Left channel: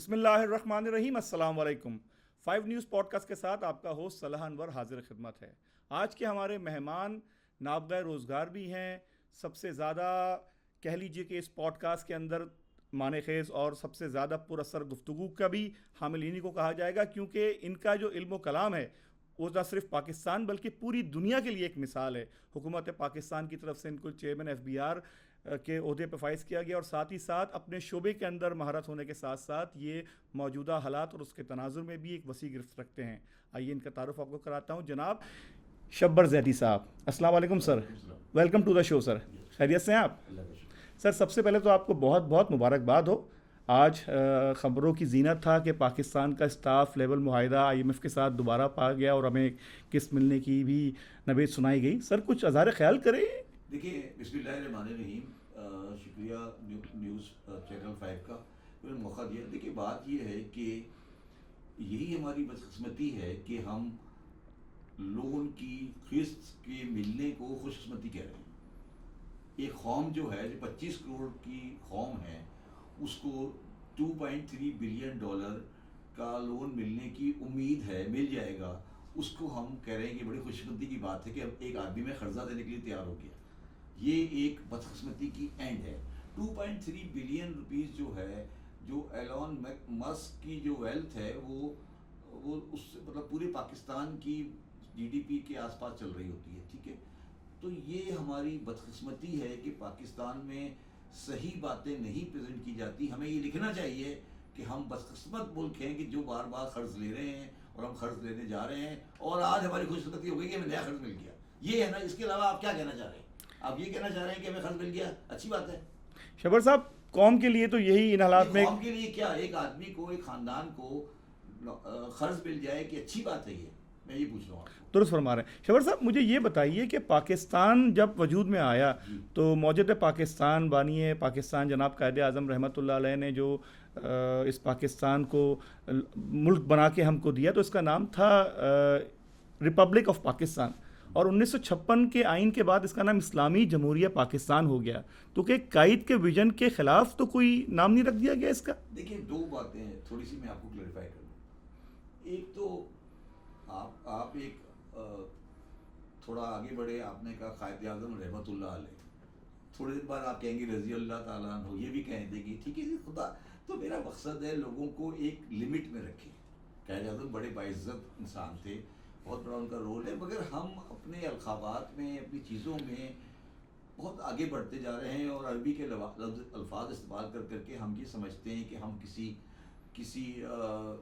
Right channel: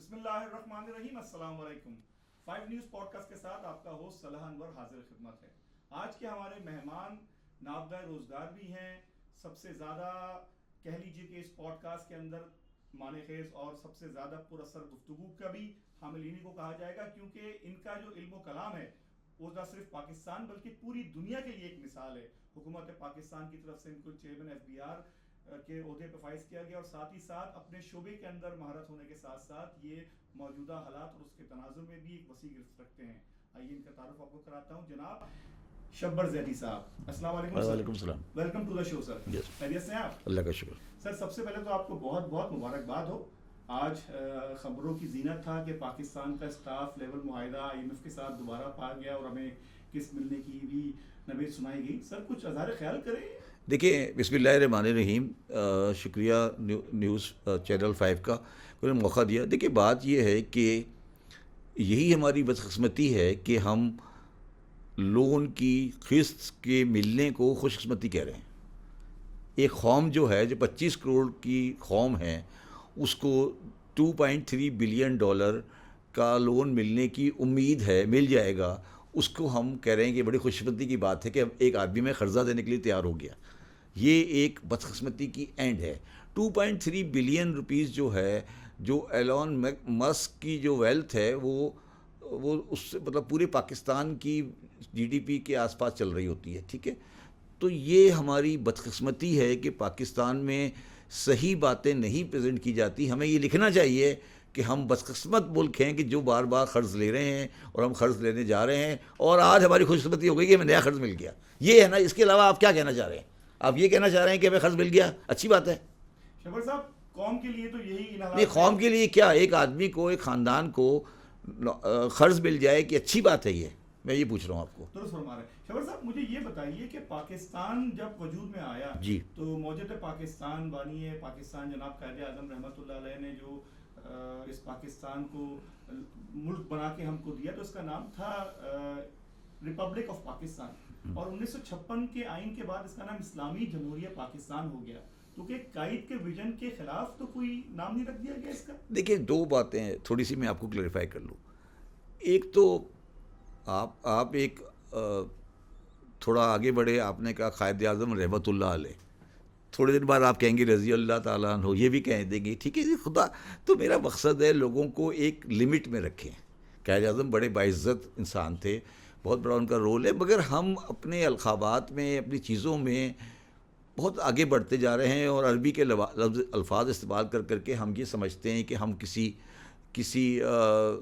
بسم اللہ الرحمن الرحیم. السلام علیکم. 5 نیوز پوڈ کاسٹ کے ساتھ آپ کا ہوسٹ صلاح انور حاضر خدمت ہے. آج کے ہمارے مہمان نابغہ روزگار بھی ہیں. سب سے زیادہ کہہ لیجیے کہ اس پوڈ کاسٹ کے اندر معنی خیز اور سب سے زیادہ پر اثر گفتگو کا بھی حامل انہی کو کہا جائے گا، کیونکہ ان کا جو علم و کلام ہے وہ نہ صرف پاکستان بلکہ پوری دنیا کے لیے ایک مثال ہے. حکومت پاکستان کی طرف سے ان کو چیئرمین FBI کے عہدے پہ فائز کیا گیا، اور ساتھ ہی ساتھ اپنے شعبے کے اندر مہارت ہونے کے ساتھ ساتھ یہ موجودہ حالات اور اس کے تناظر میں بھی ایک وسیع گرفت رکھتے ہیں. آئیے ان کا تعارف آپ کو کراتا ہوں. جناب شبر زیدی صاحب، السلام علیکم سر. وعلیکم السلام. ویلکم ٹو دا شو سر. خیریت سے ہیں آپ؟ اللہ کا شکر. سر سب سے پہلے تو آپ کو بہت بہت مبارکباد ہو. آج خبروں کی زینت تھا کہ پاکستان کا اسٹاف لیول معاہدہ IMF کے ساتھ دوبارہ پا گیا اور ہمیں قسط ملنے کی بھی نوید سنائی گئی. سر کچھ اظہار خیال کریں. دیکھیں، بسم اللہ الرحمن الرحیم. شکریہ نیوز چینل 5 کا انہوں نے موقع دیا. دیکھیں، بات یہ ہے کہ یہی ہماری بدقسمتی ہے کہ ہم لون کی قسط کے ملنے کو خوش قسمتی کہہ رہے ہیں. ایک قوم جو ہے، جو 25 کروڑ کی قوم ہے، اس کو $2.3 بلین کا لون ملنے کی امید ہے، مل جائے گا. اس کو ہم کہہ رہے ہیں کہ بڑی خوش قسمتی کی بات ہے کہ اب ایک آدمی میں قرضہ دینے کے لیے تیار ہو گیا. یہ ایک بدقسمتی کی اینڈ ہے. 2.3 بلین روپیز جو ہے، جو ایلون مسک کی جو ویلتھ ہے، وہ اس سے مطلب پورے پاکستان کی GDP کے آس پاس چل رہی ہوتی ہے. ٹھیک ہے، تو یہ ہماری بدقسمتی ہے کہ پاکستان میں صحیح باتیں نہیں پریزنٹ کی جاتی. ہمیں یہ لکھنا چاہیے کہ ہم بدقسمت ملک ہیں کہ جو بار بار قرض لے رہے ہیں اور ہم قرض لینے جا رہے ہیں، اور آج ہماری خوش قسمتی ہو گئی کہ ہمیں نیا قرض مل گیا. یہ ہے نا. اس کے علاوہ آپ کیا کہنا چاہ رہے ہیں؟ آپ یہ کہنا چاہ رہے ہیں کہ ہمیں قرض مل گیا، اچھی بات ہے. شبر صاحب، قوم کے لیے تو یہی ان حالات میں، قوم کے لیے کیا، ایک آدمی کو، ایک خاندان کو قرض مل جائے کہ اچھی بات ہے. یہ میں یہ پوچھ رہا ہوں آپ کو. درست فرما رہے ہیں. شبر صاحب مجھے یہ بتائیے کہ پاکستان جب وجود میں آیا جی، تو موجود پاکستان بانی پاکستان جناب قائد اعظم رحمۃ اللہ علیہ نے جو اس پاکستان کو ملک بنا کے ہم کو دیا، تو اس کا نام تھا ریپبلک آف پاکستان. اور 1956 کے آئین کے بعد اس کا نام اسلامی جمہوریہ پاکستان ہو گیا. تو کہ قائد کے ویژن کے خلاف تو کوئی نام نہیں رکھ دیا گیا اس کا؟ دیکھیں، دو باتیں ہیں، تھوڑی سی میں آپ کو کلیریفائی کر لوں. ایک تو آپ ایک تھوڑا آگے بڑھے. آپ نے کہا قائد اعظم رحمۃ اللہ علیہ، تھوڑے دن بعد آپ کہیں گے رضی اللہ تعالیٰ عنہ، یہ بھی کہہ دیں گے. ٹھیک ہے جی، خدا. تو میرا مقصد ہے لوگوں کو ایک لمٹ میں رکھیں. قائد اعظم بڑے باعزت انسان تھے، بہت بڑا ان کا رول ہے، مگر ہم اپنے القابات میں، اپنی چیزوں میں بہت آگے بڑھتے جا رہے ہیں، اور عربی کے الفاظ استعمال کر کر کے ہم یہ سمجھتے ہیں کہ ہم کسی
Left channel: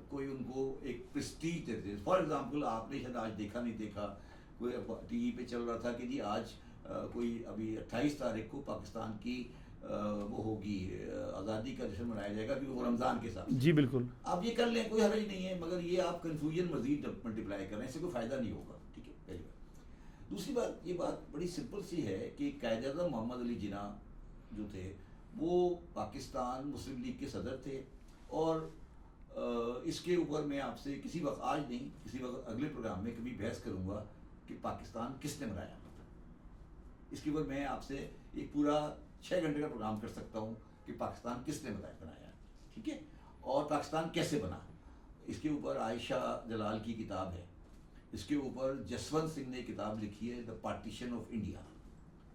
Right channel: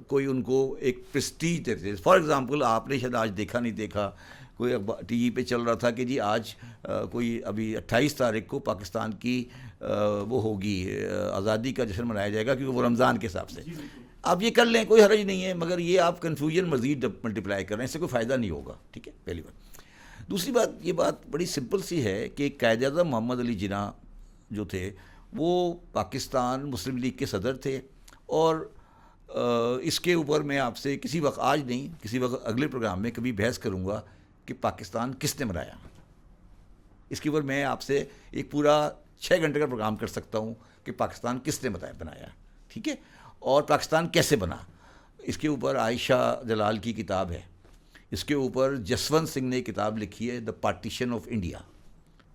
کوئی ان کو ایک پریسٹیج دیتے. فار ایگزامپل، آپ نے شاید آج دیکھا نہیں دیکھا، کوئی TV پہ چل رہا تھا کہ جی آج کوئی ابھی 28 تاریخ کو پاکستان کی وہ ہوگی، آزادی کا جشن منایا جائے گا، کیونکہ وہ رمضان کے حساب سے. جی بالکل. آپ یہ کر لیں، کوئی حرج نہیں ہے، مگر یہ آپ کنفیوژن مزید ملٹیپلائی کر رہے ہیں، اس سے کوئی فائدہ نہیں ہوگا. ٹھیک ہے، پہلی بات. دوسری بات، یہ بات بڑی سمپل سی ہے کہ قائد اعظم محمد علی جناح جو تھے، وہ پاکستان مسلم لیگ کے صدر تھے. اور اس کے اوپر میں آپ سے کسی وقت، آج نہیں، کسی وقت اگلے پروگرام میں کبھی بحث کروں گا کہ پاکستان کس نے بنایا. اس کے اوپر میں آپ سے ایک پورا 6 گھنٹے کا پروگرام کر سکتا ہوں کہ پاکستان کس نے بنایا. ٹھیک ہے، اور پاکستان کیسے بنا. اس کے اوپر عائشہ جلال کی کتاب ہے. اس کے اوپر جسونت سنگھ نے کتاب لکھی ہے، دا پارٹیشن آف انڈیا.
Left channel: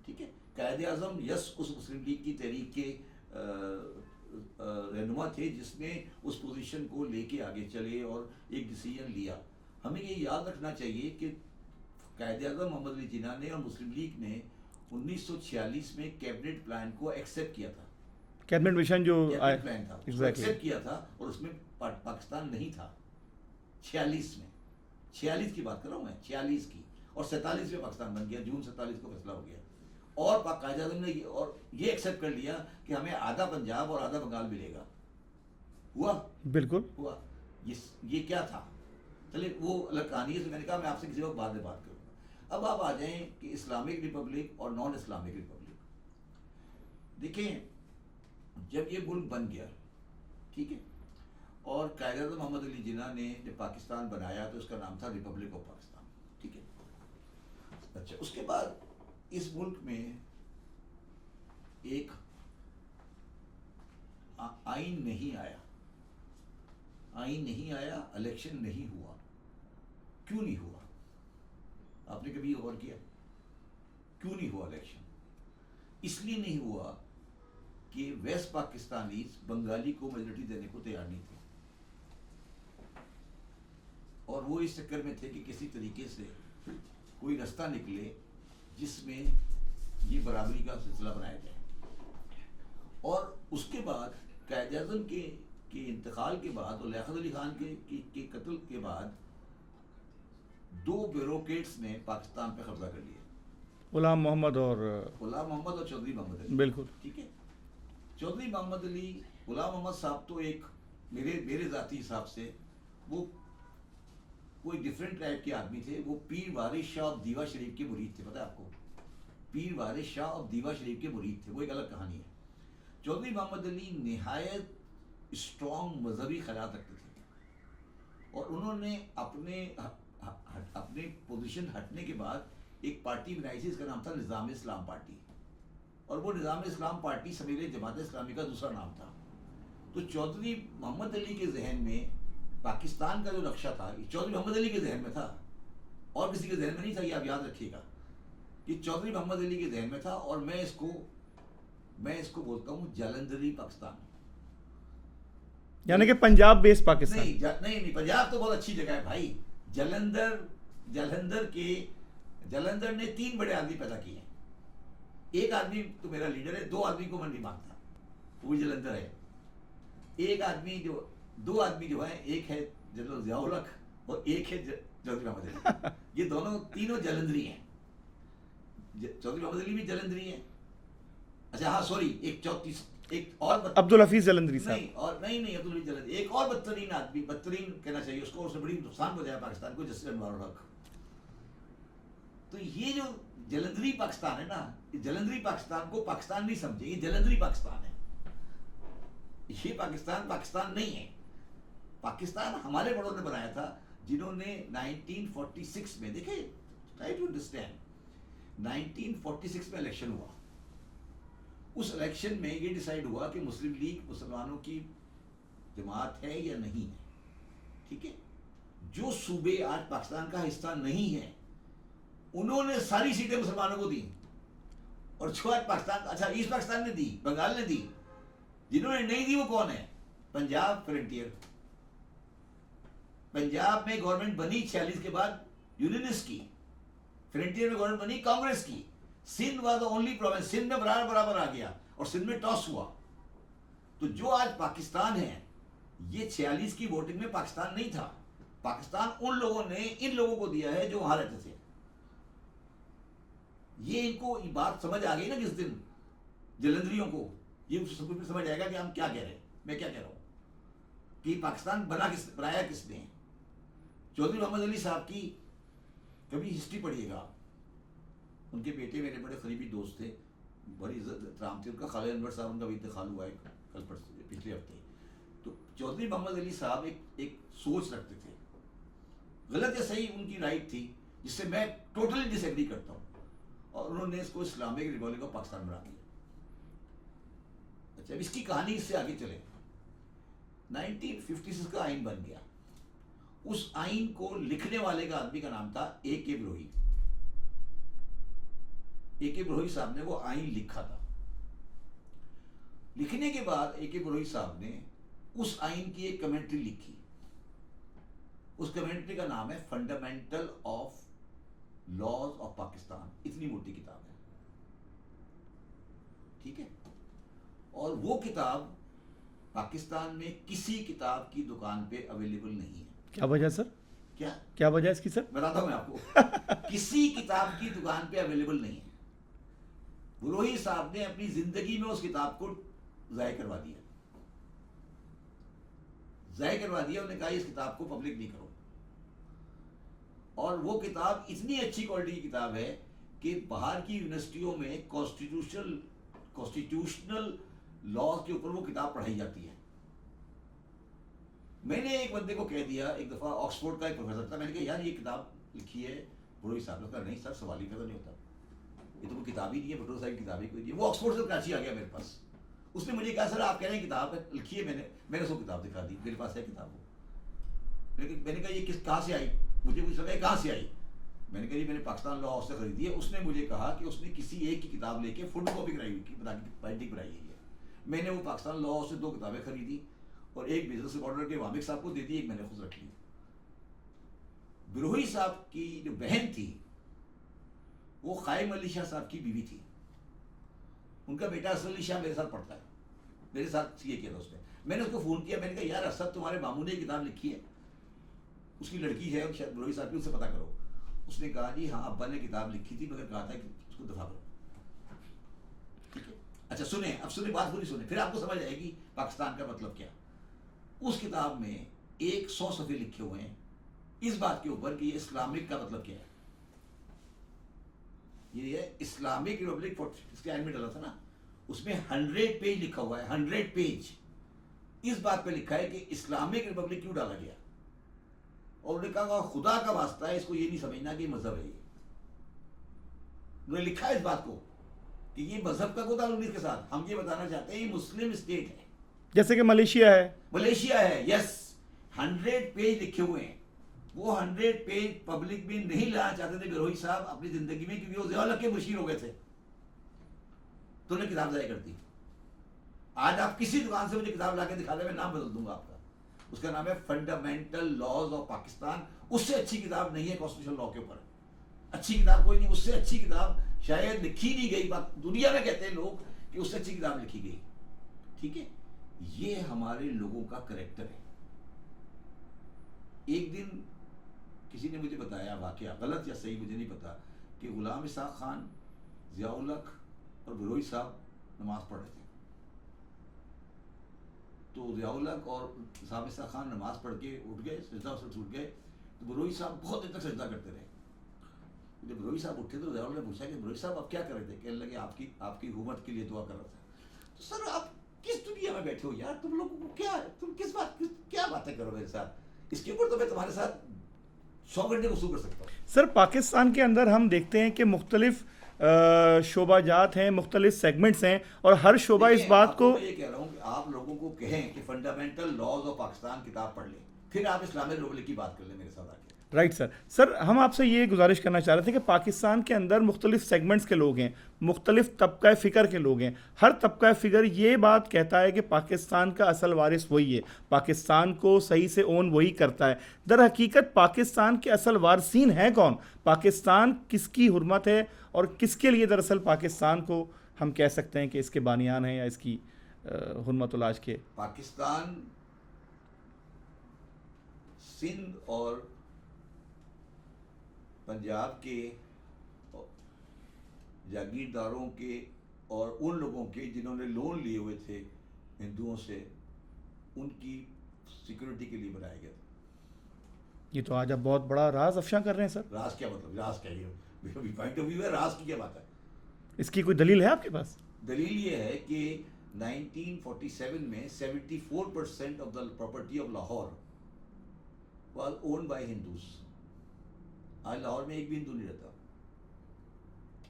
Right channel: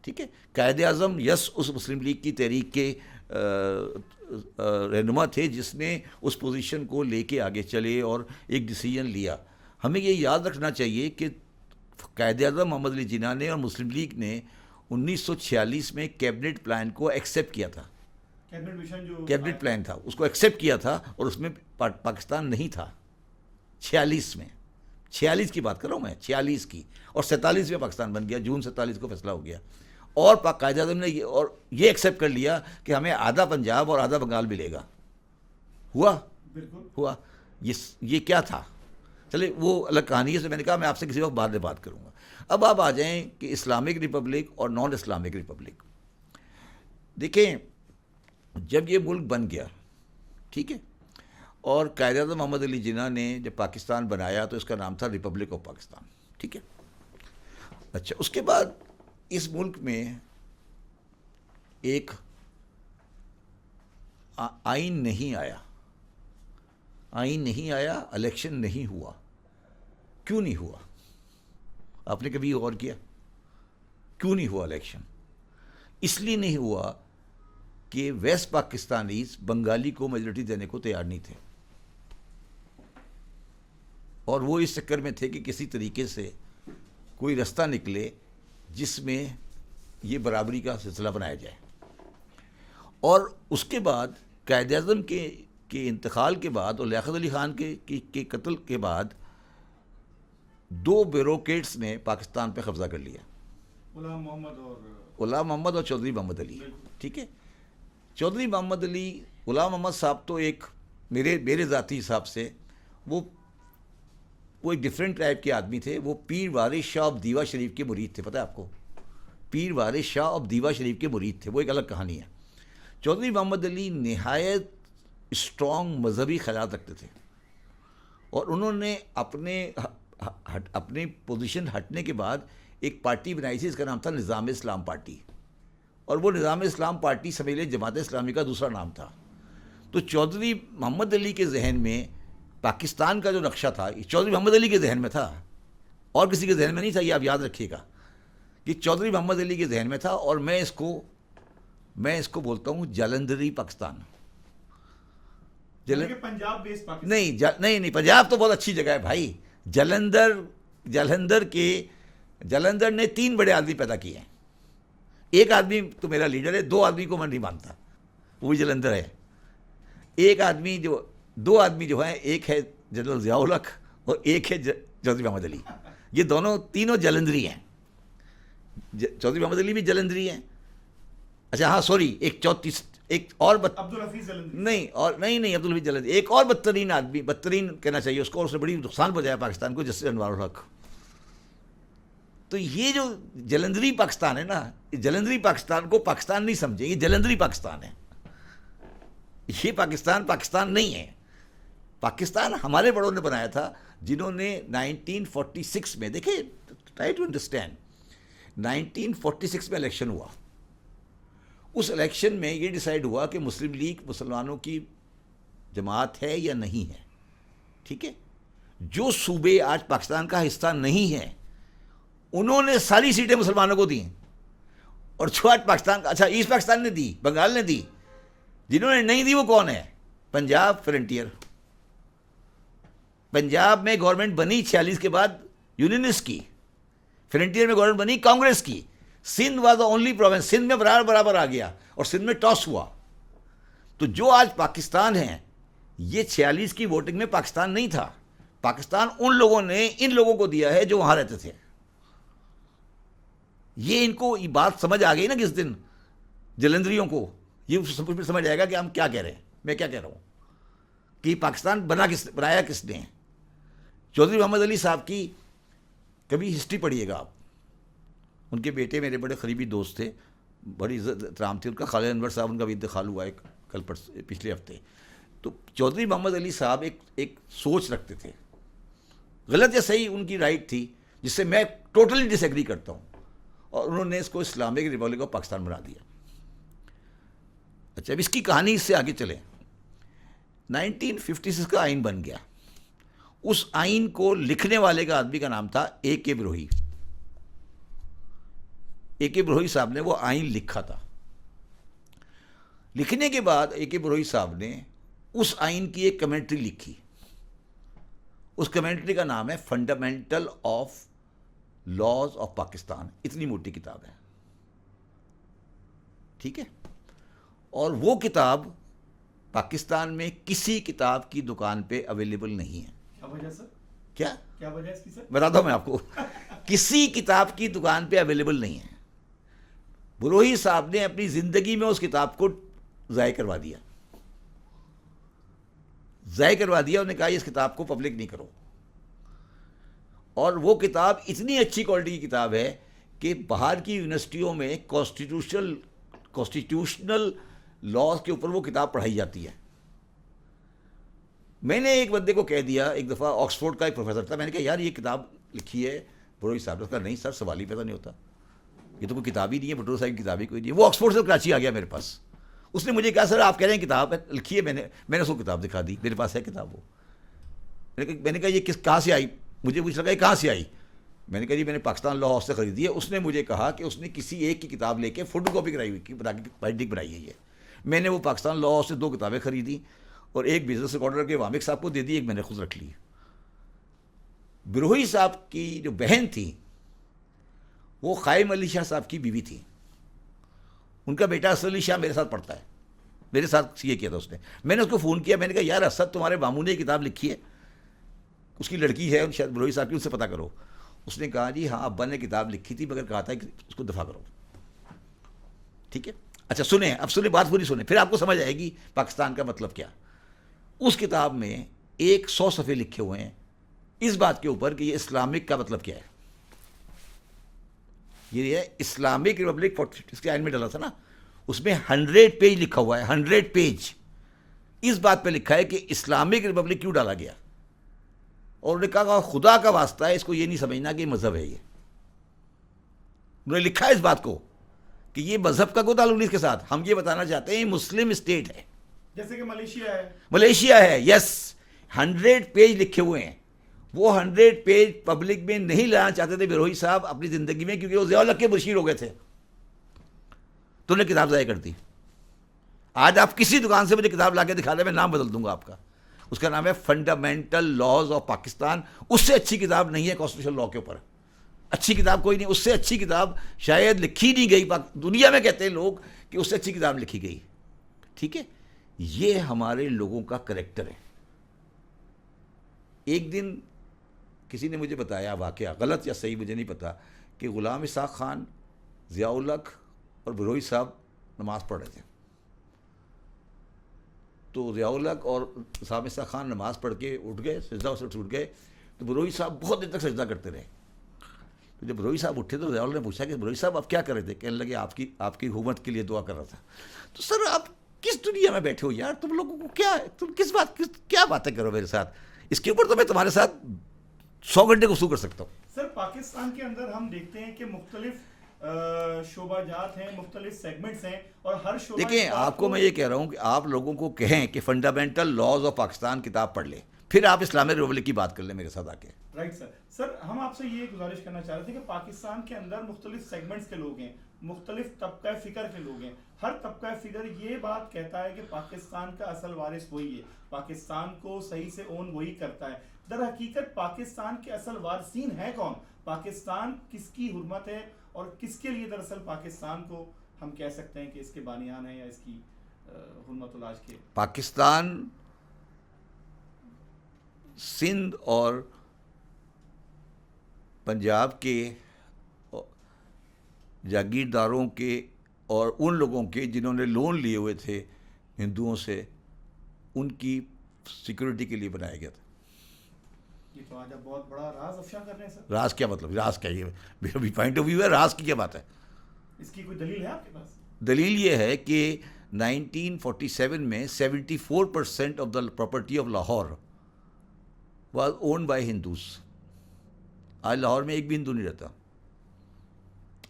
ٹھیک ہے. قائد اعظم اس مسلم لیگ کی تحریک کے رہنما تھے، جس نے اس پوزیشن کو لے کے آگے چلے اور ایک ڈیسیجن لیا. ہمیں یہ یاد رکھنا چاہیے کہ قائد اعظم محمد علی جناح نے اور مسلم لیگ نے 1946 میں کیبنٹ پلان کو ایکسیپٹ کیا تھا. کیبنٹ مشن جو کیبنٹ پلان تھا، اس کو ایکسیپٹ کیا تھا، اور اس میں پاکستان نہیں تھا. 46 کی بات کر رہا ہوں میں، 46 کی. اور 47 میں پاکستان بن گیا. جون 47 کو فیصلہ ہو گیا. اور قائد اعظم نے یہ ایکسیپٹ کر لیا کہ ہمیں آدھا پنجاب اور آدھا بنگال ملے گا. ہوا؟ بالکل ہوا. یہ کیا تھا؟ چلے وہ الگ کہانی ہے، سے میں نے کہا میں آپ سے کسی وقت بعد میں بات کروں گا. اب آپ آ جائیں کہ اسلامک ریپبلک اور نان اسلامک ریپبلک. دیکھیں، جب یہ ملک بن گیا، ٹھیک ہے، اور قائد اعظم محمد علی جناح نے جب پاکستان بنایا تو اس کا نام تھا ریپبلک آف پاکستان. ٹھیک ہے. اچھا، اس کے بعد اس ملک میں ایک آئین نہیں آیا. آئین نہیں آیا, الیکشن نہیں ہوا. کیوں نہیں ہوا؟ آپ نے کبھی غور کیا کیوں نہیں ہوا الیکشن؟ اس لیے نہیں ہوا کہ ویسٹ پاکستانیز بنگالی کو میجورٹی دینے کو تیار نہیں تھے, اور وہ اس چکر میں تھے کہ کسی طریقے سے کوئی رستہ نکلے جس میں یہ برابری کا سلسلہ بنایا جائے. اور اس کے بعد قائد اعظم کے انتقال کے بعد اور لیاقت علی خان کے قتل کے بعد 2 بیوروکریٹس نے پاکستان پہ قبضہ کر لیا, غلام محمد اور چودھری محمد علی. بالکل ٹھیک ہے. چودھری محمد علی, غلام محمد صاحب تو ایک میرے ذاتی حساب سے وہ ایک ڈیفرنٹ ٹائپ کے آدمی تھے. وہ پیر وارث شاہ آف دیوا شریف کے مرید تھے. پتہ ہے آپ کو, پیر وارث شاہ آف دیوا شریف کے مرید تھے. وہ ایک الگ کہانی ہے. چودھری محمد علی نہایت اسٹرانگ مذہبی خیالات رکھتے تھے, اور انہوں نے اپنی پوزیشن ہٹنے کے بعد ایک پارٹی بنائی تھی, اس کا نام تھا نظام اسلام پارٹی, اور وہ نظام اسلام پارٹی سمیل جماعت اسلامی کا دوسرا نام تھا. تو چودھری محمد علی کے ذہن میں پاکستان کا جو نقشہ تھا, چودھری محمد علی کے ذہن میں تھا, اور کسی کے ذہن میں نہیں تھا. یہ آپ یاد رکھیے گا کہ چودھری محمد علی کے ذہن میں تھا, اور میں اس کو بولتا ہوں جالندھری پاکستان. یعنی کہ پنجاب بیس پاکستان. نہیں, پنجاب تو بہت اچھی جگہ ہے بھائی. جلندھر نے 3 بڑے آدمی پیدا کیے ہیں. ایک آدمی تو میرا لیڈر ہے, 2 آدمی کو میں نہیں مانتا, وہ بھی جلندھر ہے. دو آدمی جو ہیں, ایک ہے جنرل ضیاء الحق اور ایک ہے چودھری محمد علی. یہ تینوں جلندھری ہیں. چودھری محمد علی بھی جلندھری ہیں. اچھا ہاں سوری, ایک اور عبدالحفیظ جلندھری نہیں عبدالحفیظ جلندھری. ایک اور بدترین آدمی, بدترین کہنا چاہیے اس کو, اور اس نے بڑی نقصان پہنچایا پاکستان کو, جسٹس انوار الحق. تو یہ جو جلندھری پاکستان ہے نا, جلندھری پاکستان کو پاکستان نہیں سمجھے, یہ جلندھری پاکستان ہے. یہ پاکستان نہیں ہے. پاکستان ہمارے بڑوں نے بنایا تھا, جنہوں نے 1946 میں, دیکھیں ٹرائی ٹو انڈرسٹینڈ, 1946 میں الیکشن ہوا. اس الیکشن میں یہ ڈیسائیڈ ہوا کہ مسلم لیگ مسلمانوں کی جماعت ہے یا نہیں ہے. ٹھیک ہے. جو صوبے آج پاکستان کا حصہ نہیں ہیں, انہوں نے ساری سیٹیں مسلمانوں کو دیں, اور جو آج پاکستان, اچھا ایسٹ پاکستان نے دی, بنگال نے دی. جنہوں نے نہیں دی وہ کون ہے؟ پنجاب فرنٹیئر. پنجاب میں گورنمنٹ بنی 46 کے بعد یونینسٹ کی, فرنٹیئر میں گورنمنٹ بنی کانگریس کی. Sindh was the only province, Sindh میں برابر آ گیا, اور سندھ میں ٹاس ہوا. تو جو آج پاکستان ہے, یہ 46 کی ووٹنگ میں پاکستان نہیں تھا. پاکستان ان لوگوں نے ان لوگوں کو دیا ہے جو وہاں رہتے تھے. یہ ان کو یہ بات سمجھ آ گئی نا کس دن, جلندھریوں کو یہ سمجھ آئے گا کہ ہم کیا کہہ رہے ہیں, میں کیا کہہ رہا ہوں, کہ پاکستان بنایا کس نے. چودھری محمد علی صاحب کی کبھی ہسٹری پڑھیے گا آپ. ان کے بیٹے میرے بڑے قریبی دوست تھے, بڑی عزت احترام تھی ان کا. خالد انور صاحب, ان کا بھی انتقال ہوا ہے پچھلے ہفتے. تو چودھری محمد علی صاحب ایک سوچ رکھتے تھے, غلط یا صحیح ان کی رائٹ تھی, جس سے میں ٹوٹلی ڈس ایگری کرتا ہوں, اور انہوں نے اس کو اسلامک ریپبلک آف پاکستان بنا دیا. اچھا اب اس کی کہانی اس سے آگے چلیں. 1956 کا آئین بن گیا. اس آئین کو لکھنے والے کا آدمی کا نام تھا اے کے بروہی. اے کے بروہی صاحب نے وہ آئین لکھا تھا. لکھنے کے بعد اے کے بروہی صاحب نے اس آئین کی ایک کمنٹری لکھی. اس کمنٹری کا نام ہے fundamental of laws of Pakistan. اتنی موٹی کتاب ہے, ٹھیک ہے. اور وہ کتاب پاکستان میں کسی کتاب کی دکان پہ اویلیبل نہیں ہے. کیا وجہ سر؟ کیا وجہ اس کی سر؟ بتاتا ہوں میں آپ کو. کسی کتاب کی دکان پہ اویلیبل نہیں ہے. بروہی صاحب نے اپنی زندگی میں اس کتاب کو ضائع کروا دیا. انہوں نے کہا اس کتاب کو پبلک نہیں کرو. اور وہ کتاب اتنی اچھی کوالٹی کی کتاب ہے کہ باہر کی یونیورسٹیوں میں کانسٹیٹیوشنل لاز کے اوپر وہ کتاب پڑھائی جاتی ہے. میں نے ایک بندے کو کہہ دیا, ایک دفعہ آکسفورڈ کا ایک پروفیسر تھا, میں نے کہا یار یہ کتاب لکھی ہے بروہی صاحب نے. کہا نہیں سر, سوال ہی پیدا نہیں ہوتا, یہ تو کوئی کتاب ہی نہیں ہے, بٹور صاحب کی کتاب ہی کوئی نہیں ہے. وہ آکسفورڈ سے کراچی آ گیا میرے پاس. اس نے مجھے کہا سر آپ کہہ رہے ہیں کتاب لکھی ہے, میں نے اس کو کتاب دکھا دی, میرے پاس ہے کتاب. وہ میں نے کہا یہ کہاں سے آئی؟ مجھے پوچھ لگا یہ کہاں سے آئی؟ میں نے کہا جی میں نے پاکستان لا ہاؤس سے خریدی ہے. اس نے مجھے کہا کہ اس نے کسی ایک کی کتاب لے کے فوٹو کاپی کرائی ہوئی بائنڈنگ بنائی ہے یہ. میں نے وہ پاکستان لا ہاؤس سے 2 کتابیں خریدی اور ایک بزنس ریکارڈر کے وامق صاحب کو دے دی, ایک میں نے خود رکھ لی. بروہی صاحب کی جو بہن تھی وہ قائم علی شاہ صاحب کی بیوی تھی. ان کا بیٹا اسد علی شاہ میرے ساتھ پڑھتا ہے, میرے ساتھ یہ کیا تھا اس نے. میں نے اس کو فون کیا, میں نے کہا یار اسد تمہارے ماموں نے یہ کتاب لکھی ہے, اس کی لڑکی ہے شاید بروہی صاحب کی, ان سے پتہ کرو. اس نے کہا جی ہاں ابا نے کتاب لکھی تھی مگر کہا تھا کہ اس کو دفاع کرو. ٹھیک ہے, اچھا سنیں, اب سنیں بات پوری سنیں, پھر آپ کو سمجھ آئے گی پاکستان کا مطلب کیا. اس کتاب میں 100 صفحے لکھے ہوئے ہیں اس بات کے اوپر کہ یہ اسلامک کا مطلب کیا ہے. یہ ہے اسلامک ریپبلک, اس کے آئین میں ڈالا تھا نا, اس میں 100 پیج لکھا ہوا ہے, 100 پیج اس بات پہ لکھا ہے کہ اسلامک ریپبلک کیوں ڈالا گیا. اور انہوں نے کہا خدا کا واسطہ ہے اس کو یہ نہیں سمجھنا کہ یہ مذہب ہے. یہ انہوں نے لکھا ہے اس بات کو کہ یہ مذہب کا کوئی تعلق نہیں اس کے ساتھ, ہم یہ بتانا چاہتے ہیں مسلم اسٹیٹ ہے, جیسے کہ ملیشیا ہے. ملیشیا ہے, یس. 100 پیج لکھے ہوئے ہیں. وہ 100 پیج پبلک میں نہیں لانا چاہتے تھے بروہی صاحب اپنی زندگی میں, کیونکہ وہ ضیاء الحق کے مشیر ہو گئے تھے, تو انہیں کتاب ضائع کر دی. آج آپ کسی دکان سے مجھے کتاب لا کے دکھا دیں, میں نام بدل دوں گا آپ کا. اس کا نام ہے فنڈامنٹل لاز آف پاکستان. اس سے اچھی کتاب نہیں ہے کانسٹیٹیوشن لا کے اوپر, اچھی کتاب کوئی نہیں. اس سے اچھی کتاب شاید لکھی نہیں گئی دنیا میں, کہتے ہیں لوگ کہ اس سے اچھی کتاب لکھی گئی. ٹھیک ہے, یہ ہمارے لوگوں کا کریکٹر ہے. ایک دن کسی نے مجھے بتایا واقعہ, غلط یا صحیح مجھے نہیں پتا, کہ غلام اسحاق خان, ضیاء الحق اور بروہی صاحب نماز پڑھ رہے تھے. تو ضیاء الحق اور غلام اسحاق خان نماز پڑھ کے اٹھ گئے, سجدہ سے اٹھ گئے, تو بروہی صاحب بہت دیر تک سجدہ کرتے رہے. تو جب بروہی صاحب اٹھے تو ضیاء الحق نے پوچھا کہ بروہی صاحب آپ کیا کر رہے تھے؟ کہنے لگے آپ کی حکومت کے لیے دعا کر رہا تھا. تو سر آپ کس دنیا میں بیٹھے ہو یار, تم لوگوں کو کیا ہے, تم کیا باتیں کرو میرے ساتھ, اس کے اوپر تو میں تمہارے ساتھ 100 گھنٹے گفتگو کر سکتا ہوں. سر پاکستان کے اندر ہم دیکھتے ہیں کہ مختلف شعبہ جات ہیں, مختلف سیگمنٹس ہیں, اور ہر شعبہ اس بات کو, میں یہ کہہ رہا ہوں کہ آپ لوگوں کو کہیں کہ فنڈامنٹل لاز آف پاکستان کتاب پڑھ لیں, پھر آپ اسلامک ریپبلک کی بات کر لیں میرے ساتھ آ کے. رائٹ سر ہم آپ سے یہ گزارش کرنا چاہ رہے تھے کہ پاکستان کے اندر مختلف سیگمنٹس کے لوگ ہیں, مختلف طبقہ فکر کے لوگ ہیں. ہر طبقہ فکر یہ بات کہتا ہے کہ پاکستان کا اصل وارث وہی ہے, پاکستان کو صحیح سے اون وہی کرتا ہے. در حقیقت پاکستان کے اصل وارثین ہیں کون؟ پاکستان کس کی حرمت ہے اور کس کے لیے دراصل پاکستان کو ہم کہہ سکتے ہیں کہ اس کے بانیان ہیں یا اس کی حرمت ولاج کے؟ پاکستان سندھ اور پنجاب کے جاگیرداروں کے اور ان لوگوں کے جنہوں نے لون لیے ہوئے تھے ہندوؤں سے, ان کی سیکورٹی کے لیے بنایا گیا تھا. یہ تو آج آپ بہت بڑا راز افشاں کر رہے ہیں سر. راز کیا مطلب, راز کیا, یہ پوائنٹ آف ویو ہے, راز کی کیا بات ہے؟ اس کی کوئی دلیل ہے آپ کے پاس؟ دلیل یہ ہے کہ 1947 میں 74% of the property of Lahore was owned by Hindus. آج لاہور میں ایک بھی ہندو نہیں رہتا,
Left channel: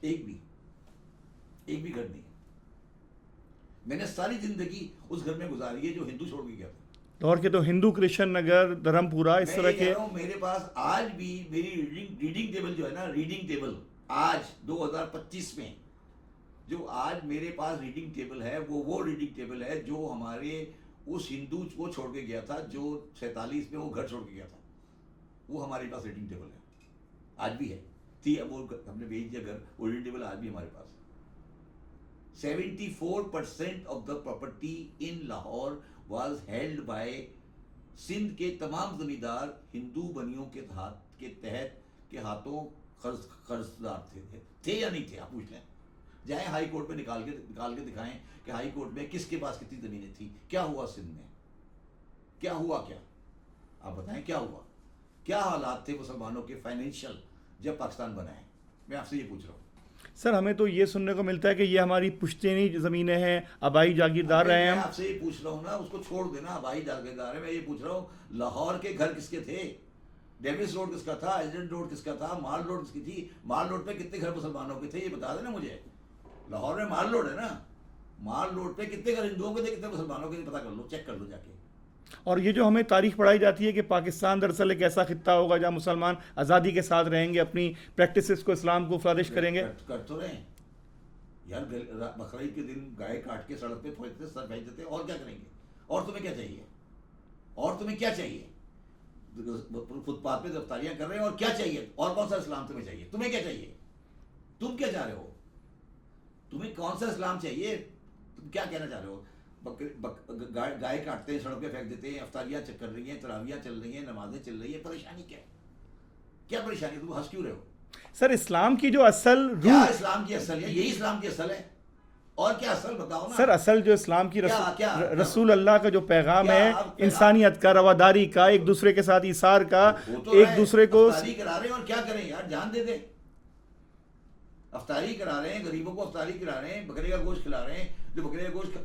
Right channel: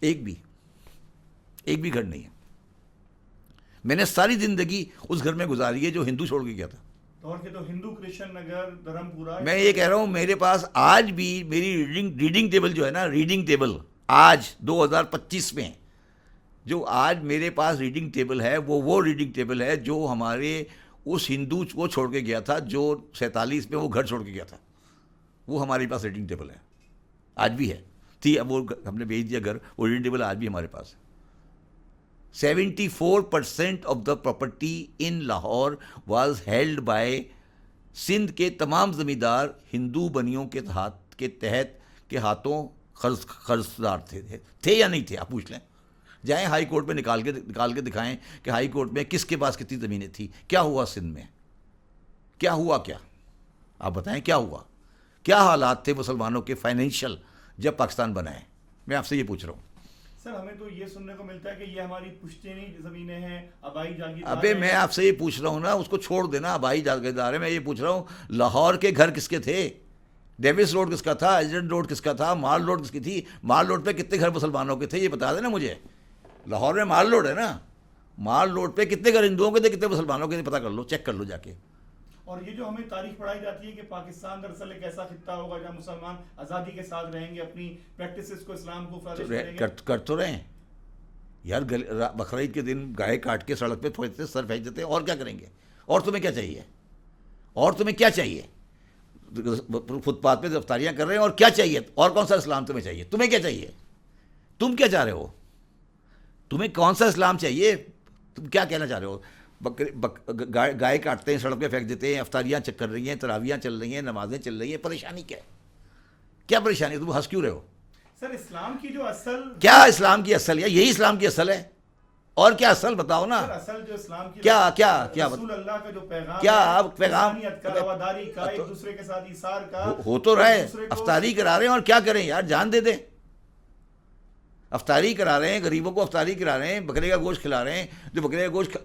ایک بھی گھر نہیں ہے. میں نے ساری زندگی اس گھر میں گزاری ہے جو ہندو چھوڑ کے گیا تھا. لاہور کے تو ہندو کرشن نگر, دھرم پورا, میں یہ کہہ رہا ہوں میرے پاس آج بھی میری ریڈنگ ٹیبل جو ہے نا, ریڈنگ ٹیبل آج 2025 میں جو آج میرے پاس ریڈنگ ٹیبل ہے, وہ ریڈنگ ٹیبل ہے جو ہمارے اس ہندو وہ چھوڑ کے گیا تھا جو 47 میں وہ گھر چھوڑ کے گیا تھا. وہ ہمارے پاس ریڈنگ ٹیبل ہے, آج بھی ہے. تھی اب وہ ہم نے بھیج دیا گھر, وہ ریڈنگ ٹیبل آج بھی ہمارے پاس ہے. 74% of the property in Lahore was held by Sindh کے تمام زمیندار ہندو بنیوں کے تحت کے ہاتھوں قرضدار تھے یا نہیں تھے. آپ پوچھ لیں, جائیں ہائی کورٹ میں نکال کے دکھائیں کہ ہائی کورٹ میں کس کے پاس کتنی زمینیں تھیں, کیا ہوا سندھ میں, کیا ہوا, کیا آپ بتائیں کیا ہوا, کیا حالات تھے مسلمانوں کے فائنینشیل جب پاکستان بنا ہے. میں آپ سے یہ پوچھ رہا ہوں. سر ہمیں تو یہ سننے کو ملتا ہے کہ یہ ہماری پشتینی زمینیں ہیں, آبائی جاگیردار ہیں. میں آپ سے یہ پوچھ رہا ہوں نا, اس کو چھوڑ دینا, آبائی جاگیردار ہے. میں یہ پوچھ رہا ہوں لاہور کے گھر کس کے تھے, ڈیوس روڈ کس کا تھا, ایجنٹ روڈ کس کا تھا, مال روڈ کس کی تھی, مال روڈ پہ کتنے گھر مسلمانوں کے تھے, یہ بتا دینا مجھے. لاہور میں مال روڈ ہے نا, مال روڈ پہ کتنے گھر ہندوؤں کے تھے, کتنے مسلمانوں کے تھے, پتہ کر لو, چیک کر لو جا کے. اور یہ جو ہمیں تاریخ پڑھائی جاتی ہے کہ پاکستان دراصل ایک ایسا خطہ ہوگا جہاں مسلمان آزادی کے ساتھ رہیں گے، اپنی پریکٹسز کو، اسلام کو فلرش کریں گے. کر تو رہے ہیں یار. بقرعید کے دن گائے کاٹ کے سڑک پہ پھینکتے، سر پھینک دیتے ہیں. اور کیا کریں گے؟ اور تمہیں کیا چاہیے؟ اور تمہیں کیا چاہیے؟ فٹ پاتھ پہ افطاریاں کر رہے ہیں. اور کیا چاہیے؟ اور کون سا اسلام تمہیں چاہیے؟ تمہیں کیا چاہیے؟ تم کیا چاہ رہے ہو؟ تمہیں کون سا اسلام چاہیے؟ تم کیا کہنا چاہ رہے ہو؟ گائے کاٹتے ہیں، سڑک پہ پھینک دیتے ہیں، افطاریاں کر رہی ہیں، تراویحاں چل رہی ہیں، نمازیں چل رہی ہیں. پریشانی کیا ہے؟ کیا پریشانی ہے؟ تم ہنس کیوں رہے ہو؟ سر اسلام کی جو اصل کیا اسلام کی اصل ہے؟ یہی اسلام کی اصل ہے. اور کیا اصل بتاؤ نا. سر اصل جو اسلام کی کیا رسول اللہ کا جو پیغام ہے، انسانیت کا، رواداری کا، ایک دوسرے کے ساتھ ایثار کا. ہو تو رہے دوسرے کو افطاری کرا رہے ہیں. اور کیا کریں یار؟ جان دے دیں. افطاری کرا رہے ہیں، غریبوں کو افطاری کرا رہے ہیں، بکرے کا گوشت کھلا رہے ہیں. جو بکرے کا گوشت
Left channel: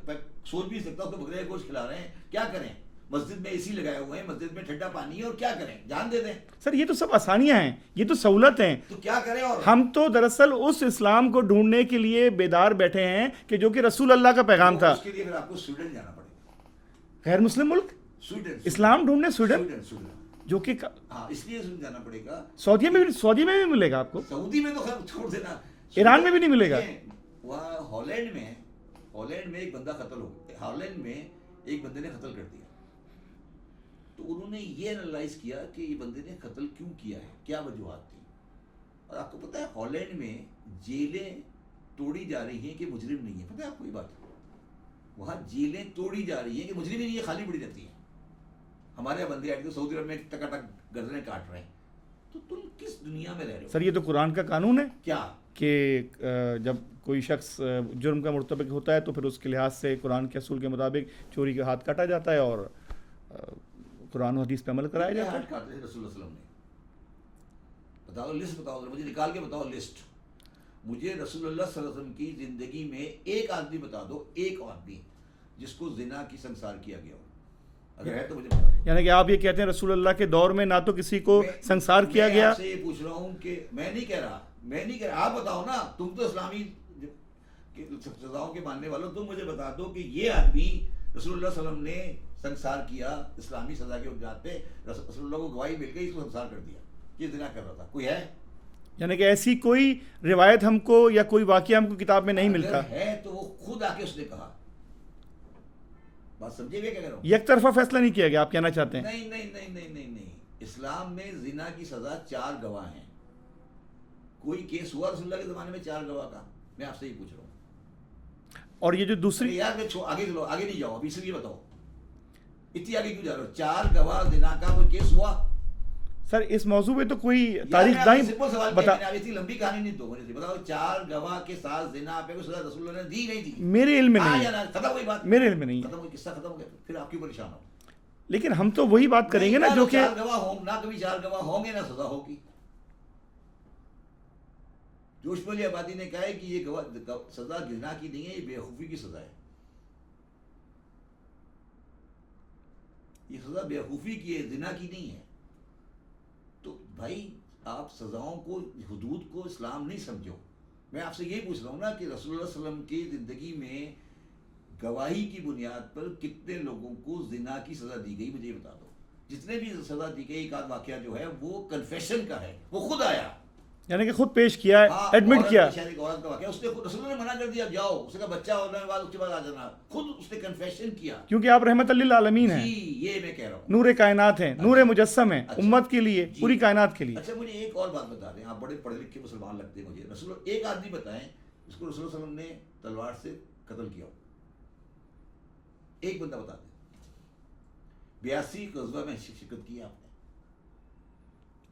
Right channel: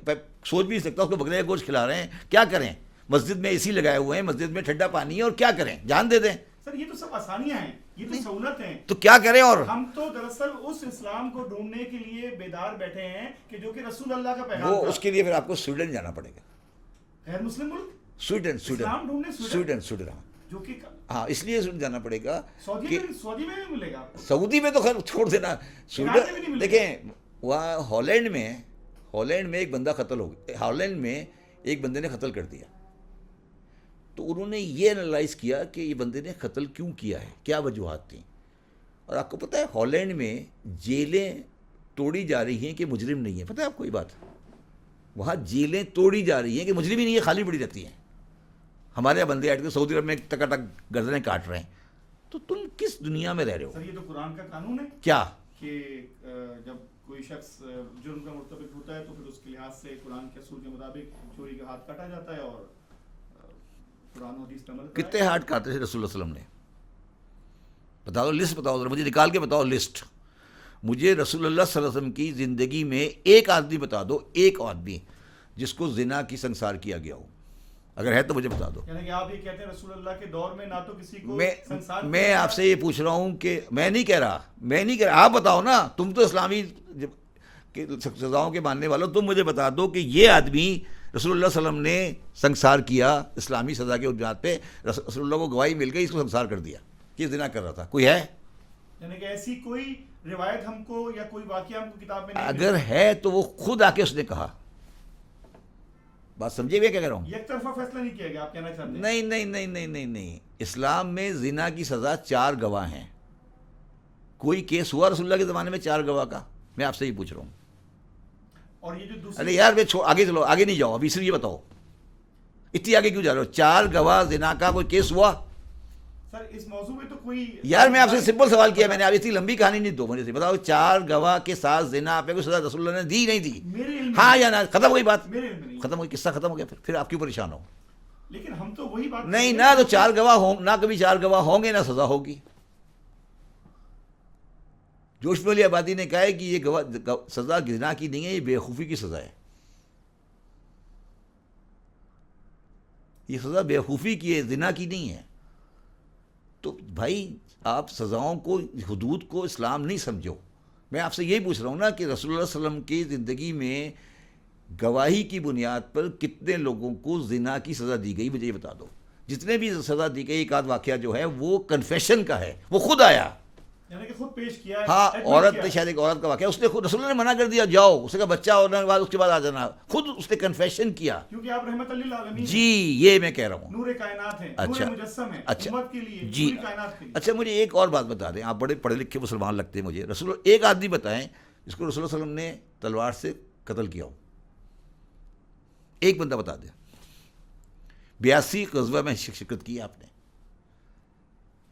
سوچ بھی نہیں سکتا اس کو بکرے کا گوشت کھلا رہے ہیں. کیا کریں؟ مسجد میں اے سی لگائے ہوئے ہیں، مسجد میں ٹھنڈا پانی ہے. اور کیا کریں؟ جان دے دیں. سر یہ تو سب آسانیاں ہیں، یہ تو سہولت ہیں. تو کیا کریں؟ اور ہم تو دراصل اس اسلام کو ڈھونڈنے کے لیے بیدار بیٹھے ہیں کہ جو کہ رسول اللہ کا پیغام تھا. اس کے لیے پھر آپ کو سویڈن جانا پڑے گا. غیر مسلم ملک سویڈن اسلام ڈھونڈنے سویڈن جو کہ ہاں اس لیے جانا پڑے گا. سعودی میں بھی ملے گا آپ کو. سعودی میں تو خیر چھوڑ دینا. ایران میں بھی نہیں ملے گا. وہاں ہالینڈ میں ایک بندہ قتل ہو گیا. ہالینڈ میں ایک بندے نے قتل کر دیا. تو انہوں نے یہ انالائز کیا کہ یہ بندے نے قتل کیوں کیا ہے، کیا وجوہات تھیں. اور آپ کو پتہ ہے ہالینڈ میں جیلیں توڑی جا رہی ہیں کہ مجرم نہیں ہے. پتہ ہے آپ کو یہ بات؟ وہاں جیلیں توڑی جا رہی ہیں کہ مجرم ہی نہیں ہے، خالی پڑی رہتی ہیں. ہمارے یہاں بندے آئے تھے سعودی عرب میں ٹکا ٹک گردنیں کاٹ رہے ہیں. تو تم کس دنیا میں رہ رہے ہو؟ سر یہ تو قرآن کا قانون ہے. کیا کہ جب کوئی شخص جرم کا مرتکب ہوتا ہے تو پھر اس کے لحاظ سے قرآن کے اصول کے مطابق چوری کا ہاتھ کاٹا جاتا ہے اور قرآن و حدیث پہ عمل کرایا. کتنے ہاتھ کاٹے تھے رسول اللہ علیہ وسلم نے؟ بتاؤ، لسٹ بتاؤ ذرا، مجھے نکال کے بتاؤ لسٹ. مجھے رسول اللہ صلی اللہ علیہ وسلم کی زندگی میں ایک آدمی بتا دو، ایک آدمی جس کو زنا کی سنسار کیا گیا ہو. اگر ہے تو مجھے بتا دو. یعنی کہ آپ یہ کہتے ہیں رسول اللہ کے دور میں نہ تو کسی کو سنسار کیا گیا. میں آپ سے یہ پوچھ رہا ہوں کہ میں نہیں کہہ رہا، آپ بتاؤ نا. تم تو اسلامی سزاؤں کے ماننے والوں، تم مجھے بتا دو کہ یہ آدمی رسول اللہ صلی اللہ علیہ وسلم نے سنسار کیا اسلامی سزا کے بنیاد پہ. رسول اللہ کو گواہی مل گئی، اس کو سنسار کر دیا کہ زنا کر رہا تھا. کوئی ہے؟ یعنی کہ ایسی کوئی روایت ہم کو یا کوئی واقعہ ہم کو کتاب میں نہیں ملتا. اگر ہے تو وہ خود آ کے اس نے کہا. بات سمجھے ہوئے کیا کہہ رہا ہوں؟ یک طرفہ فیصلہ نہیں کیا گیا، آپ کہنا چاہتے ہیں؟ نہیں. اسلام میں زنا کی سزا 4 گواہ ہیں. کوئی کیس ہوا رسول اللہ کے زمانے میں 4 گواہ کا؟ میں آپ سے یہ پوچھ رہا ہوں. اور یہ جو دوسری یار آگے چلو، آگے نہیں جاؤ ابھی. صرف یہ بتاؤ اتنی آگے کیوں جا رہے ہو؟ 4 گواہ زنا کا کوئی کیس ہوا؟ سر اس موضوع پہ تو کوئی یار میں آپ سے سمپل سوال کیا میں نے. اب اتنی لمبی کہانی نہیں دو مجھے سے بتاؤ. 4 گواہ کے ساتھ زنا پہ کوئی سزا رسول اللہ نے دی نہیں دی؟ میرے علم میں ہاں یا نہ؟ ختم ہوئی بات. میرے علم میں نہیں. ختم ہوئی، قصہ ختم ہو گیا. پھر آپ کیوں پریشان ہو؟ لیکن ہم تو وہی بات کریں نہیں گے نہ تو 4 گواہ ہوں، نہ کبھی 4 گواہ ہوں گے، نہ سزا ہوگی. جوش والی آبادی نے کہا ہے کہ یہ سزا زنا کی نہیں ہے، یہ بیوقوفی کی سزا ہے. یہ سزا بیوقوفی کی ہے، زنا کی نہیں ہے. تو بھائی آپ سزاؤں کو، حدود کو اسلام نہیں سمجھو. میں آپ سے یہی پوچھ رہا ہوں نا کہ رسول اللہ صلی اللہ علیہ وسلم کی زندگی میں گواہی کی بنیاد پر کتنے لوگوں کو زنا کی سزا دی گئی؟ مجھے یہ بتا دو. جتنے بھی سزا دی گئی، ایک آدھ واقعہ جو ہے وہ کنفیشن کا ہے، وہ خود آیا، یعنی کہ خود پیش کیا ہے، ہاں. ایڈمٹ کیا. شاید ایک عورت کا واقعہ، اس نے خود رسول اللہ نے منع کر دیا جاؤ، اس کا بچہ ہونے کے بعد اس کے بعد آ جانا. خود اس نے کنفیشن کیا. کیونکہ آپ رحمت للعالمین ہیں. جی یہ میں کہہ رہا ہوں. نور کائنات ہیں، نور مجسم ہیں امت کے لیے، پوری کائنات کے لیے. اچھا مجھے ایک اور بات بتا دیں، آپ بڑے پڑھے لکھے مسلمان لگتے ہیں مجھے. رسول ایک آدمی بتائیں جس کو رسول اللہ صلی اللہ علیہ وسلم نے تلوار سے قتل کیا ہو. ایک بندہ بتا دیں. 82 غزوہ میں شرکت کی ہے آپ نے.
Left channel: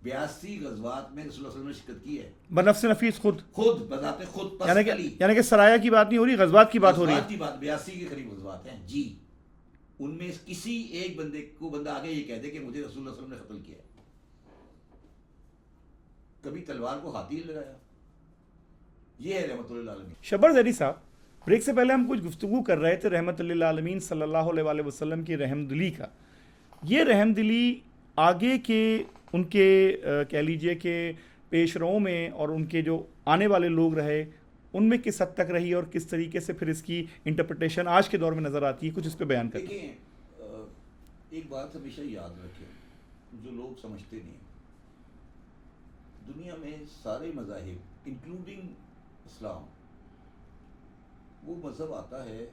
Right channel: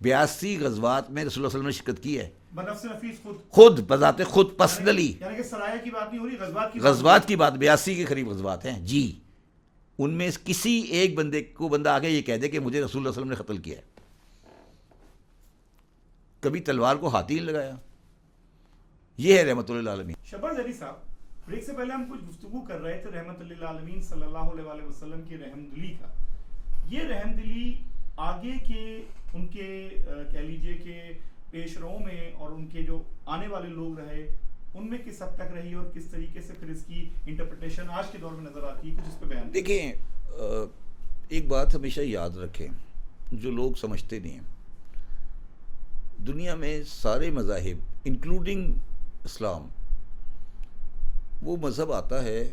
82 غزوات میں رسول اللہ صلی اللہ علیہ وسلم نے شرکت کی ہے. بنفس نفیس خود بذات خود پرسنلی. یعنی کہ سرایا کی بات نہیں ہو رہی، غزوات کی بات. غزوات کی بات 82 کے قریب غزوات ہیں جی. ان میں کسی ایک بندے کو بندہ آگے یہ کہہ دے کہ مجھے رسول اللہ صلی اللہ علیہ وسلم نے قتل کیا ہے. کبھی تلوار کو ہاتھ ہی لگایا. یہ ہے رحمت للعالمین. شبر زیدی صاحب، بریک سے پہلے ہم کچھ گفتگو کر رہے تھے رحمت للعالمین صلی اللہ علیہ وآلہ وسلم کی رحم دلی کا. یہ رحم دلی آگے کے ان کے کہہ لیجئے کہ پیش رو میں اور ان کے جو آنے والے لوگ رہے ان میں کس حد تک رہی اور کس طریقے سے پھر اس کی انٹرپریٹیشن آج کے دور میں نظر آتی ہے؟ کچھ اس پہ بیان کریں. دیکھیں ایک بات ہمیشہ یاد رکھیں جو لوگ سمجھتے نہیں ہیں، دنیا میں سارے مذاہب انکلوڈنگ اسلام، وہ مذہب آتا ہے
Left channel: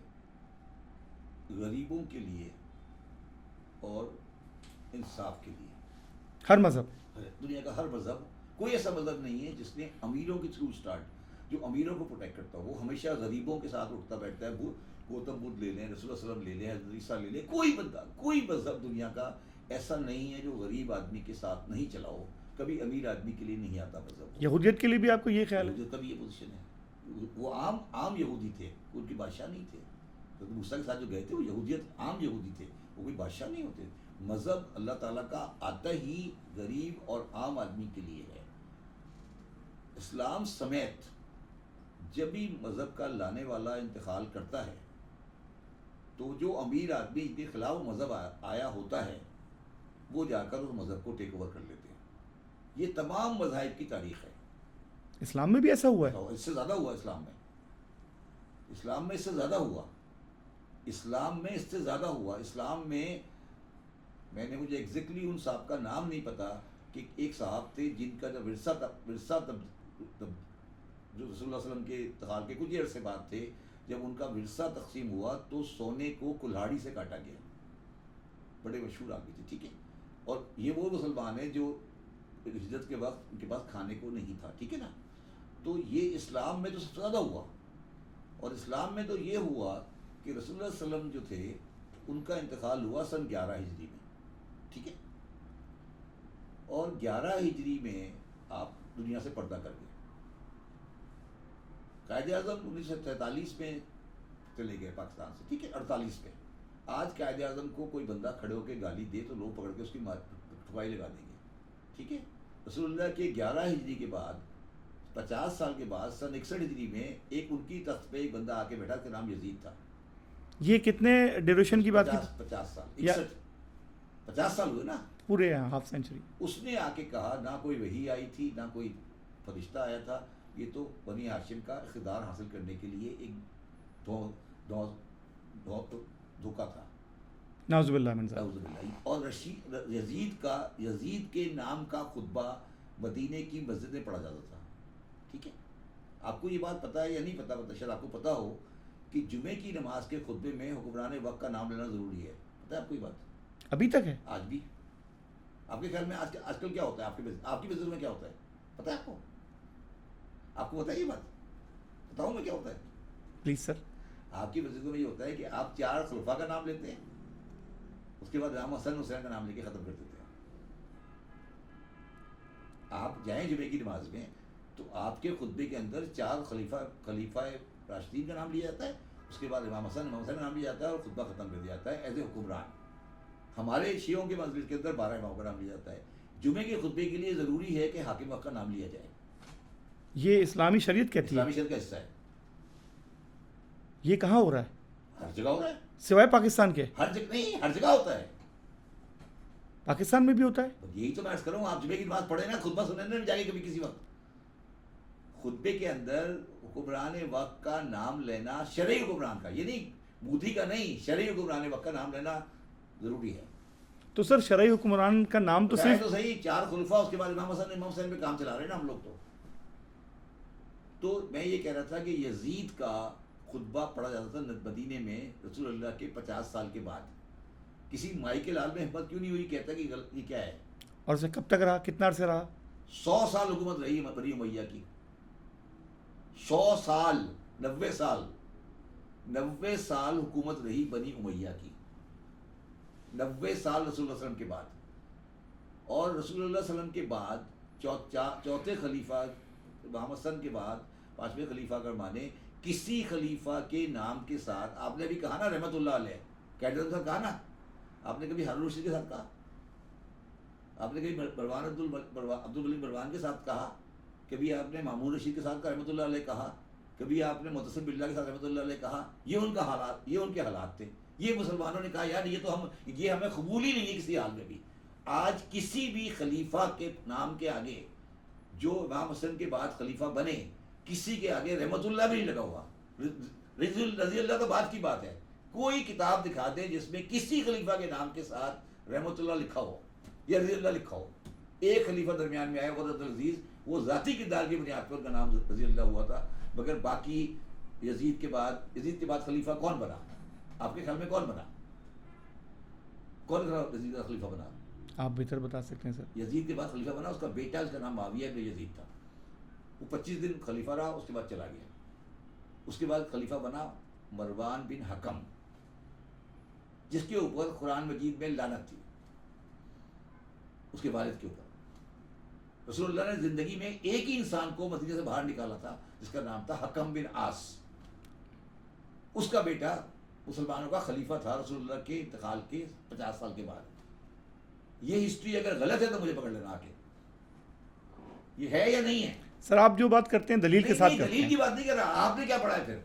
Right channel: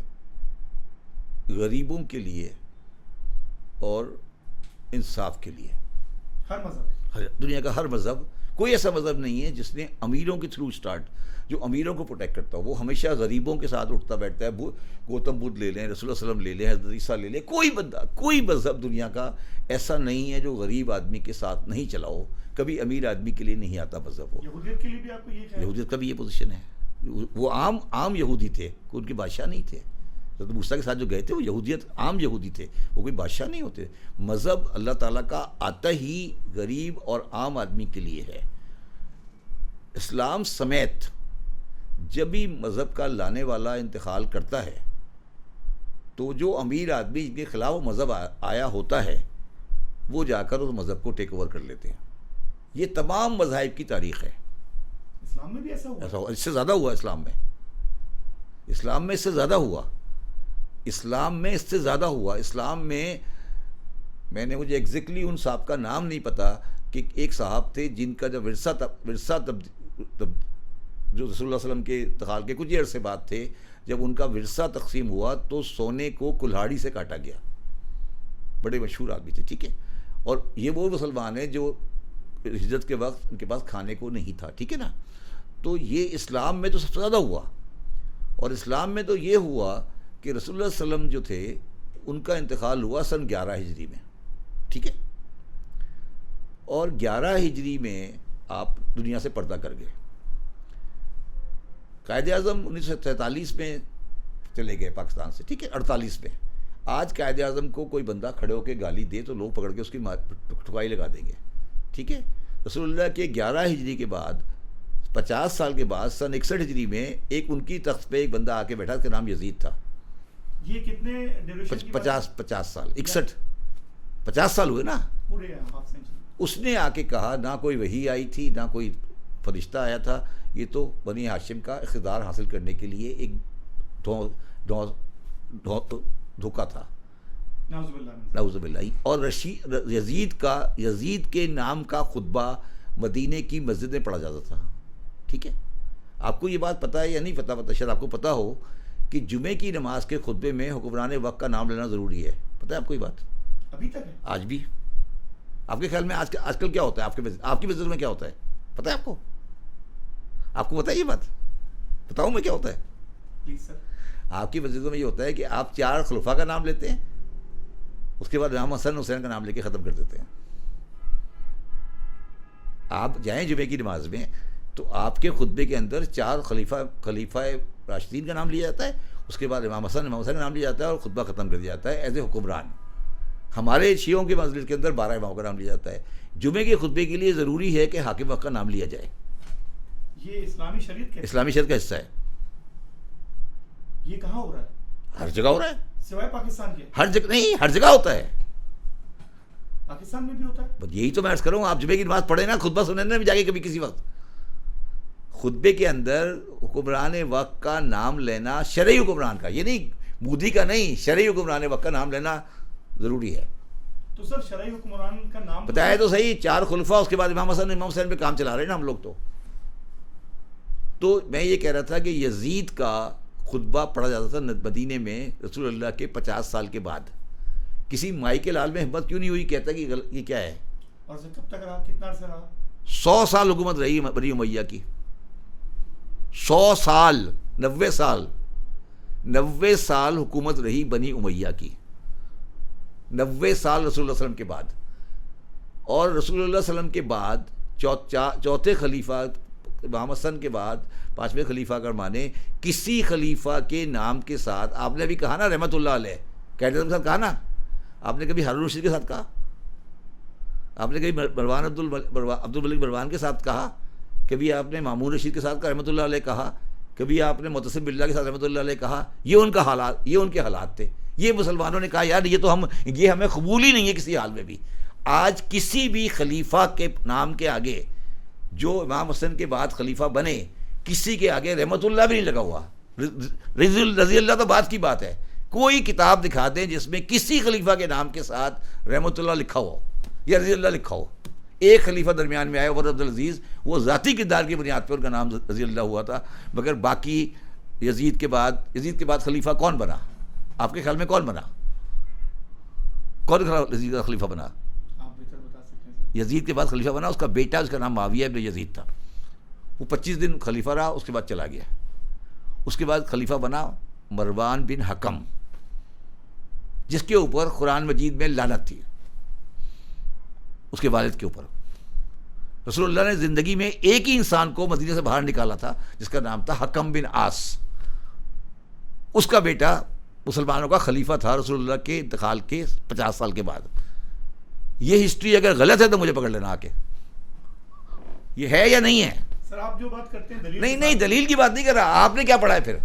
غریبوں کے لیے اور انصاف کے لیے. ہر مذہب، دنیا کا ہر مذہب، کوئی ایسا مذہب نہیں ہے جس نے امیروں کے تھرو اسٹارٹ، جو امیروں کو پروٹیکٹ کرتا ہو. وہ ہمیشہ غریبوں کے ساتھ اٹھتا بیٹھتا ہے. گوتم بدھ لے لیں، رسول اللہ علیہ وسلم لے لیں، حضرت عیسیٰ لے لیں، کوئی بندہ، کوئی مذہب دنیا کا ایسا نہیں ہے جو غریب آدمی کے ساتھ نہیں چلا ہو. کبھی امیر آدمی کے لیے نہیں آتا مذہب. یہودیت کے لیے بھی آپ کو یہ خیال؟ یہودیت کا بھی یہ پوزیشن ہے. وہ عام یہودی تھے، کوئی ان کے بادشاہ نہیں تھے. حضرت موسیٰ کے ساتھ جو گئے تھے وہ یہودیت عام یہودی تھے، وہ کوئی بادشاہ نہیں ہوتے. مذہب اللہ تعالیٰ کا آتا ہی غریب اور عام آدمی کے لیے ہے. اسلام سمیت جب بھی مذہب کا لانے والا انتقال کرتا ہے تو جو امیر آدمی کے خلاف وہ مذہب آیا ہوتا ہے وہ جا کر اس مذہب کو ٹیک اوور کر لیتے ہیں. یہ تمام مذاہب کی تاریخ ہے. اسلام میں بھی ایسا ہوا ہے؟ اس سے زیادہ ہوا اسلام میں. اسلام میں اس سے زیادہ ہوا. اسلام میں اس سے زیادہ ہوا. اسلام میں نے مجھے ایگزیکٹلی ان صاحب کا نام نہیں پتا کہ ایک صاحب تھے جن کا جب ورثہ جو رسول اللہ علیہ وسلم کے انتقال کے کچھ عرصے بعد تھے، جب ان کا ورثہ تقسیم ہوا تو سونے کو کلہاڑی سے کاٹا گیا. بڑے مشہور آدمی تھے، ٹھیک ہے. اور یہ وہ مسلمان ہیں جو ہجرت کے وقت ان کے پاس کھانے کو نہیں تھا، ٹھیک ہے نا. تو یہ اسلام میں تو سب سے زیادہ ہوا. اور اسلام میں تو یہ ہوا کہ رسول اللہ علیہ وسلم جو تھے ان کا انتقال ہوا سن 11 ہجری میں، ٹھیک ہے. اور 11 ہجری میں آپ دنیا سے پردہ کر گئے. قائد اعظم 1947 میں چلے گئے پاکستان سے، ٹھیک ہے. 48 میں. آج قائد اعظم کو کوئی بندہ کھڑے ہو کے گالی دے تو لوگ پکڑ کے اس کی ٹھکائی لگا دیں گے، ٹھیک ہے. رسول اللہ کے 11 ہجری کے بعد 50 سال کے بعد سن 61 ہجری میں ایک ان کی تخت پہ ایک بندہ آ کے بیٹھا، اس کا نام یزید تھا. یہ کتنے ڈیوریشن کی بات ہے؟ 50 سال، 50 سال ہوئے نا، پورے ہاف سینچری. اس نے آ کے کہا نہ کوئی وحی آئی تھی نہ کوئی فرشتہ آیا تھا، یہ تو بنی ہاشم کا اقتدار حاصل کرنے کے لیے ایک دھوکہ تھا. نعوذ باللہ من ذلک. نعوذ باللہ. اور یزید کے نام کا خطبہ مدینے کی مسجد میں پڑھا جاتا تھا، ٹھیک ہے. آپ کو یہ بات پتہ ہے یا نہیں پتہ شاید آپ کو پتہ ہو کہ جمعے کی نماز کے خطبے میں حکمران وقت کا نام لینا ضروری ہے. پتہ ہے آپ کو یہ بات؟ ابھی تک ہے؟ آج بھی. آپ کے خیال میں آج کل کیا ہوتا ہے؟ آپ کی مسجد میں کیا ہوتا ہے پتہ ہے آپ کو؟ آپ کو پتہ ہے یہ بات؟ بتاؤں میں کیا ہوتا ہے؟ Please sir. آپ کی مسجدوں میں یہ ہوتا ہے کہ آپ 4 خلفاء کا نام لیتے ہیں، اس کے بعد امام حسن حسین کا نام لے کے ختم کر دیتے ہیں. آپ جائیں جمعے کی نماز میں تو آپ کے خطبے کے اندر 4 خلیفہ راشدین کا نام لیا جاتا ہے، اس کے بعد امام حسن کا نام لیا جاتا ہے اور خطبہ ختم کر دیا جاتا ہے ایز اے حکمران. ہمارے شیعوں کے مسجد کے اندر 12 اماموں کا نام لیا جاتا ہے. جمعے کے خطبے کے لیے ضروری ہے کہ حاکم وقت کا نام لیا جائے. یہ اسلامی شریعت کا اسلامی شریعت کا حصہ ہے. یہ کہاں ہو رہا ہے؟ ہر جگہ ہو رہا ہے، سوائے پاکستان کے. ہر جگہ نہیں، ہر جگہ ہوتا ہے. پاکستان میں بھی ہوتا ہے. یہی تو میں عرض کروں، آپ جمعے کی نماز پڑھیں نا، خطبہ سنیں نا جا کے کبھی کسی وقت، خطبے کے اندر حکمران وقت کا نام لینا، شرعی حکمران کا، یہ نہیں مودی کا نہیں، شرعی حکمران وقت کا نام لینا ضروری ہے. تو سر شرعی حکمران کا نام بتایا تو صحیح، 4 خلفاء، اس کے بعد امام حسین پہ کام چلا رہے ہیں نا ہم لوگ. تو میں یہ کہہ رہا تھا کہ یزید کا خطبہ پڑھا جاتا تھا مدینے میں رسول اللہ کے 50 سال کے بعد. کسی مائی کے لال میں ہمت کیوں نہیں ہوئی کہتا کہ یہ کیا ہے؟ اور اسے کب تک رہا؟ کتنا عرصے رہا؟ 100 سال حکومت رہی بنی امیہ کی. 100 سال، 90 سال 90 سال حکومت رہی بنی امیہ کی. 90 سال رسول اللہ علیہ وسلم کے بعد. اور رسول اللہ علیہ وسلم کے بعد چوتھے خلیفہ امام حسن کے بعد 5ویں خلیفہ کا مانے کسی خلیفہ کے نام کے ساتھ، آپ نے ابھی کہا نا رحمت اللہ علیہ، قائد اعظم کے ساتھ کہا نا، آپ نے کبھی ہارون رشید کے ساتھ کہا؟ آپ نے کبھی عبد الملک مروان کے ساتھ کہا؟ کبھی آپ نے مامون رشید کے ساتھ کہا رحمۃ اللہ علیہ کہا؟ کبھی آپ نے معتصم باللہ کے ساتھ رحمۃ اللہ علیہ کہا؟ یہ ان کے حالات تھے. یہ مسلمانوں نے کہا یار یہ ہمیں قبول ہی نہیں ہے کسی حال میں بھی. آج کسی بھی خلیفہ کے نام کے آگے جو امام حسن کے بعد خلیفہ بنے، کسی کے آگے رحمت اللہ بھی نہیں لگا ہوا. رضی اللہ تو بات کی بات ہے، کوئی کتاب دکھا دیں جس میں کسی خلیفہ کے نام کے ساتھ رحمۃ اللہ لکھا ہو یا رضی اللہ لکھا ہو. ایک خلیفہ درمیان میں آیا عمر عبد العزیز, وہ ذاتی کردار کی بنیاد پر ان کا نام رضی اللہ ہوا تھا, مگر باقی یزید کے بعد خلیفہ کون بنا؟ آپ کے خیال میں کون بنا؟ کون یزید کا خلیفہ بنا؟ آپ بہتر بتا سکتے ہیں سر. یزید کے بعد خلیفہ بنا اس کا بیٹا, اس کا نام معاویہ ابن یزید تھا. وہ 25 دن خلیفہ رہا, اس کے بعد چلا گیا. اس کے بعد خلیفہ بنا مروان بن حکم, جس کے اوپر قرآن مجید میں لعنت تھی, اس کے والد کے اوپر. رسول اللہ نے زندگی میں ایک ہی انسان کو مدینے سے باہر نکالا تھا جس کا نام تھا حکم بن عاص. اس کا بیٹا مسلمانوں کا خلیفہ تھا رسول اللہ کے انتقال کے 50 سال کے بعد. یہ ہسٹری اگر غلط ہے تو مجھے پکڑ لینا آ کے, یہ ہے یا نہیں ہے. سر آپ جو بات کرتے ہیں دلیل نہیں دلیل کی بات نہیں کر رہا. آپ نے کیا پڑھا ہے پھر؟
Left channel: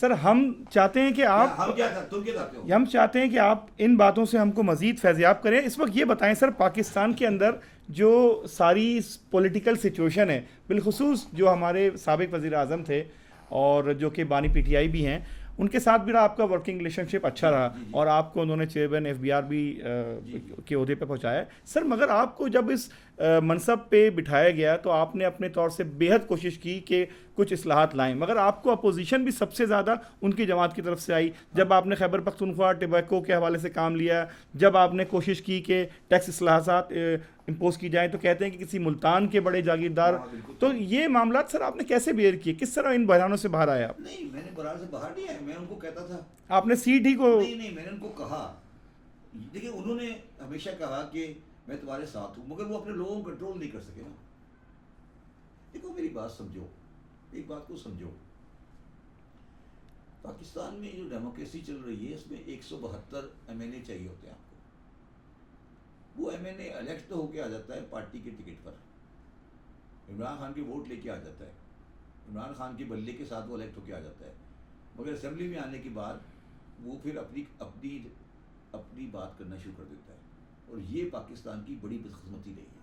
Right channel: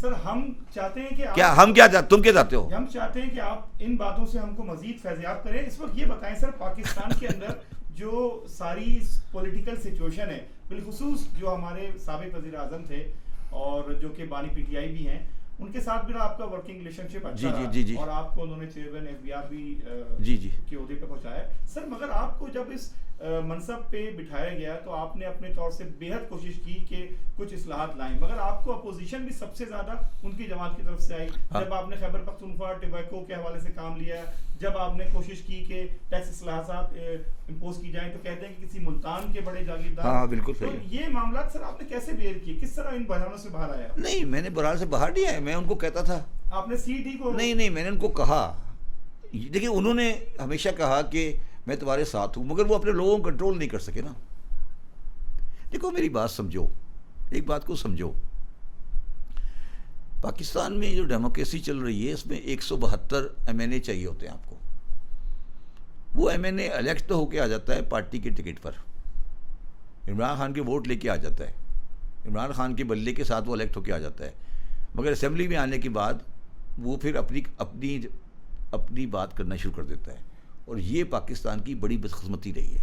سر ہم چاہتے ہیں کہ تم کیا چاہتے ہو؟ ہم چاہتے ہیں کہ آپ ان باتوں سے ہم کو مزید فیضیاب کریں. اس وقت یہ بتائیں سر, پاکستان کے اندر جو ساری پولیٹیکل سچویشن ہے, بالخصوص جو ہمارے سابق وزیر اعظم تھے اور جو کہ بانی پی ٹی آئی بھی ہیں, ان کے ساتھ بھی آپ کا ورکنگ ریلیشن شپ اچھا رہا اور آپ کو انہوں نے چیئرمین FBR بھی کے عہدے پہ پہنچایا سر. مگر آپ کو جب اس منصب پہ بٹھایا گیا تو آپ نے اپنے طور سے بے حد کوشش کی کہ کچھ اصلاحات لائیں, مگر آپ کو اپوزیشن بھی سب سے زیادہ ان کی جماعت کی طرف سے آئی. جب آپ نے خیبر پختونخوا ٹبیکو کے حوالے سے کام لیا, جب آپ نے کوشش کی کہ ٹیکس اصلاحات امپوز کی جائیں, تو کہتے ہیں کہ کسی ملتان کے بڑے جاگیردار. تو یہ معاملات سر آپ نے کیسے بیئر کیے, کس طرح ان بحرانوں سے باہر آیا؟ نہیں, میں نے بحران سے باہر نہیں آیا, میں ان کو کہتا تھا. آپ نے سیٹ ہی کو نہیں, میں نے ان کو کہا. دیکھیں انہوں نے ہمیشہ کہا کہ میں تمہارے ساتھ ہوں, مگر وہ اپنے لوگوں کو کنٹرول نہیں کر سکے نا. دیکھو میری بات سمجھو, ایک بات کو سمجھو. پاکستان میں جو ڈیموکریسی چل رہی ہے اس میں 172 MNA چاہیے ہوتے ہیں آپ کو. وہ MNA الیکٹ ہو کے آ جاتا ہے پارٹی کے ٹکٹ پر, عمران خان کے ووٹ لے کے آ جاتا ہے, عمران خان کے بلے کے ساتھ وہ الیکٹ ہو کے آ جاتا ہے, مگر اسمبلی میں آنے کے بعد وہ پھر اپنی بات کرنا شروع کر دیتا ہے. اور یہ پاکستان کی بڑی بدقسمتی رہی ہے.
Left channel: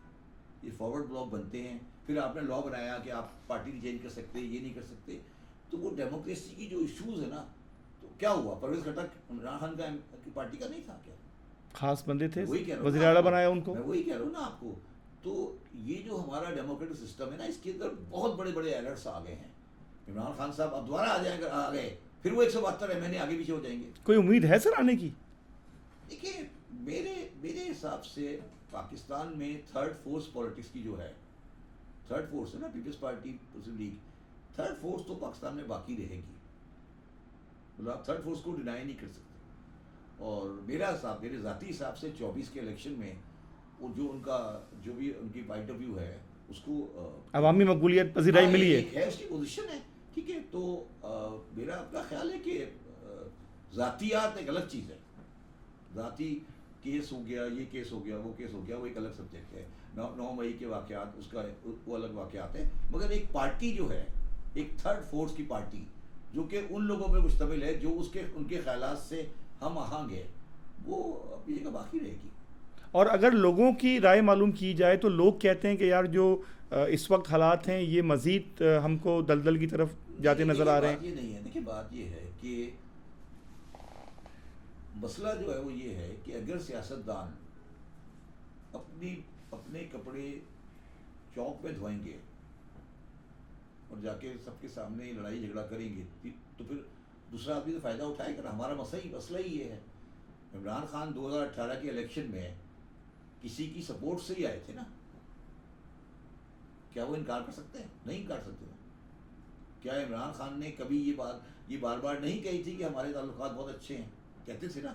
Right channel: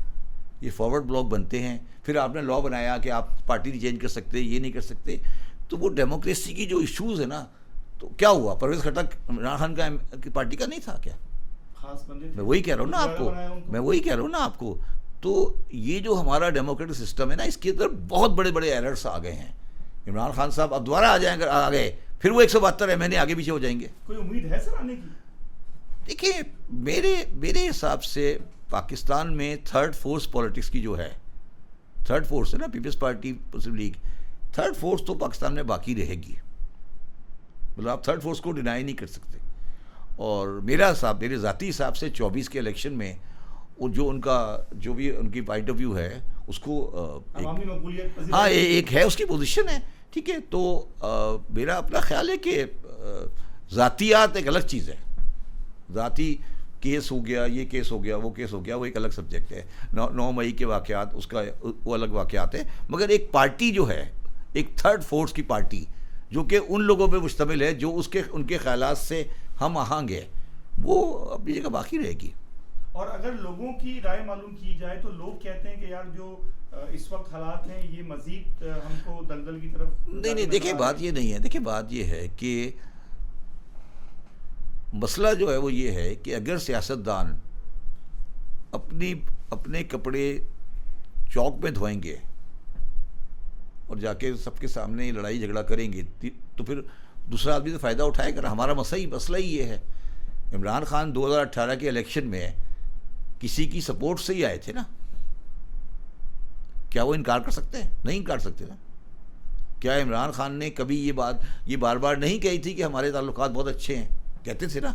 یہ فارورڈ بلاک بنتے ہیں, پھر آپ نے لا بنایا کہ آپ پارٹی نہیں چینج کر سکتے, یہ نہیں کر سکتے. تو وہ ڈیموکریسی کی جو ایشوز ہیں نا, تو کیا ہوا, پرویز خٹک عمران خان کا پارٹی کا نہیں تھا کیا؟ خاص بندے تھے, وہی کہہ رہا ہوں نا آپ کو, میں وہی کہہ رہا ہوں نا آپ کو. تو یہ جو ہمارا ڈیموکریٹک سسٹم ہے نا, اس کے اندر بہت بڑے بڑے ایررز آ گئے ہیں. عمران خان صاحب اب دوبارہ آ گئے, پھر وہ 172 MNA آگے پیچھے ہو جائیں گے. کوئی امید ہے سر آنے کی؟ دیکھیں میرے حساب سے پاکستان میں تھرڈ فورس پالیٹکس کی جو ہے, تھرڈ فورس ہے نا, پیپلز پارٹی, مسلم لیگ, تھرڈ فورس تو پاکستان میں باقی رہے گی. مطلب آپ تھرڈ فورس کو ڈینائی نہیں کر سکتے. اور میرے ذاتی حساب سے 24 کے الیکشن میں جو بھی ان کی پوائنٹ آف ویو ہے اس کو عوامی مقبولیت ایک ہے, اس کی پوزیشن ہے, ٹھیک ہے. تو میرا اپنا خیال ہے کہ ذاتیات ایک الگ چیز ہے. ذاتی کیس ہو گیا, یہ کیس ہو گیا, وہ کیس ہو گیا, وہ ایک الگ سبجیکٹ ہے. 9 مئی کے واقعات, اس کا وہ الگ واقعات ہیں. مگر ایک پارٹی جو ہے, ایک تھرڈ فورس کی پارٹی جو کہ ان لوگوں پہ مشتمل ہے جو ان کے خیالات سے ہم آہنگ ہے, وہ اپنی جگہ باقی رہے گی. اور اگر لوگوں کی رائے معلوم کی جائے تو لوگ کہتے ہیں کہ یار جو اس وقت حالات ہیں یہ مزید ہم کو دلدل کی طرف جاتے نظر آ رہے ہیں. دیکھیں بات یہ نہیں ہے, دیکھیں بات یہ ہے کہ مسئلہ جو ہے وہ یہ ہے کہ اگر سیاستدان اپنے کپڑے چوک میں دھوئیں گے اور جا کے سب کے سامنے لڑائی جھگڑا کریں گے تو پھر دوسرا آدمی تو فائدہ اٹھائے گا. ہمارا مسئلہ ہی یہ ہے. عمران خان 2018 کے الیکشن میں کسی کی سپورٹ سے ہی آئے تھے نا, کیا وہ انکار کر سکتے ہیں؟ نہیں انکار سکتے نا. کیا عمران خان نے کبھی یہ بار بار نہیں کہی تھی کہ ہمارے تعلقات بہت اچھے ہیں؟ کہتے تھے نا.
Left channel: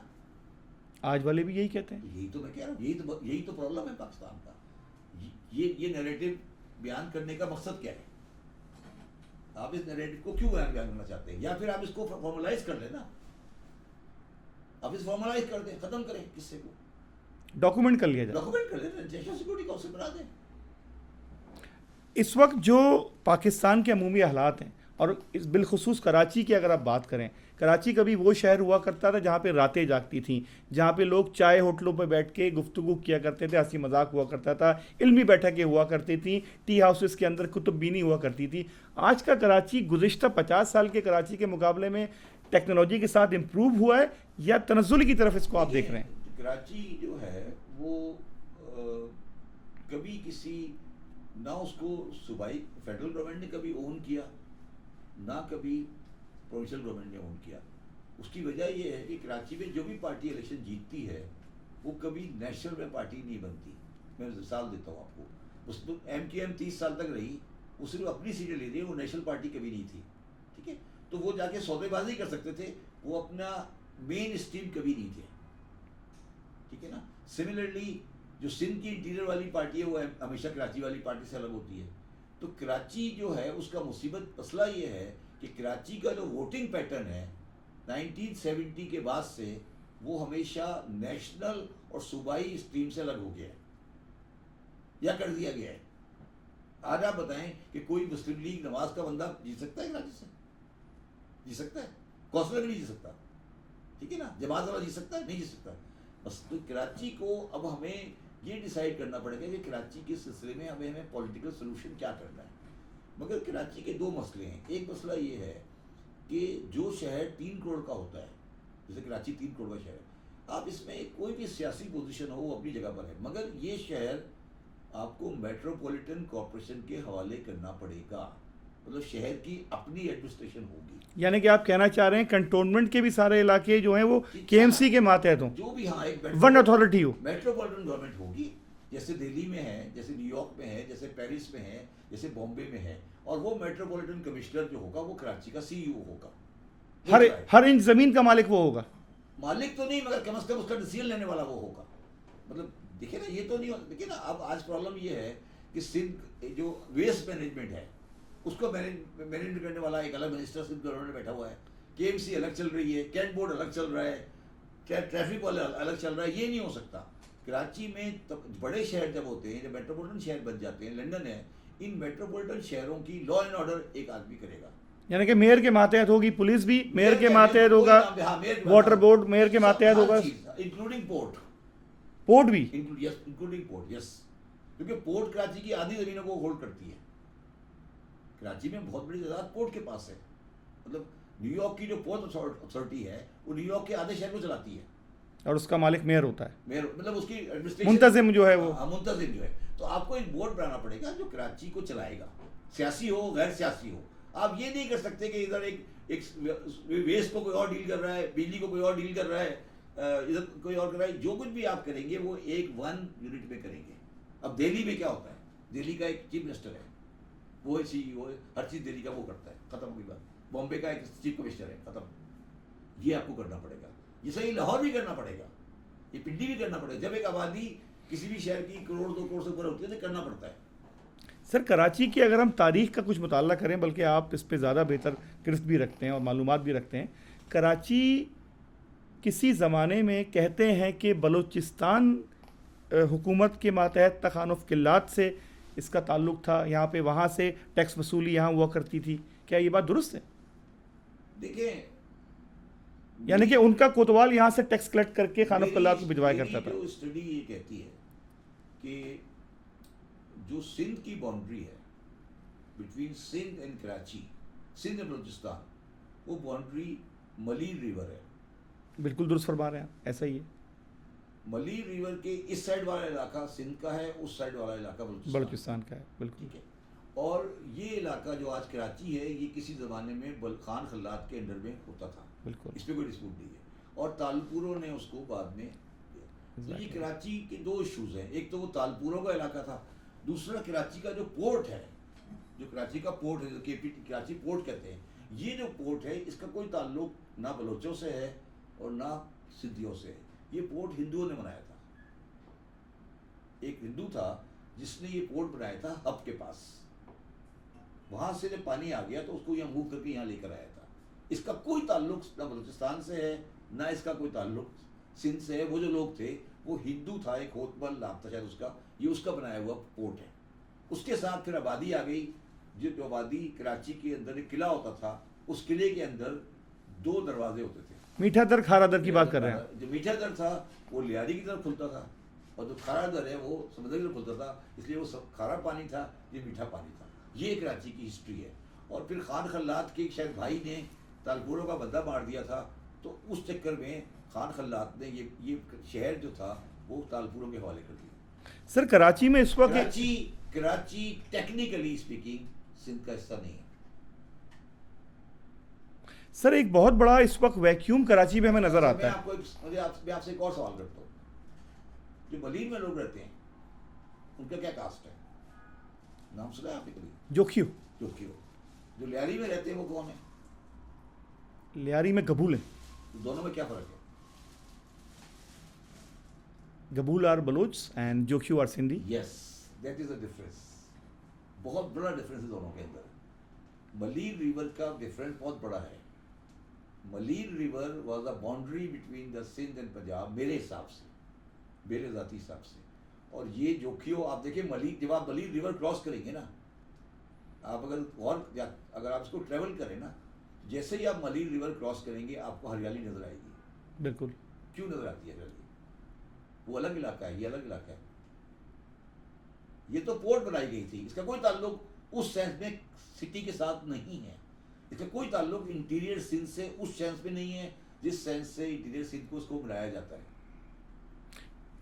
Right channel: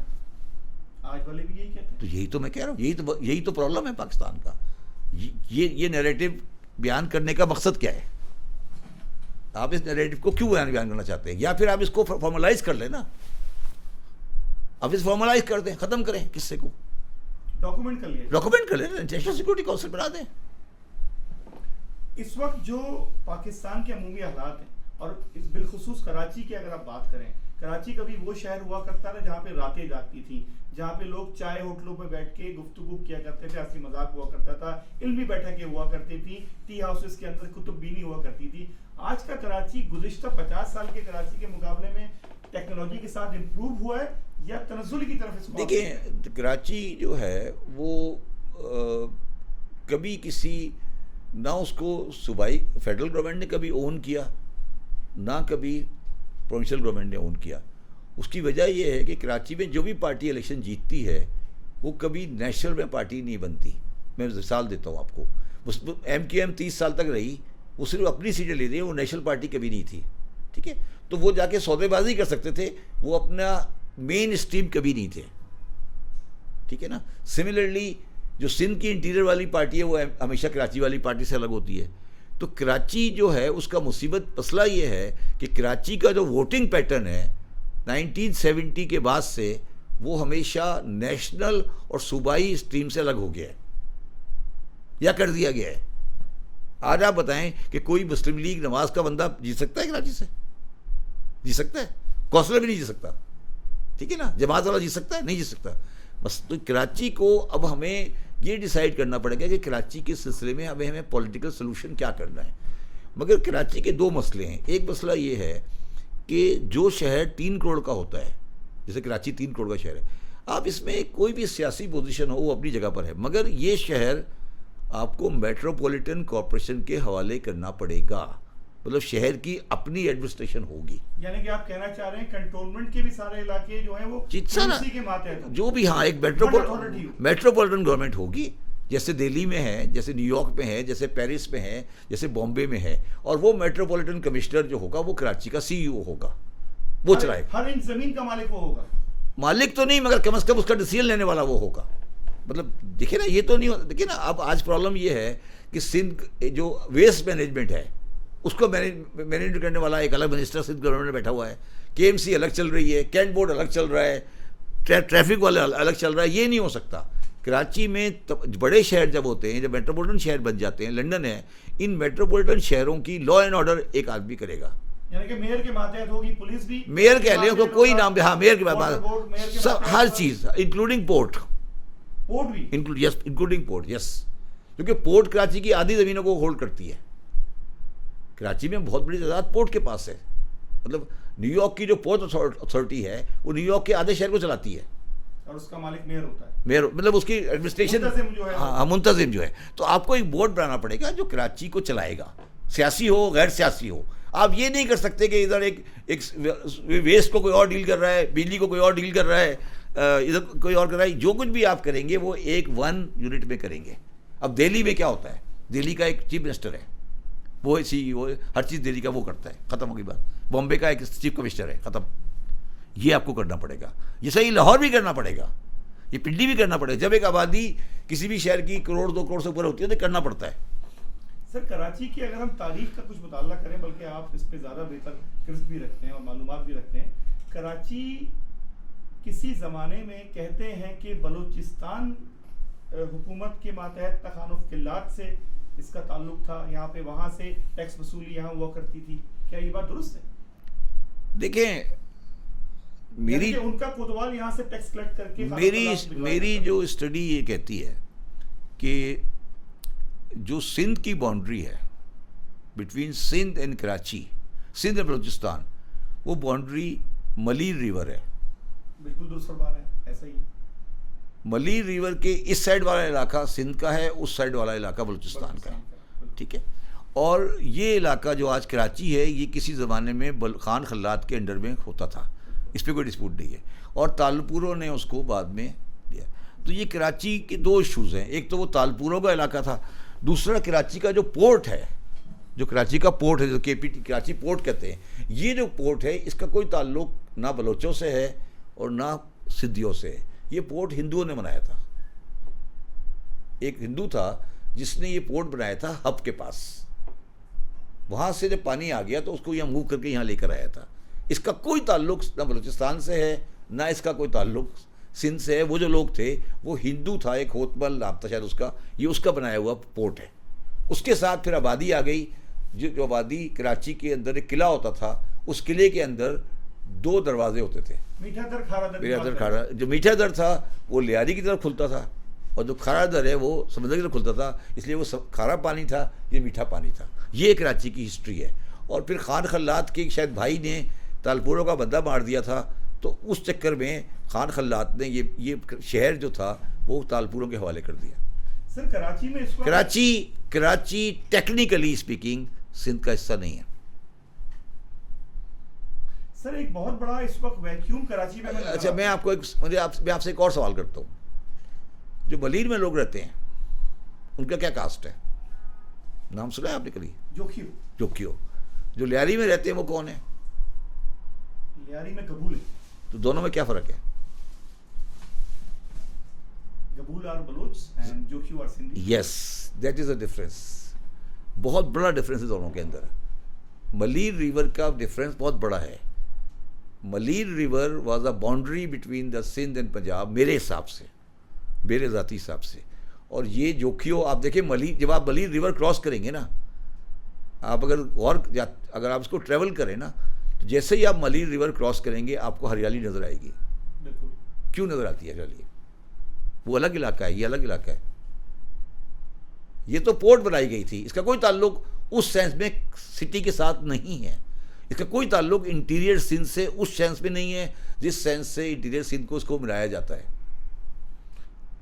آج والے بھی یہی کہتے ہیں. تو یہی تو میں کہہ رہا ہوں, یہی تو پرابلم ہے پاکستان کا. یہ نیریٹو بیان کرنے کا مقصد کیا ہے؟ آپ اس نیریٹو کو کیوں بیان کرنا چاہتے ہیں؟ یا پھر آپ اس کو فارملائز کر لیں نا, آپ اس فارملائز کر دیں, ختم کریں قصے کو, ڈاکومنٹ کر لیا جائے, ڈاکومنٹ کر لیں, نیشنل سیکورٹی کونسل بنا دیں. اس وقت جو پاکستان کے عمومی حالات ہیں, اور بالخصوص کراچی کی اگر آپ بات کریں, کراچی کبھی وہ شہر ہوا کرتا تھا جہاں پہ راتیں جاگتی تھیں, جہاں پہ لوگ چائے ہوٹلوں پہ بیٹھ کے گفتگو کیا کرتے تھے, ہنسی مذاق ہوا کرتا تھا, علمی بیٹھکیں ہوا کرتی تھیں, ٹی ہاؤسز کے اندر کتب بینی ہوا کرتی تھی. آج کا کراچی گزشتہ 50 سال کے کراچی کے مقابلے میں ٹیکنالوجی کے ساتھ امپروو ہوا ہے یا تنزل کی طرف اس کو آپ دیکھ رہے ہیں؟ کراچی جو ہے وہ کبھی کسی نہ اس کو صوبائی فیڈرل گورنمنٹ نے کبھی اون کیا، نہ کبھی پروونشل گورنمنٹ نے اون کیا. اس کی وجہ یہ ہے کہ کراچی میں جو بھی پارٹی الیکشن جیتتی ہے وہ کبھی نیشنل میں پارٹی نہیں بنتی. میں مثال دیتا ہوں آپ کو، ایم کیو ایم 30 سال تک رہی، وہ صرف اپنی سیٹیں لیتی ہے، وہ نیشنل پارٹی کبھی نہیں تھی. ٹھیک ہے، تو وہ جا کے سودے بازی کر سکتے تھے، وہ اپنا مین اسٹریم کبھی نہیں تھے. ٹھیک ہے نا. سملرلی جو سندھ کی انٹیریئر والی پارٹی ہے وہ ہمیشہ کراچی والی پارٹی سے الگ ہوتی ہے. تو کراچی جو ہے اس کا مصیبت مسئلہ یہ ہے کہ کراچی کا جو ووٹنگ پیٹرن ہے 1970 کے بعد سے وہ ہمیشہ نیشنل اور صوبائی اسٹریم سے الگ ہو گیا ہے یا کر دیا گیا ہے. آج آپ بتائیں کہ کوئی مسلم لیگ نواز کا بندہ جی سکتا ہے کراچی سے؟ جی سکتا ہے؟ کونسلر بھی نہیں جی سکتا. ٹھیک ہے نا. جماعت والا جی سکتا ہے؟ نہیں جی سکتا. بس تو کراچی کو اب ہمیں یہ ڈیسائیڈ کرنا پڑے گا کہ کراچی کے سلسلے میں ہمیں پولیٹیکل سلوشن کیا کرنا ہے. مگر کراچی کے دو مسئلے ہیں. ایک مسئلہ یہ ہے کہ جو شہر 3 کروڑ کا ہوتا ہے، جیسے کراچی 3 کروڑ کا شہر ہے، آپ اس میں کوئی بھی سیاسی پوزیشن ہو وہ اپنی جگہ پر ہے، مگر یہ شہر آپ کو میٹروپولیٹن کارپوریشن کے حوالے کرنا پڑے گا. مطلب شہر کی اپنی ایڈمنسٹریشن ہوگی. یعنی کہ آپ کہنا چاہ رہے ہیں کنٹونمنٹ کے بھی سارے علاقے جو ہیں وہ کے ایم سی کے ماتحت ہوں، جو بھی ہاں ایک اتھارٹی ہو، میٹروپولیٹن گورنمنٹ ہوگی. جیسے دہلی میں ہے، جیسے نیو یارک میں ہے، جیسے پیرس میں ہے، جیسے بامبے میں ہے. اور وہ میٹروپولیٹن کمشنر جو ہوگا وہ کراچی کا سی ای او ہوگا. وہ ہر انچ زمین کا مالک وہ ہوگا. مالک تو نہیں، مگر کم از کم اس کا ڈیسیژن لینے والا وہ ہوگا. مطلب دیکھیں نا، یہ تو نہیں دیکھیں نا. اب آج پرابلم یہ ہے کہ سندھ جو ویسٹ مینجمنٹ ہے اس کو مینیج کرنے والا ایک الگ منسٹر سندھ گورنمنٹ میں بیٹھا ہوا ہے. کے ایم سی الگ چل رہی ہے، کینٹ بورڈ الگ چل رہا ہے، ٹریفک والے الگ چل رہا ہے. یہ نہیں ہو سکتا. کراچی میں بڑے شہر جب ہوتے ہیں، جب میٹروپولیٹن شہر بن جاتے ہیں، لنڈن ہے، ان میٹروپولیٹن شہروں کی لا اینڈ آرڈر ایک آدمی کرے گا. یعنی کہ میئر کے ماتحت ہوگی، پولیس بھی میئر کے ماتحت کوئی نام، ہاں میئر کے واٹر بورڈ میئر کے ماتحت، ہر چیز انکلوڈنگ پورٹ بھی انکلوڈنگ پورٹ. یس، کیونکہ پورٹ کراچی کی آدھی زمینوں کو ہولڈ کرتی ہے. کراچی میں بہت بڑی تعداد پورٹ کے پاس ہے. مطلب نیو یارک کی جو پورٹ اتھارٹی ہے وہ نیو یارک کے آدھے شہر کو چلاتی ہے اور اس کا مالک میئر ہوتا ہے. میئر مطلب اس کی ایڈمنسٹریشن منتظم جو ہے منتظم جو ہے. تو آپ کو ایک بورڈ بنانا پڑے گا جو کراچی کو چلائے گا، سیاسی ہو غیر سیاسی ہو. آپ یہ نہیں کر سکتے کہ ادھر ایک ویسٹ کو کوئی اور ڈیل کر رہا ہے، بجلی کو کوئی اور ڈیل کر رہا ہے، ادھر کوئی اور کر رہا ہے. جو کچھ بھی آپ کریں گے وہ ایک ون یونٹ میں کریں گے. اب دہلی میں کیا ہوتا ہے، دہلی کا ایک چیف منسٹر ہے، وہ سی ای او، ہر چیز دہلی کا وہ کرتا ہے، ختم ہو گئی بات. بامبے کا ایک چیف کمشنر ہے، ختم. یہ آپ کو کرنا پڑے گا. یہ صحیح لاہور بھی کرنا پڑے گا، یہ پنڈی بھی کرنا پڑے گا. جب ایک آبادی کسی بھی شہر کی 1 2 کروڑ سے اوپر ہوتی ہے تو کرنا پڑتا ہے. سر کراچی کی اگر ہم تاریخ کا کچھ مطالعہ کریں، بلکہ آپ اس پہ زیادہ بہتر گرفت بھی رکھتے ہیں اور معلومات بھی رکھتے ہیں، کراچی کسی زمانے میں کہتے ہیں کہ بلوچستان حکومت کے ماتحت تخانف قلات سے اس کا تعلق تھا، یہاں پہ وہاں سے ٹیکس وصولی یہاں ہوا کرتی تھی. کیا یہ بات درست ہے؟ دیکھیں، یعنی کہ ان کا کوتوال یہاں سے ٹیکس کلیکٹ کر کے میری جو اسٹڈی یہ کہتی ہے کہ جو سندھ کی باؤنڈری ہے between Sindh and Karachi, Sindh and Balochistan, وہ باؤنڈری ملیر ریور ہے. بالکل درست فرما رہے ہیں، ایسا ہی ہے. ملیر ریور کے اس سائڈ والا علاقہ سندھ کا ہے، اس سائڈ والا علاقہ بلوچستان کا ہے. ٹھیک ہے. اور یہ علاقہ جو آج کراچی ہے یہ کسی زمانے میں خان خلات کے انڈر میں ہوتا تھا، اس پہ کوئی ڈسپیوٹ نہیں ہے. اور تالپوروں نے اس کو بعد میں دیا. تو یہ کراچی کے 2 ایشوز ہیں. ایک تو وہ تالپوروں کا علاقہ تھا، دوسرا کراچی کا جو پورٹ ہے، جو کراچی کا پورٹ ہے، جو کے پی ٹی کراچی پورٹ کہتے ہیں، یہ جو پورٹ ہے اس کا کوئی تعلق نہ بلوچوں سے ہے اور نہ سندھیوں سے ہے. یہ پورٹ ہندوؤں نے بنایا تھا. ایک ہندو تھا جس نے یہ پورٹ بنایا تھا ہب کے پاس. وہاں سے جب پانی آ گیا تو اس کو یہاں موو کر کے یہاں لے کر آیا تھا. اس کا کوئی تعلق نہ بلوچستان سے ہے نہ اس کا کوئی تعلق سندھ سے ہے. وہ جو لوگ تھے وہ ہندو تھا، ایک ہوتمل نام تھا شاید اس کا، یہ اس کا بنایا ہوا پورٹ ہے. اس کے ساتھ پھر آبادی آ گئی. جو آبادی کراچی کے اندر ایک قلعہ ہوتا تھا، اس قلعے کے اندر 2 دروازے ہوتے تھے. میٹھا در کھارا در کی بات کر رہے ہیں. جو میٹھا در تھا وہ لیاری کی طرف کھلتا تھا اور جو کھارا در ہے وہ سمندر کی طرف کھلتا تھا، اس لیے وہ کھارا پانی تھا، یہ میٹھا پانی تھا. یہ کراچی کی ہسٹری ہے. اور پھر خان خلات کے شاید بھائی نے تالپوروں کا بندہ مار دیا تھا، تو اس چکر میں خان خلات نے یہ شہر جو تھا وہ تالپوروں کے حوالے کر دیا. سر کراچی میں اس وقت کراچی ٹیکنیکلی اسپیکنگ سندھ کا حصہ نہیں ہے. سر ایک بہت بڑا اس وقت ویکیوم کراچی میں ہمیں نظر آتا ہے. میں آپ سے ایک اور سوال کرتا ہوں. جو بلیر میں لوگ رہتے ہیں ان کا کیا کاسٹ ہے؟ نام سنا ہے آپ نے کبھی؟ جوکیو. جو لیاری میں رہتے ہیں وہ کون ہے؟ لیاری میں گبول ہے. تو دونوں میں کیا فرق ہے؟ Gabol are Baloch and Jokhio are Sindhi. Yes, that is a difference. بہت بڑا ڈفرینس ہے دونوں کے اندر. ملیر ریور کا ڈفرینس بہت بڑا ہے. Malir river was a boundary between the Sindh and Punjab میرے حساب سے، میرے ذاتی حساب سے. اور یہ جوکیو آپ دیکھیں جب آپ ملیر ریور کراس کریں گے نا، آپ اگر آپ اس کو ٹریول کریں نا، تو جیسے ہی آپ ملیر ریور کراس کریں گے آپ کو ہریالی نظر آئے گی. بالکل. کیوں نظر آتی ہے ہریالی؟ وہ الگ علاقہ ہے، یہ الگ علاقہ ہے. یہ تو پورٹ بنائی گئی تھی، اس کا کوئی تعلق اس سینس میں سٹی کے ساتھ نہیں ہے. اس کا کوئی تعلق انٹیریئر سندھ سے اس سینس میں نہیں ہے جس سینس سے انٹیریئر سندھ کو اس کو ملایا جاتا ہے.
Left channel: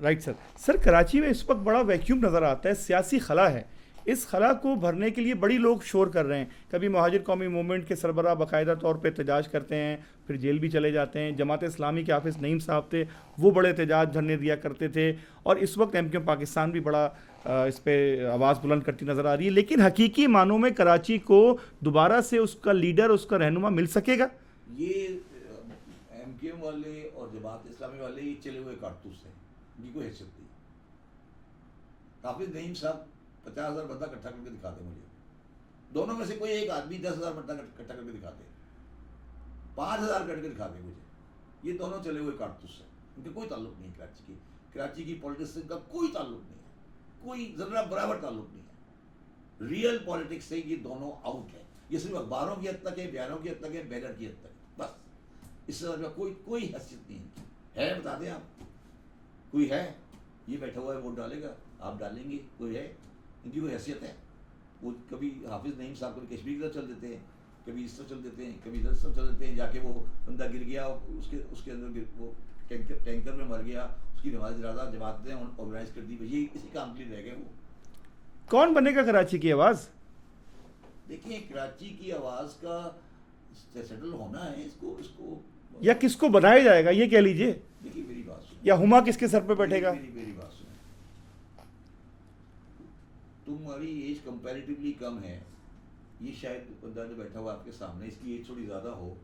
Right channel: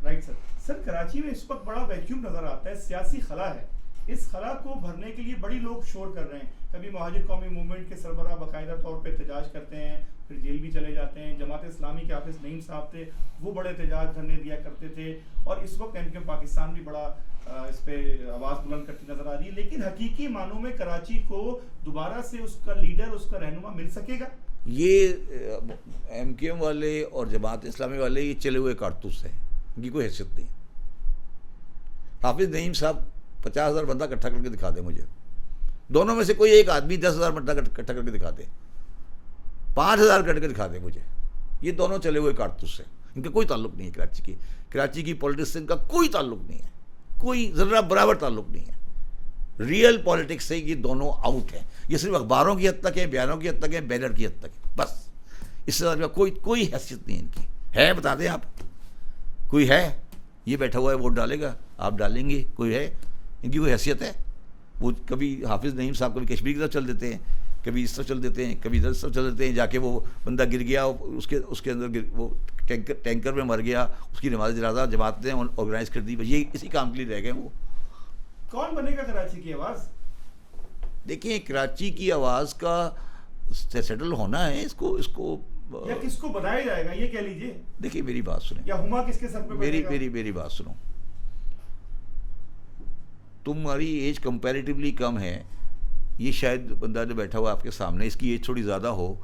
Right sir. سر کراچی میں اس وقت بڑا ویکیوم نظر آتا ہے، سیاسی خلا ہے. اس خلا کو بھرنے کے لیے بڑی لوگ شور کر رہے ہیں. کبھی مہاجر قومی موومنٹ کے سربراہ باقاعدہ طور پہ احتجاج کرتے ہیں، پھر جیل بھی چلے جاتے ہیں. جماعت اسلامی کے حافظ نعیم صاحب تھے، وہ بڑے احتجاج دھرنے دیا کرتے تھے. اور اس وقت ایم کیو ایم پاکستان بھی بڑا اس پہ آواز بلند کرتی نظر آ رہی ہے. لیکن حقیقی معنوں میں کراچی کو دوبارہ سے اس کا لیڈر، اس کا رہنما مل سکے گا؟ یہ ایم کیو ایم والے اور جماعت اسلامی والے یہ چلے ہوئے کارتوس ہیں، ان کی کوئی حیثیت نہیں. حافظ نعیم صاحب 50,000 بندہ اکٹھا کر کے دکھا دیں مجھے. دونوں میں سے کوئی ایک آدمی 10,000 بندہ اکٹھا کر کے دکھا دے، 5,000 کر کے دکھا دے مجھے. یہ دونوں چلے ہوئے کارتوس ہیں، ان کا کوئی تعلق نہیں ہے کراچی کی پولیٹکس سے. ان کا کوئی تعلق نہیں ہے، کوئی ذرہ برابر تعلق نہیں ہے. ریئل پولیٹکس سے یہ دونوں آؤٹ ہیں. یہ صرف اخباروں کی حد تک ہے، بیانوں کی حد تک ہے، بینر کی حد تک ہے، بس. اس سے زیادہ کوئی حیثیت نہیں ان کی ہے. بتا دیں آپ، کوئی ہے؟ یہ بیٹھا ہوا ہے ووٹ ڈالے گا، آپ ڈالیں گے، کوئی ہے؟ ان کی کوئی حیثیت ہے؟ وہ کبھی حافظ نعیم صاحب کبھی کشمیر کی طرف چل دیتے ہیں، کبھی اس طرف چل دیتے ہیں، کبھی ادھر طرف چل دیتے ہیں. جا کے وہ بندہ گر گیا، اس کے اندر وہ ٹینکر میں مر گیا، اس کی نماز جنازہ جماعت نے آرگنائز کر دی. بس یہ اسی کام کے لیے رہ گئے. وہ کون بنے گا کراچی کی آواز؟ دیکھیں کراچی کی آواز کا سیٹل ہونا ہے. اس کو یا کس کو بنایا جائے گا یہ کہہ لیجئے. دیکھیے میری بات سنیں، یا ہما کس کے سر پہ بیٹھے گا؟ میری بات سنو. تمہاری ایج کمپیریٹیولی کم ہے. یہ شاید بندہ جو بیٹھا ہوا آپ کے سامنے، اس کی ایج تھوڑی زیادہ ہو.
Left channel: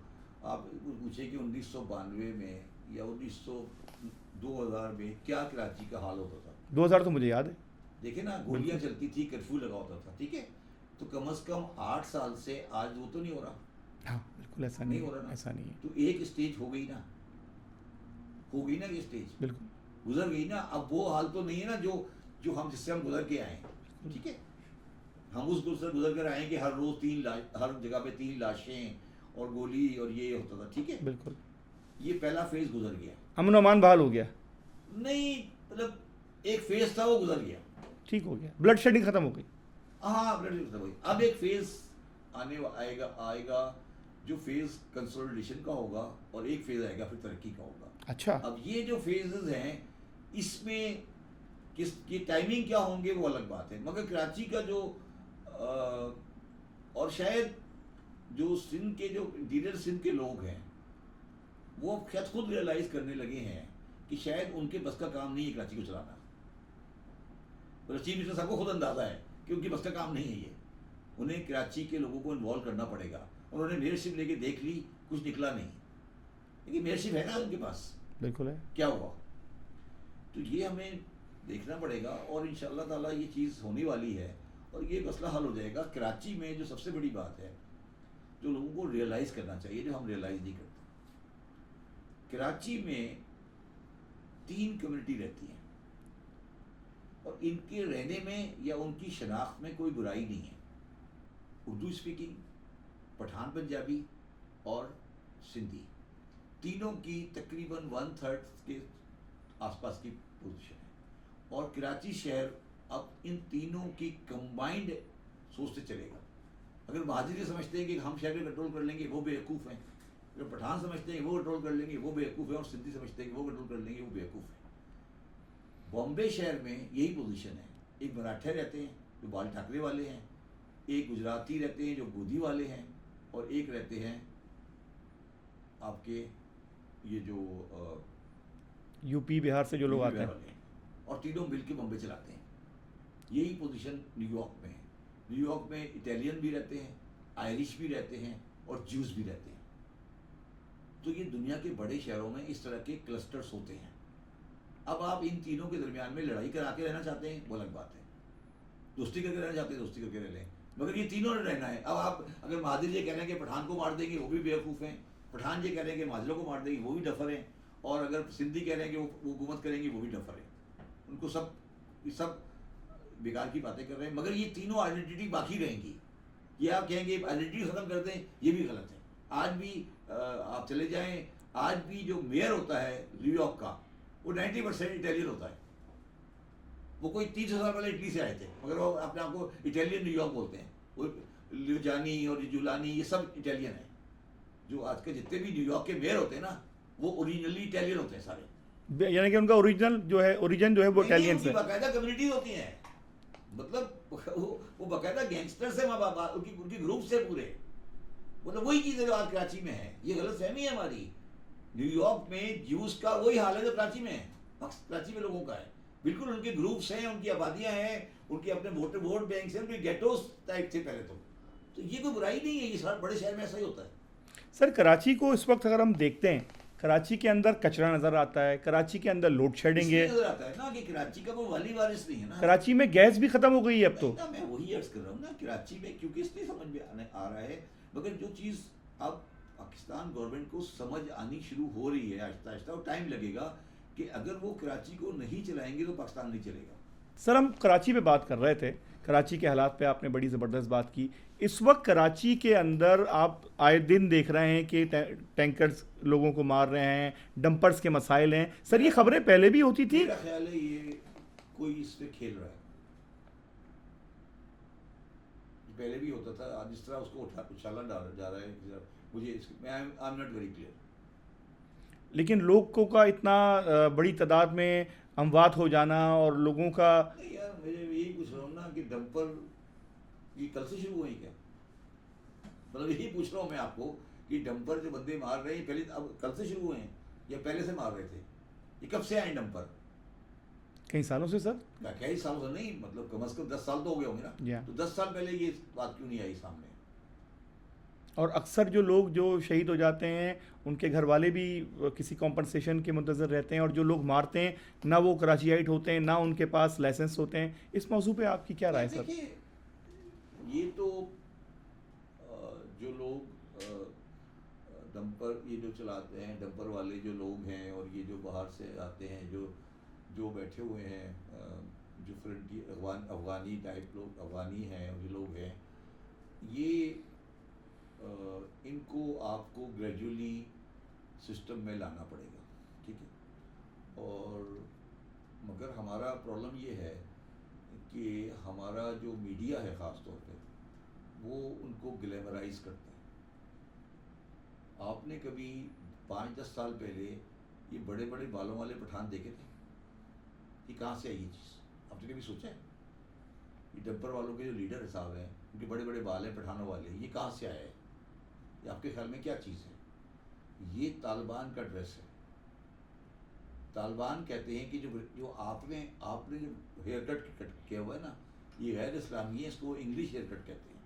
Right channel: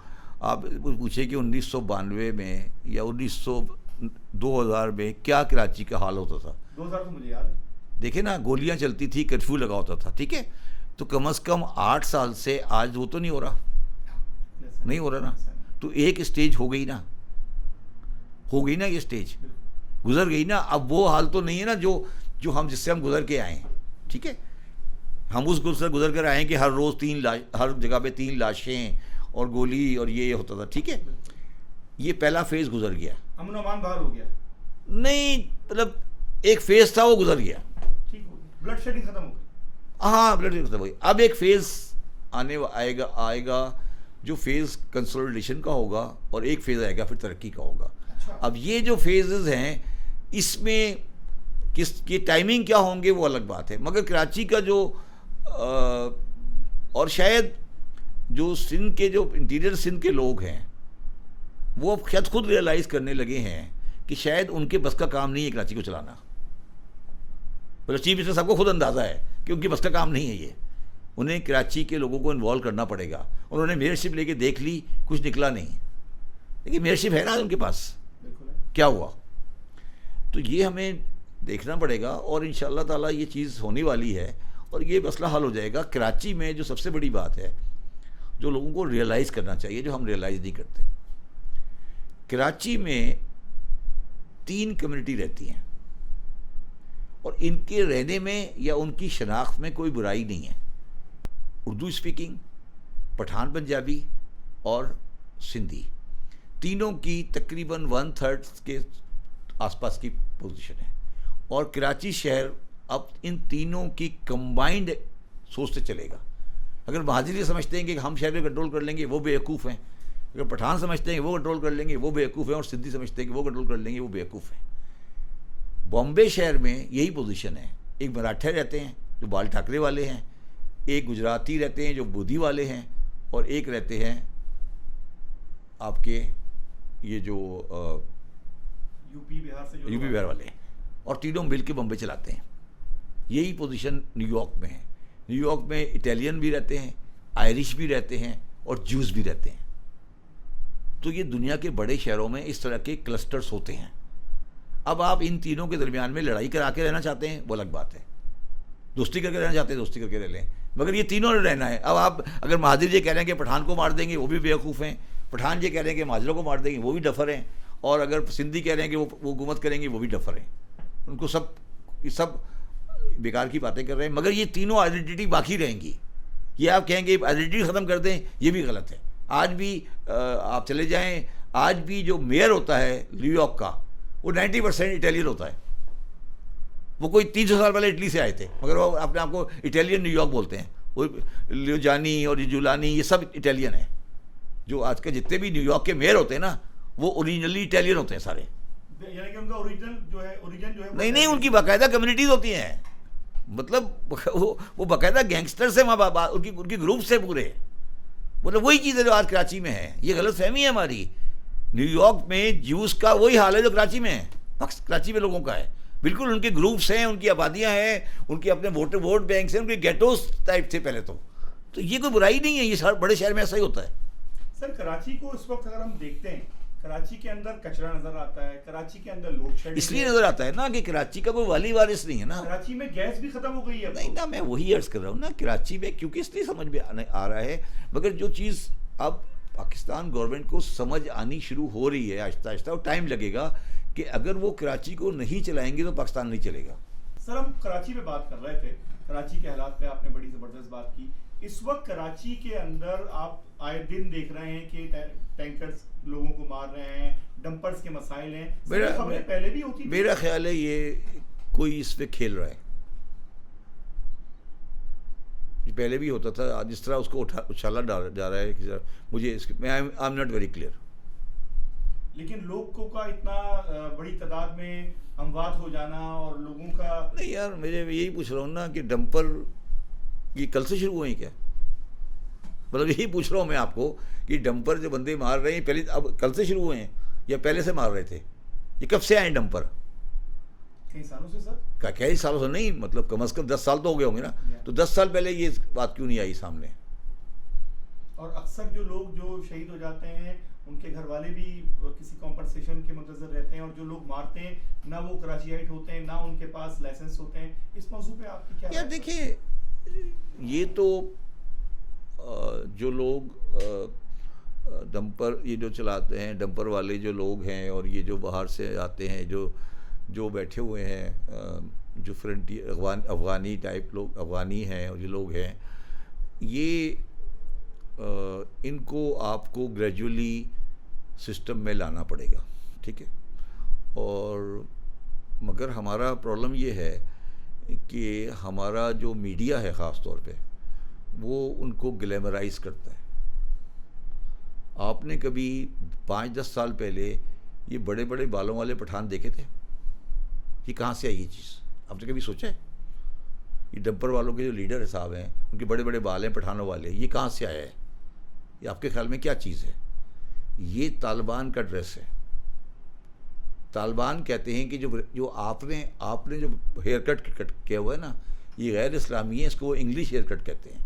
آپ پوچھیں کہ 1992 میں یا 2000 میں کیا کراچی کا حال ہوتا تھا. 2000 تو مجھے یاد ہے. دیکھیں نا، گولیاں چلتی تھی، کرفیو لگا ہوتا تھا، ٹھیک ہے. تو کم از کم 8 سال سے آج وہ تو نہیں ہو رہا. بالکل ایسا نہیں ہو رہا نا. تو ایک اسٹیج ہو گئی نا، یہ اسٹیج گزر گئی نا. اب وہ حال تو نہیں ہے نا جو ہم جس سے ہم گزر کے آئے ہیں. ٹھیک ہے، ہم اس گزر کر آئے کہ ہر روز ہر جگہ پہ 3 لاشیں اور گولی اور یہ ہوتا تھا. ٹھیک ہے، بالکل. یہ پہلا فیز گزر گیا، امن و امان بحال ہو گیا. نہیں مطلب ایک فیز تھا وہ گزر گیا، ٹھیک ہو گیا، بلڈ شیڈنگ ختم ہو گئی. ہاں بلڈ شیڈنگ ختم ہو گئی. اب ایک فیز آئے گا جو فیز کنسولیڈیشن کا ہوگا، اور ایک فیز آئے گا پھر ترقی کا ہوگا. اچھا، اب یہ جو فیزز ہیں اس میں کس کی ٹائمنگ کیا ہوں گے وہ الگ بات ہے. مگر کراچی کا جو اور شاید جو سندھ کے جو انٹیریئر سندھ کے لوگ ہیں وہ شاید خود ریئلائز کرنے لگے ہیں کہ شاید ان کے بس کا کام نہیں ہے کراچی کو چلانا. چیف منسٹر صاحب کو خود اندازہ ہے کہ ان کی بس کا کام نہیں ہے یہ. انہیں کراچی کے لوگوں کو انوالو کرنا پڑے گا. انہوں نے میئرشپ لے کے دیکھ لی، کچھ نکلا نہیں. لیکن میئرشپ ہے نا ان کے پاس، بالکل ہے. کیا ہوا؟ تو یہ ہمیں دیکھنا پڑے گا، اور انشاءاللہ تعالیٰ یہ چیز ہونے والی ہے اور یہ مسئلہ حل ہو جائے گا. کراچی میں جو سب سے بڑی بات ہے جو لوگوں کو ریئلائز کرنا چاہیے، جو ہم ریئلائز نہیں کرتے، کراچی میں 3 کمیونٹی رہتی ہیں اور ان کے رہنے میں یا ان کی شناخت میں کوئی برائی نہیں ہے. اردو اسپیکنگ، پٹھان پنجابی اور سندھی، تینوں کی تقریباً 1/3 کے آس پاس کی پوزیشن ہے. اور کراچی شہر اب ان تینوں کی کمبائنڈ سوچ سے چلے گا. اگر مہاجر یہ سمجھتے ہیں کہ ہم شہر میں کنٹرول کر لیں گے، وہ بیوقوف ہیں. اگر پٹھان سمجھتے ہیں کہ وہ کنٹرول کر لیں گے وہ بیوقوف ہیں، اور سندھی سمجھتے ہیں کہ وہ کنٹرول کر لیں گے وہ بیوقوف ہیں. بامبے شہر میں یہی پوزیشن ہے. ایک مراٹھے رہتے ہیں جو بال ٹھاکرے والے ہیں، ایک گجراتی رہتے ہیں جو بودھی والے ہیں، اور ایک رہتے ہیں آپ کے یہ جو یو پی بہار سے جو یو لوگ پی بہار والے ہیں، اور تینوں مل کے بمبے چلاتے ہیں. یہی پوزیشن نیو یارک میں ہے. نیو یارک میں اٹیلین بھی رہتے ہیں، آئرش بھی رہتے ہیں، اور جوز بھی رہتے ہیں. تو یہ دنیا کے بڑے شہروں میں اس طرح کے کلسٹرز ہوتے ہیں. اب آپ ان تینوں کے درمیان میں لڑائی کرا کے رہنا چاہتے ہیں وہ الگ بات ہے، دوستی کر کے رہنا چاہتے ہیں دوستی کر کے رہ لیں، مگر یہ تینوں رہنا ہے. اب آپ اگر مہاجر یہ کہہ رہے ہیں کہ پٹھان کو مار دیں گے وہ بھی بیوقوف ہیں، پٹھان یہ کہہ رہے ہیں کہ مہاجروں کو مار دیں گے وہ بھی ڈفر ہیں، اور اگر سندھی کہہ رہے ہیں کہ وہ حکومت کریں گے وہ بھی ڈفر ہیں. ان کو سب بیکار کی باتیں کر رہے ہیں. مگر یہ تینوں آئیڈینٹی باقی رہیں گی. یہ آپ کہیں گے آئیڈینٹی ختم کر دیں، یہ بھی غلط ہے. آج بھی آپ چلے جائیں، آج بھی جو میئر ہوتا ہے نیو یارک کا وہ 90% اٹیلین ہوتا ہے. وہ کوئی 300 سال پہلے اٹلی سے آئے تھے مگر وہ اپنے آپ کو اٹیلین نیو یارک بولتے ہیں. وہ لیوجانی اور جولانی یہ سب اٹیلین ہیں. جو آج کے جتنے بھی نیو یارک کے میئر ہوتے ہیں نا وہ اوریجنلی اٹیلین ہوتے ہیں سارے. یعنی کہ ان کا اوریجن جو ہے نہیں ان کی باقاعدہ کمیونٹیز ہوتی ہیں. مطلب وہ باقاعدہ گینگسٹرز ہیں ان کی گروپس ہیں پورے. مطلب وہی چیز ہے جو آج کراچی میں ہے. یہ غلط فہمی ہے ہماری. نیو یارک میں جیوز کا وہی حال ہے جو کراچی میں ہے، کراچی میں لوگوں کا ہے. بالکل ان کے گروپس ہیں، ان کی آبادیاں ہیں، ان کے اپنے ووٹ بینکس ہیں، ان کے گیٹوز ٹائپ تھے پہلے. تو یہ کوئی برائی نہیں ہے، یہ بڑے شہر میں ایسا ہی ہوتا ہے. سر کراچی کو اس وقت اگر ہم دیکھتے ہیں، کراچی کے اندر کچرا نظر آتا ہے، کراچی کے اندر لوڈ شیڈنگ اس لیے نظر آتا ہے نا کہ کراچی کا کوئی والی وارث نہیں ہے نا. کراچی میں گیس بھی ختم ہو گئی ہے اب تو. نہیں، میں وہی عرض کر رہا ہوں نا، کراچی میں کیونکہ اس لیے سمجھ میں آ رہا ہے. مگر جو چیز اب پاکستان گورنمنٹ کو سمجھ آنی شروع ہو رہی ہے آہستہ آہستہ، اور ٹائم لگے گا کہ اگر وہ کراچی کو نہیں چلائیں گے تو پاکستان نہیں چلے گا. سر ہم کراچی پہ بات کر رہے تھے، کراچی کے حالات پہ آپ نے بڑی زبردست بات کی. اس وقت کراچی کے اندر آپ آئے دن دیکھ رہے ہیں کہ ٹینکرز لوگوں کو مار رہے ہیں، ڈمپرز کے مسائل ہیں. سر یہ خبریں پہلے بھی ہوتی تھی؟ میرا خیال ہے یہ کوئی اس پہ کھیل رہا ہے. پہلے بھی ہوتا تھا، جس طرح اس کو اچھالا جا رہا ہے. مجھے I am not very clear. لیکن لوگوں کا اتنا بڑی تعداد میں اموات ہو جانا اور لوگوں کا، نہیں یار میں یہی پوچھ رہا ہوں نا کہ ڈمپر یہ کل سے شروع ہوئے ہیں کیا؟ مطلب یہی پوچھ رہا ہوں میں آپ کو کہ ڈمپر جو بندے مار رہے ہیں پہلے اب کل سے شروع ہوئے ہیں یا پہلے سے مار رہے تھے؟ یہ کب سے آئے ہیں ڈمپر؟ کئی سالوں سے سر. کئی سالوں سے نہیں، مطلب کم از کم 10 سال تو ہو گئے ہوں گے نا. تو 10 سال پہلے یہ بات کیوں نہیں آئی سامنے؟ اور اکثر جو لوگ جو شہید ہو جاتے ہیں ان کے گھر والے بھی کسی کمپنسیشن کے منتظر رہتے ہیں، اور جو لوگ مارتے ہیں نہ وہ کراچیائٹ ہوتے ہیں نہ ان کے پاس لائسنس ہوتے ہیں. اس موضوع پہ آپ کی کیا رائے ہے؟ دیکھیے یہ تو جو لوگ ڈمپر یہ جو چلاتے ہیں، ڈمپر والے جو لوگ ہیں اور یہ جو باہر سے آتے ہیں جو بیٹھے ہوئے ہیں، جو فرنٹیئر افغانی ٹائپ لوگ، افغانی ہیں اور جو لوگ ہیں، یہ ان کو آپ کو گریجولی سسٹم میں لانا پڑے گا. ٹھیک ہے. اور مگر ہمارا پرابلم یہ ہے کہ ہمارا جو میڈیا ہے خاص طور پہ وہ ان کو گلیمرائز کرتا ہے. آپ نے کبھی 5-10 سال پہلے یہ بڑے بڑے بالوں والے پٹھان دیکھے تھے؟ یہ کہاں سے آئی یہ چیز؟ آپ نے کبھی سوچا ہے؟ یہ ڈمپر والوں کے جو لیڈر صاحب ہیں ان کے بڑے بڑے بال ہیں پٹھانوں والے، یہ کہاں سے آیا ہے؟ یہ آپ کے خیال میں کیا چیز ہے؟ یہ طالبان کا ڈریس ہے. طالبان کہتے ہیں کہ جو آپ نے جو ہیئر کٹ کیا ہوا ہے نا یہ غیر اسلامی ہے، اس کو وہ انگلش ہیئر کٹ کہتے ہیں.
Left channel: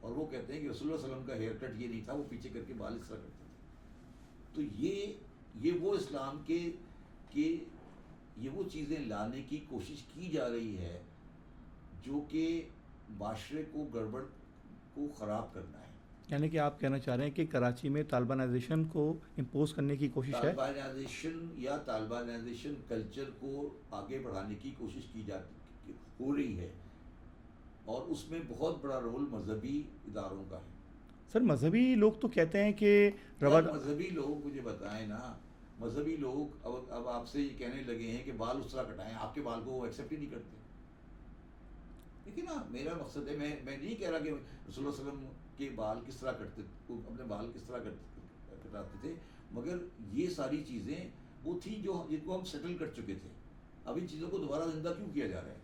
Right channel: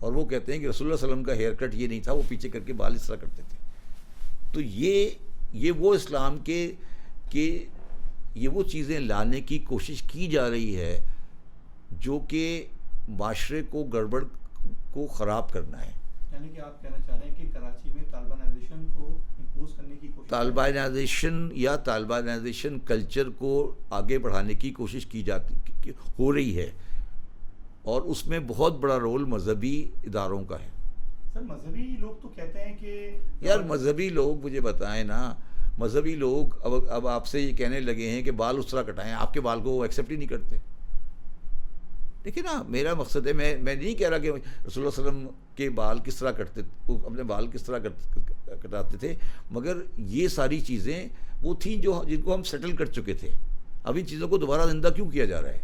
اور وہ کہتے ہیں کہ رسول اللہ صلی اللہ علیہ وسلم کا ہیئر کٹ یہ نہیں تھا، وہ پیچھے کر کے بال اس طرح کرتے تھے. تو یہ وہ اسلام کے یہ وہ چیزیں لانے کی کوشش کی جا رہی ہے جو کہ معاشرے کو گڑبڑ کو خراب کرنا ہے. یعنی کہ آپ کہنا چاہ رہے ہیں کہ کراچی میں طالبانائزیشن کو امپوز کرنے کی کوشش، طالبانائزیشن کلچر کو آگے بڑھانے کی کوشش ہو رہی ہے، اور اس میں بہت بڑا رول مذہبی اداروں کا ہے. سر مذہبی لوگ تو کہتے ہیں کہ یار مذہبی لوگ مجھے بتائیں نا، مذہبی لوگ اب آپ سے یہ کہنے لگے ہیں کہ بال اس طرح کٹائیں، آپ کے بال کو وہ ایکسیپٹ ہی نہیں کرتے. دیکھیں نا میرا مقصد ہے میں نہیں کہہ رہا کہ رسول اللہ صلی اللہ علیہ وسلم کے بال کس طرح کٹتے، اپنے بال کس طرح کٹاتے تھے، مگر یہ ساری چیزیں وہ تھیں جو جن کو ہم سیٹل کر چکے تھے. اب ان چیزوں کو دوبارہ زندہ کیوں کیا جا رہا ہے؟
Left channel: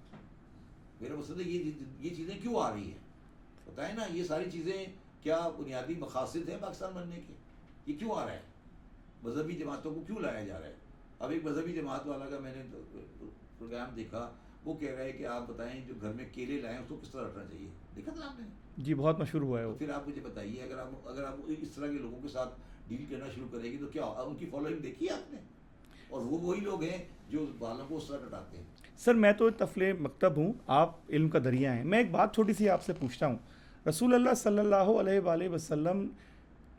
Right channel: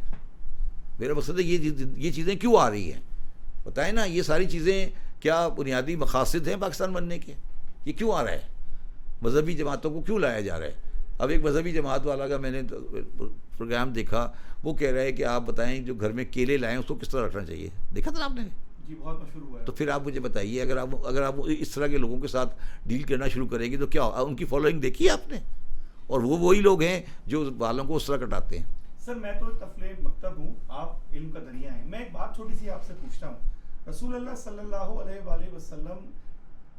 میرا مقصد ہے یہ چیزیں کیوں آ رہی ہیں؟ بتائیں نا، یہ ساری چیزیں کیا بنیادی مقاصد ہیں پاکستان بننے کے؟ یہ کیوں آ رہا ہے؟ مذہبی جماعتوں کو کیوں لایا جا رہا ہے؟ اب ایک مذہبی جماعت والا کا میں نے پروگرام دیکھا، وہ کہہ رہا ہے کہ آپ بتائیں جو گھر میں کیلے لائیں اس کو کس طرح رکھنا چاہیے. دیکھا تھا آپ نے؟ جی بہت مشہور ہوا ہے. تو پھر آپ مجھے بتائیے، اگر آپ اس طرح کے لوگوں کے ساتھ ڈیل کرنا شروع کریں گے تو کیا ان کی فالوئنگ دیکھی ہے آپ نے؟ اور وہ وہی لوگ ہیں جو بالوں کو اس طرح کٹاتے ہیں. سر میں تو تفلے مکتب ہوں، آپ علم کا دریا ہیں. میں ایک بات چھوٹی سی آپ سے پوچھتا ہوں. رسول اللہ صلی اللہ علیہ وآلہ وسلم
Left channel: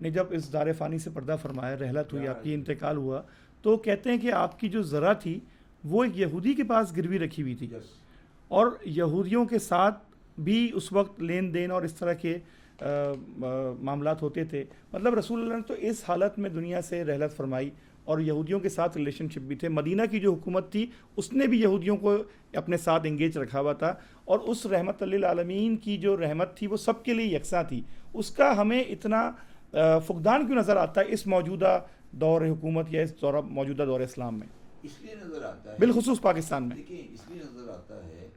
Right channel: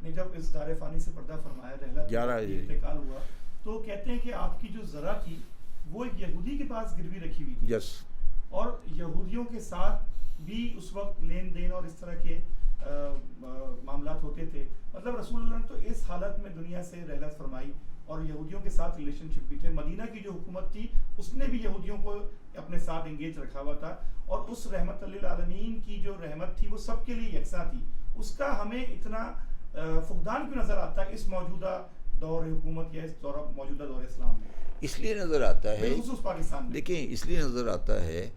نے جب اس دار فانی سے پردہ فرمایا، رحلت کی انتقال ہوا، تو کہتے ہیں کہ آپ کی جو ذرا تھی وہ ایک یہودی کے پاس گروی رکھی ہوئی تھی. یس. اور یہودیوں کے ساتھ بھی اس وقت لین دین اور اس طرح کے معاملات ہوتے تھے. مطلب رسول اللہ نے تو اس حالت میں دنیا سے رحلت فرمائی اور یہودیوں کے ساتھ ریلیشن شپ بھی تھے. مدینہ کی جو حکومت تھی اس نے بھی یہودیوں کو اپنے ساتھ انگیج رکھا ہوا تھا، اور اس رحمت للعالمین کی جو رحمت تھی وہ سب کے لیے یکساں تھی. اس کا ہمیں اتنا فقدان کیوں نظر آتا ہے اس موجودہ دور حکومت یا اس موجودہ دور اسلام میں؟ اس لیے نظر آتا ہے بالخصوص پاکستان میں. دیکھیں اس لیے نظر آتا ہے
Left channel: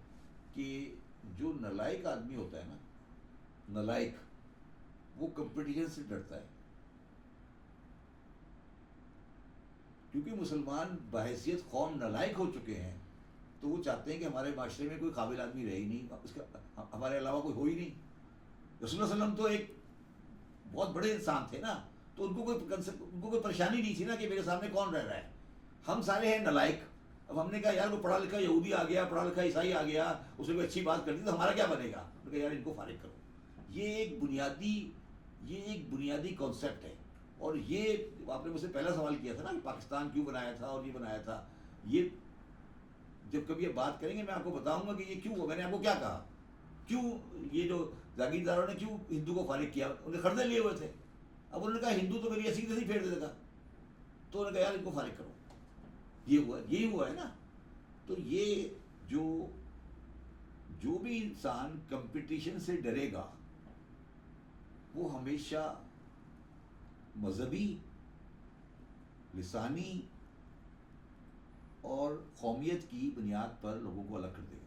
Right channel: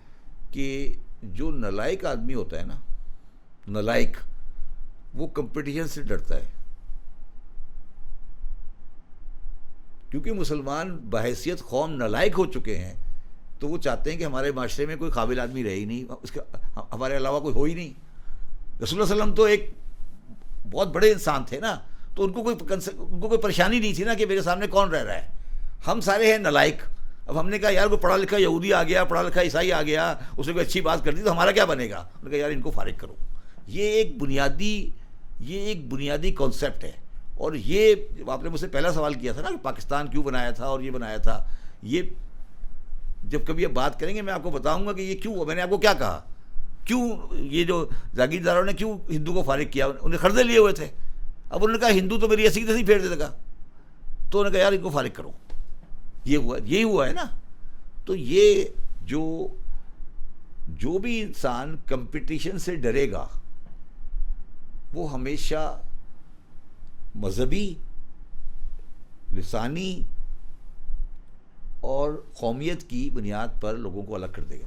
کہ جو نالائق آدمی ہوتا ہے نا، نالائق، وہ کمپٹیشن سے ڈرتا ہے. کیونکہ مسلمان بحیثیت قوم نالائق ہو چکے ہیں تو وہ چاہتے ہیں کہ ہمارے معاشرے میں کوئی قابل آدمی رہے ہی نہیں، اس کا ہمارے علاوہ کوئی ہو ہی نہیں. رسول اللہ علیہ وسلم تو ایک بہت بڑے انسان تھے نا، تو ان کو کوئی پریشانی نہیں تھی نا کہ میرے سامنے کون رہ رہا ہے. ہم سارے ہیں نالائق. اب ہم نے کہا یار کوئی پڑھا لکھا یہودی آ گیا، پڑھا لکھا عیسائی آ گیا، اس نے کوئی اچھی بات کر دی تو ہمارا کیا بنے گا؟ انہوں نے کہا یار ان کو فارغ کرو. یہ ایک بنیادی کانسیپٹ ہے. اور یہ آپ نے مجھ سے پہلا سوال کیا تھا نا کہ پاکستان کیوں بنایا تھا اور یہ بنایا تھا، یہ جب کبھی آپ بات کریں گے میں آپ کو بتاؤں گا کہ یہ کیوں. میں نے آپ کو کیا کہا، کیوں یہ جو جاگیرداروں نے کیوں ہندو کو فارغ کیا؟ انہیں قرضے لیے ہوئے تھے. اب انہوں نے کہا ہندو تو میری ایسی تیسی پھیر دے گا، تو انہوں نے کہا یار ان کو فارغ کرو. یہی ہوا ہے نا. تو یہ جو بھی انسان کمپٹیشن سے ڈرے گا وہ ہمیشہ مذہبی، لسانی اور قومیت کی بنیاد پر لوگوں کو الگ کر دے گا.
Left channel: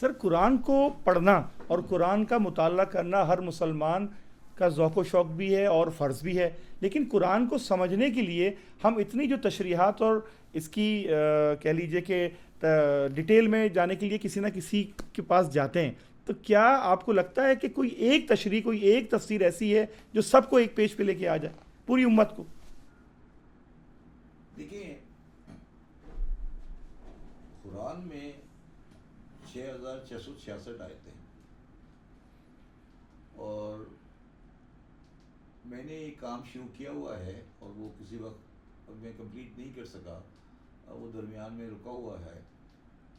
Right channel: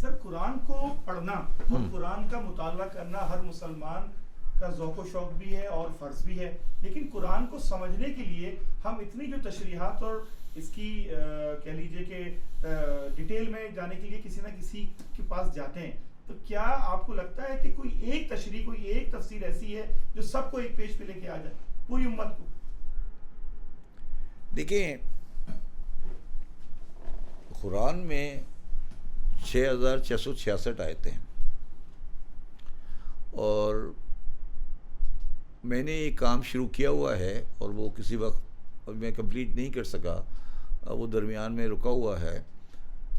سر قرآن کو پڑھنا اور قرآن کا مطالعہ کرنا ہر مسلمان کا ذوق و شوق بھی ہے اور فرض بھی ہے، لیکن قرآن کو سمجھنے کے لیے ہم اتنی جو تشریحات اور اس کی کہہ لیجئے کہ ڈیٹیل میں جانے کے لیے کسی نہ کسی کے پاس جاتے ہیں. تو کیا آپ کو لگتا ہے کہ کوئی ایک تشریح، کوئی ایک تفسیر ایسی ہے جو سب کو ایک پیج پہ لے کے آ جائے، پوری امت کو؟ دیکھیں قرآن میں 6666 آیتیں ہیں، اور میں نے یہ کام شروع کیا ہوا ہے اور وہ کسی وقت اب میں کمپلیٹ نہیں کر سکا، وہ درمیان میں رکا ہوا ہے.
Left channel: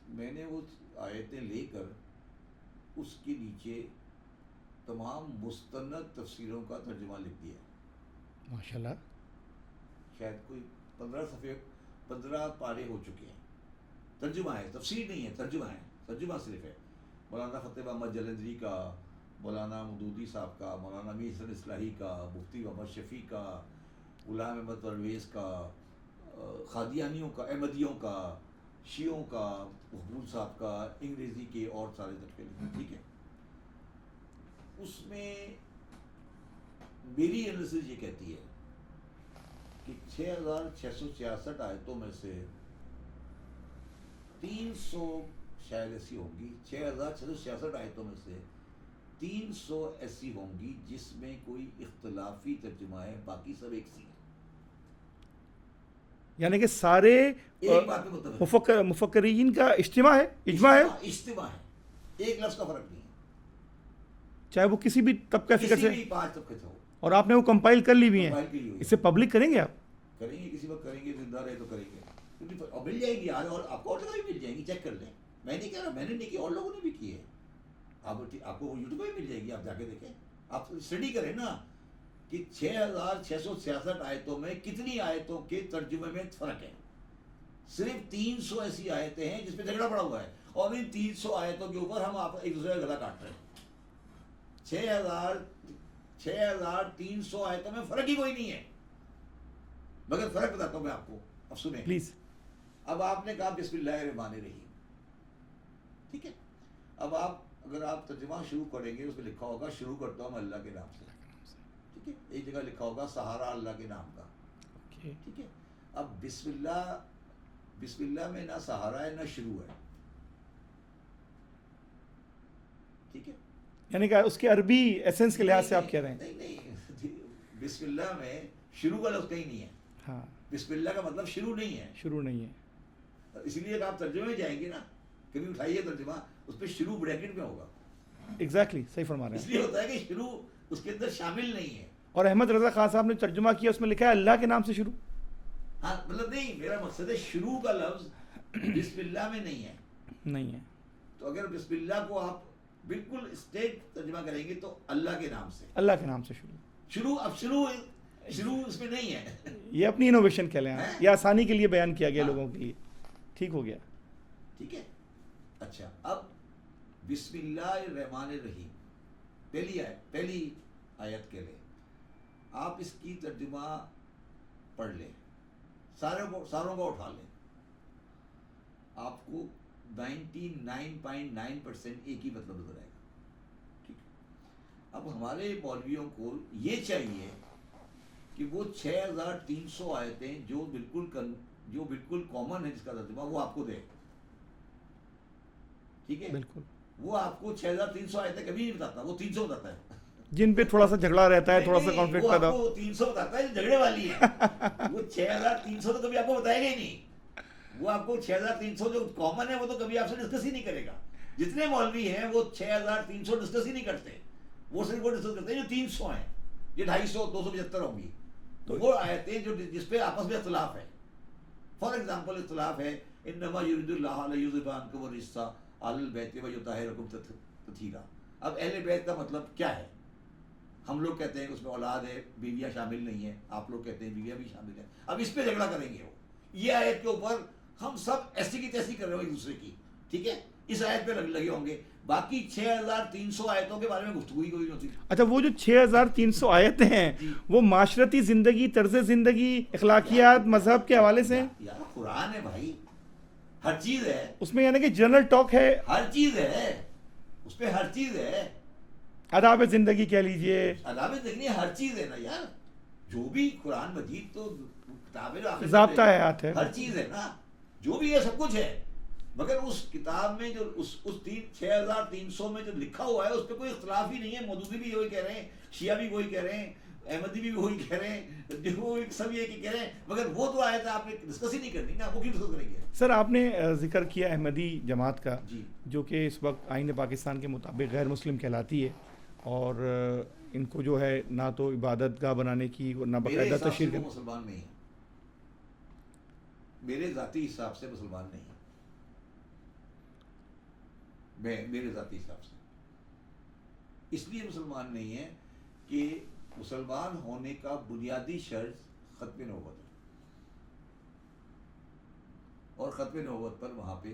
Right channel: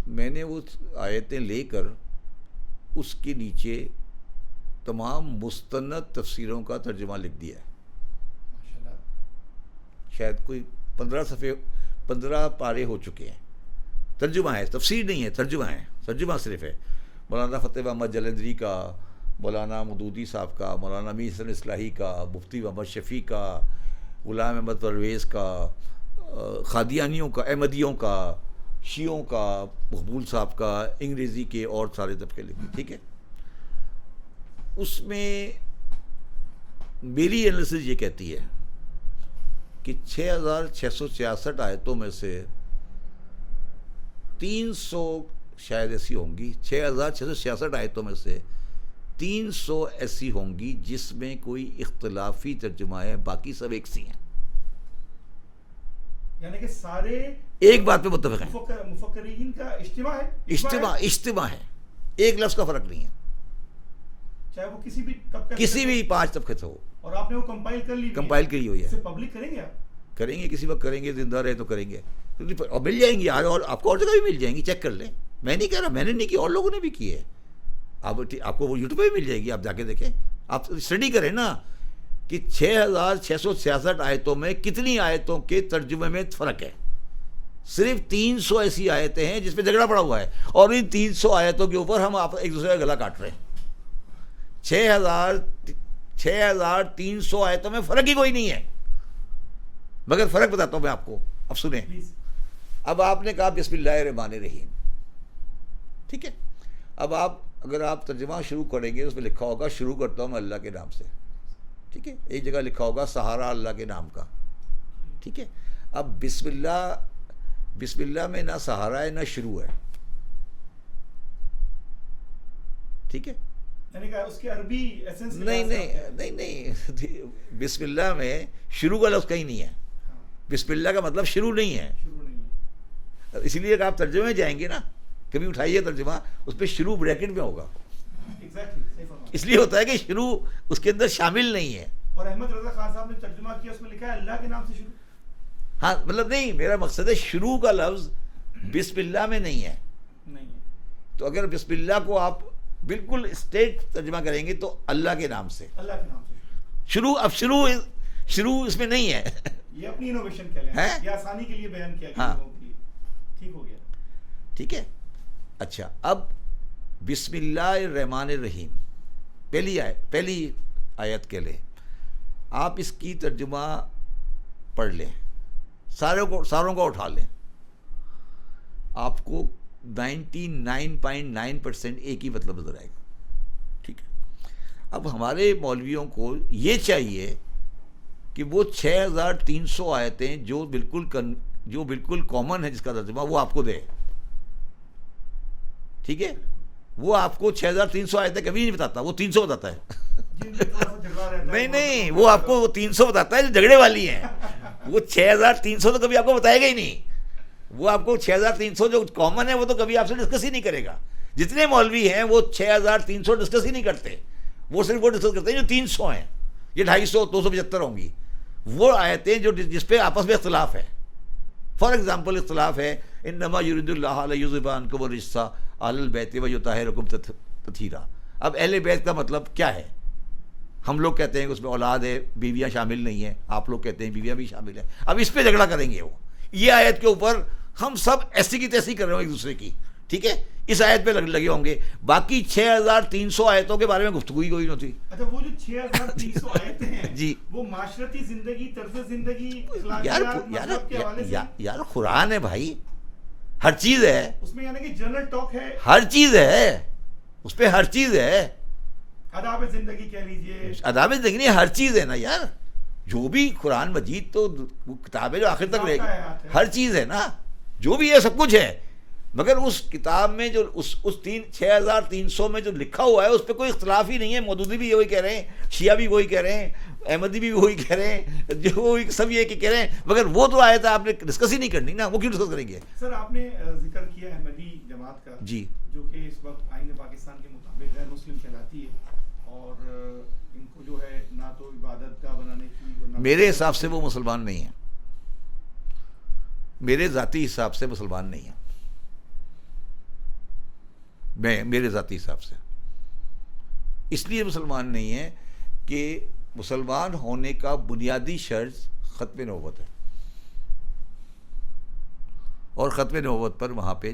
میں نے وہ آیتیں لے کر اس کے نیچے تمام مستند تفسیروں کا ترجمہ لکھ دیا ہے. ماشاءاللہ. شاید کوئی 15 پارے ہو چکے ہیں. ترجمہ ہے، تفسیر نہیں ہے، ترجمہ صرف ہے. مولانا فتح محمد جلندری کا، مولانا مودودی صاحب کا، مولانا امین حسن اصلاحی کا، مفتی محمد شفیع کا، غلام احمد پرویز کا، قادیانیوں کا، احمدیوں کا، شیعوں کا، مقبول صاحب کا، انگریزی کے اور سارے طبقے لکھے. ٹھیک ہے. اس میں میری انالیسس یہ کہتی ہے کہ 6666 آیتوں میں سے 300 شاید ایسی ہوں گی، 6666 آیتوں میں سے 300 ایسی ہوں گی جس میں کوئی اختلافی ترجمہ ہے، باقی سب ایک سی ہیں. یعنی کہ سارے ایک بات پہ متفق ہیں. مفکرین کا اجتماع ہے، اجتماع ہے، ایک لفظ کا فرق نہیں ہے، چاہے وہ کسی بھی طبقے، کسی بھی 5 طبقے سے ہو. اور آپ نے وہ کمپائل کر لی ہوئی ہے، کمپائل کی ہوئی ہے. اسے پبلک کریں گے؟ آپ کریں گے، کسی وقت کریں گے، زندہ رہے تو کریں گے. اور مل جائیں گی، اور آپ کو اور جگہ بھی مل جائیں گی، چیک کر لیں. میں نہیں کہہ رہا، میں نے نہیں کی، اور لوگوں نے بھی کی ہے. آپ کو وہ یوٹیوب پہ بھی مل جائے گی، آپ جا کے دیکھیں، آپ اسٹڈی کریں نا کہ 6666 آیتوں میں کتنی آیتوں کے ترجمے میں فرق ہے. صرف 300 ایسی آیتیں ہیں جس پہ جھگڑا پڑا ہوا ہے، اور ان 300 آیتوں کے اوپر ہم ایک دوسرے کا گلا کاٹ رہے ہیں. 6300 آیتوں میں فرق ہی کوئی نہیں ہے. مگر فرق بتاتا ہوں میں آپ کو، اب سنیں پلیز. اب آپ نے کہا بسم اللہ الرحمن الرحیم، ٹھیک ہے. اب اگر آپ ترجمہ شروع کریں گے اس میں لکھا ہوگا شروع کرتا ہوں میں اللہ کے نام سے، ٹھیک ہے. ایک جگہ لکھا ہوگا سہارا اللہ کے نام کا، ٹھیک ہے. اب بسم اللہ میں نہ سہارا ہے نہ شروع ہے، ٹھیک ہے. یعنی کہ اس کے عربی ایسنس کے لحاظ سے آپ کہہ رہے ہیں. نہیں، بسم اللہ میں شروع کا لفظ کہیں نہیں ہے. ہاں، بسم اللہ کا مطلب شروع نہیں ہے. شروع نہیں ہے. اسی لیے کہ آپ ترجمے میں جائیں گے نا، کبھی اٹھائیے ترجمہ، اس پہ شروع بریکٹ میں ہوگا. ایگزیکٹلی صحیح فرما رہے ہیں. اس لیے ہوتا ہے کہ شروع اس کے اندر شامل نہیں ہے. اور احمد رضا خان صاحب نے ترجمہ کیا، اس میں لکھا ہے اللہ کے نام سے شروع. ہاں مطلب نہیں، میرا مقصد ہے شروع کا لفظ بسم اللہ میں نہیں ہے. نہیں ہے. تو اگر بسم اللہ کو آپ بالکل اسٹیٹ ترجمہ کریں گے تو اللہ کے نام سے، اللہ کے نام سے شروع. اب شروع اس میں نہیں ہے. یہ اپنی انوویشن کہہ لیں، یہ آسانی کے لیے بیان کیا گیا ہاں. لوگوں کے لیے. ٹھیک ہو گیا. ٹھیک ہے. اچھا، اب بسم اللہ الرحمن الرحیم پہلی آیت کے لئے آپ اس کی ترجمہ پڑھ لیں، ساروں کو اٹھا لیں، آپ کو 99.9% ایک ہی مطلب نظر آئے گا. ٹھیک ہے. اب ہمارے مولویوں کو یہ چاہیے کہ وہ 6300 آیتیں جو بالکل کامن ہے جس کا ترجمہ وہ آپ کو دے. ٹھیک ہے. وہ آپ کو 6300 آیتیں کبھی نہیں بتاتا، وہ 300 بتاتا ہے. جن پہ تھوڑا سا جھگڑا رہتا ہے. نہیں، وہ آپ کو 300 بتاتا ہے جو جھگڑے والی ہیں. وہ 6300 تو کبھی آپ کو بتائے گا ہی نہیں. وہ آپ کو 6300 جو کامن ہے وہ تو کبھی آپ سے ڈسکس ہی نہیں کرے گا. جتنے مولوی ہیں وہ 6300 ڈسکس ہی نہیں کرتے. وہ صرف وہ ڈسکس کرتے ہیں جو 300 ہیں. یہ 250 275 ہوں گی وہ آیتیں جس پہ آپس میں اختلاف ہے. فار ایگزامپل اختلاف ہے انما یرید اللہ لیذھب عنکم الرجس اہل البیت ویطہرکم تطہیرا. اب اہل بیت کا مطلب کیا ہے؟ ہم لوگ کہتے ہیں کہ اس میں اولاد ہے، بیویاں شامل نہیں ہیں. آپ لوگ کہتے ہیں بیویاں بھی شامل ہیں. اب اس پہ جھگڑا کریں گے. وہ یہ آیت کے اوپر ہم سب ایسی کی تیسی کر رہے ہوں ایک دوسرے کی. ٹھیک ہے. اس آیت پہ لگے ہوں گے. باقی 6300 آیتوں کے بارے میں گفتگو ہی کوئی نہیں ہوتی. اچھا، وہ جو 6300 آیتیں ہیں جی، وہ معاشرتی زندگی، طرز زندگی، اخلاقیات، مذہب کے حوالے سے. یار قرآن ہے بھائی، ہر چیز ہے اس میں. یعنی کہ جنرل ٹاک ہے، ہر چیز ہے اس پہ، ہر چیز ہے. آداب زندگی کہہ لیجئے، آداب زندگی نہیں، ہر چیز ہے نا یار. جو بھی قرآن مجید تو وہ کتاب ہے جو آخر تک ضابطہ حیات ہے، ہر چیز ہے نا. جو بھی ہے سب کچھ ہے. مگر اس کتاب میں جو اس 6300 میں جو لکھا ہوا ہے اس پہ کوئی اختلاف ہی نہیں ہے. مودودی بھی وہی کہہ رہے ہیں، شیعہ بھی وہی کہہ رہے ہیں، احمدی بھی وہی کہہ رہے ہیں، جو سب یہ کہہ رہے ہیں. مگر وہ تو آیا تھا آپ نے ڈسکس ہی نہیں کرنی نا. وہ کیوں ڈسکس کریں گے؟ سر آپ نے ذکر کیا احمدی جماعت کا، جی، جو کہ اس وقت آئین پاکستان کے مطابق غیر مسلم کہلاتی ہے، اور ان کو جو ہے نہ تو عبادت گاہ بنانے کی، میرے حساب سے وہ مسلمان نہیں ہیں. میرے ذاتی حساب سے مسلمان نہیں ہیں. میرے ذاتی حساب سے اس لیے مسلمان نہیں ہیں کہ مسلمان ہونے کا بنیادی شرط ختم نبوت ہے، اور ختم نبوت پر وہاں پہ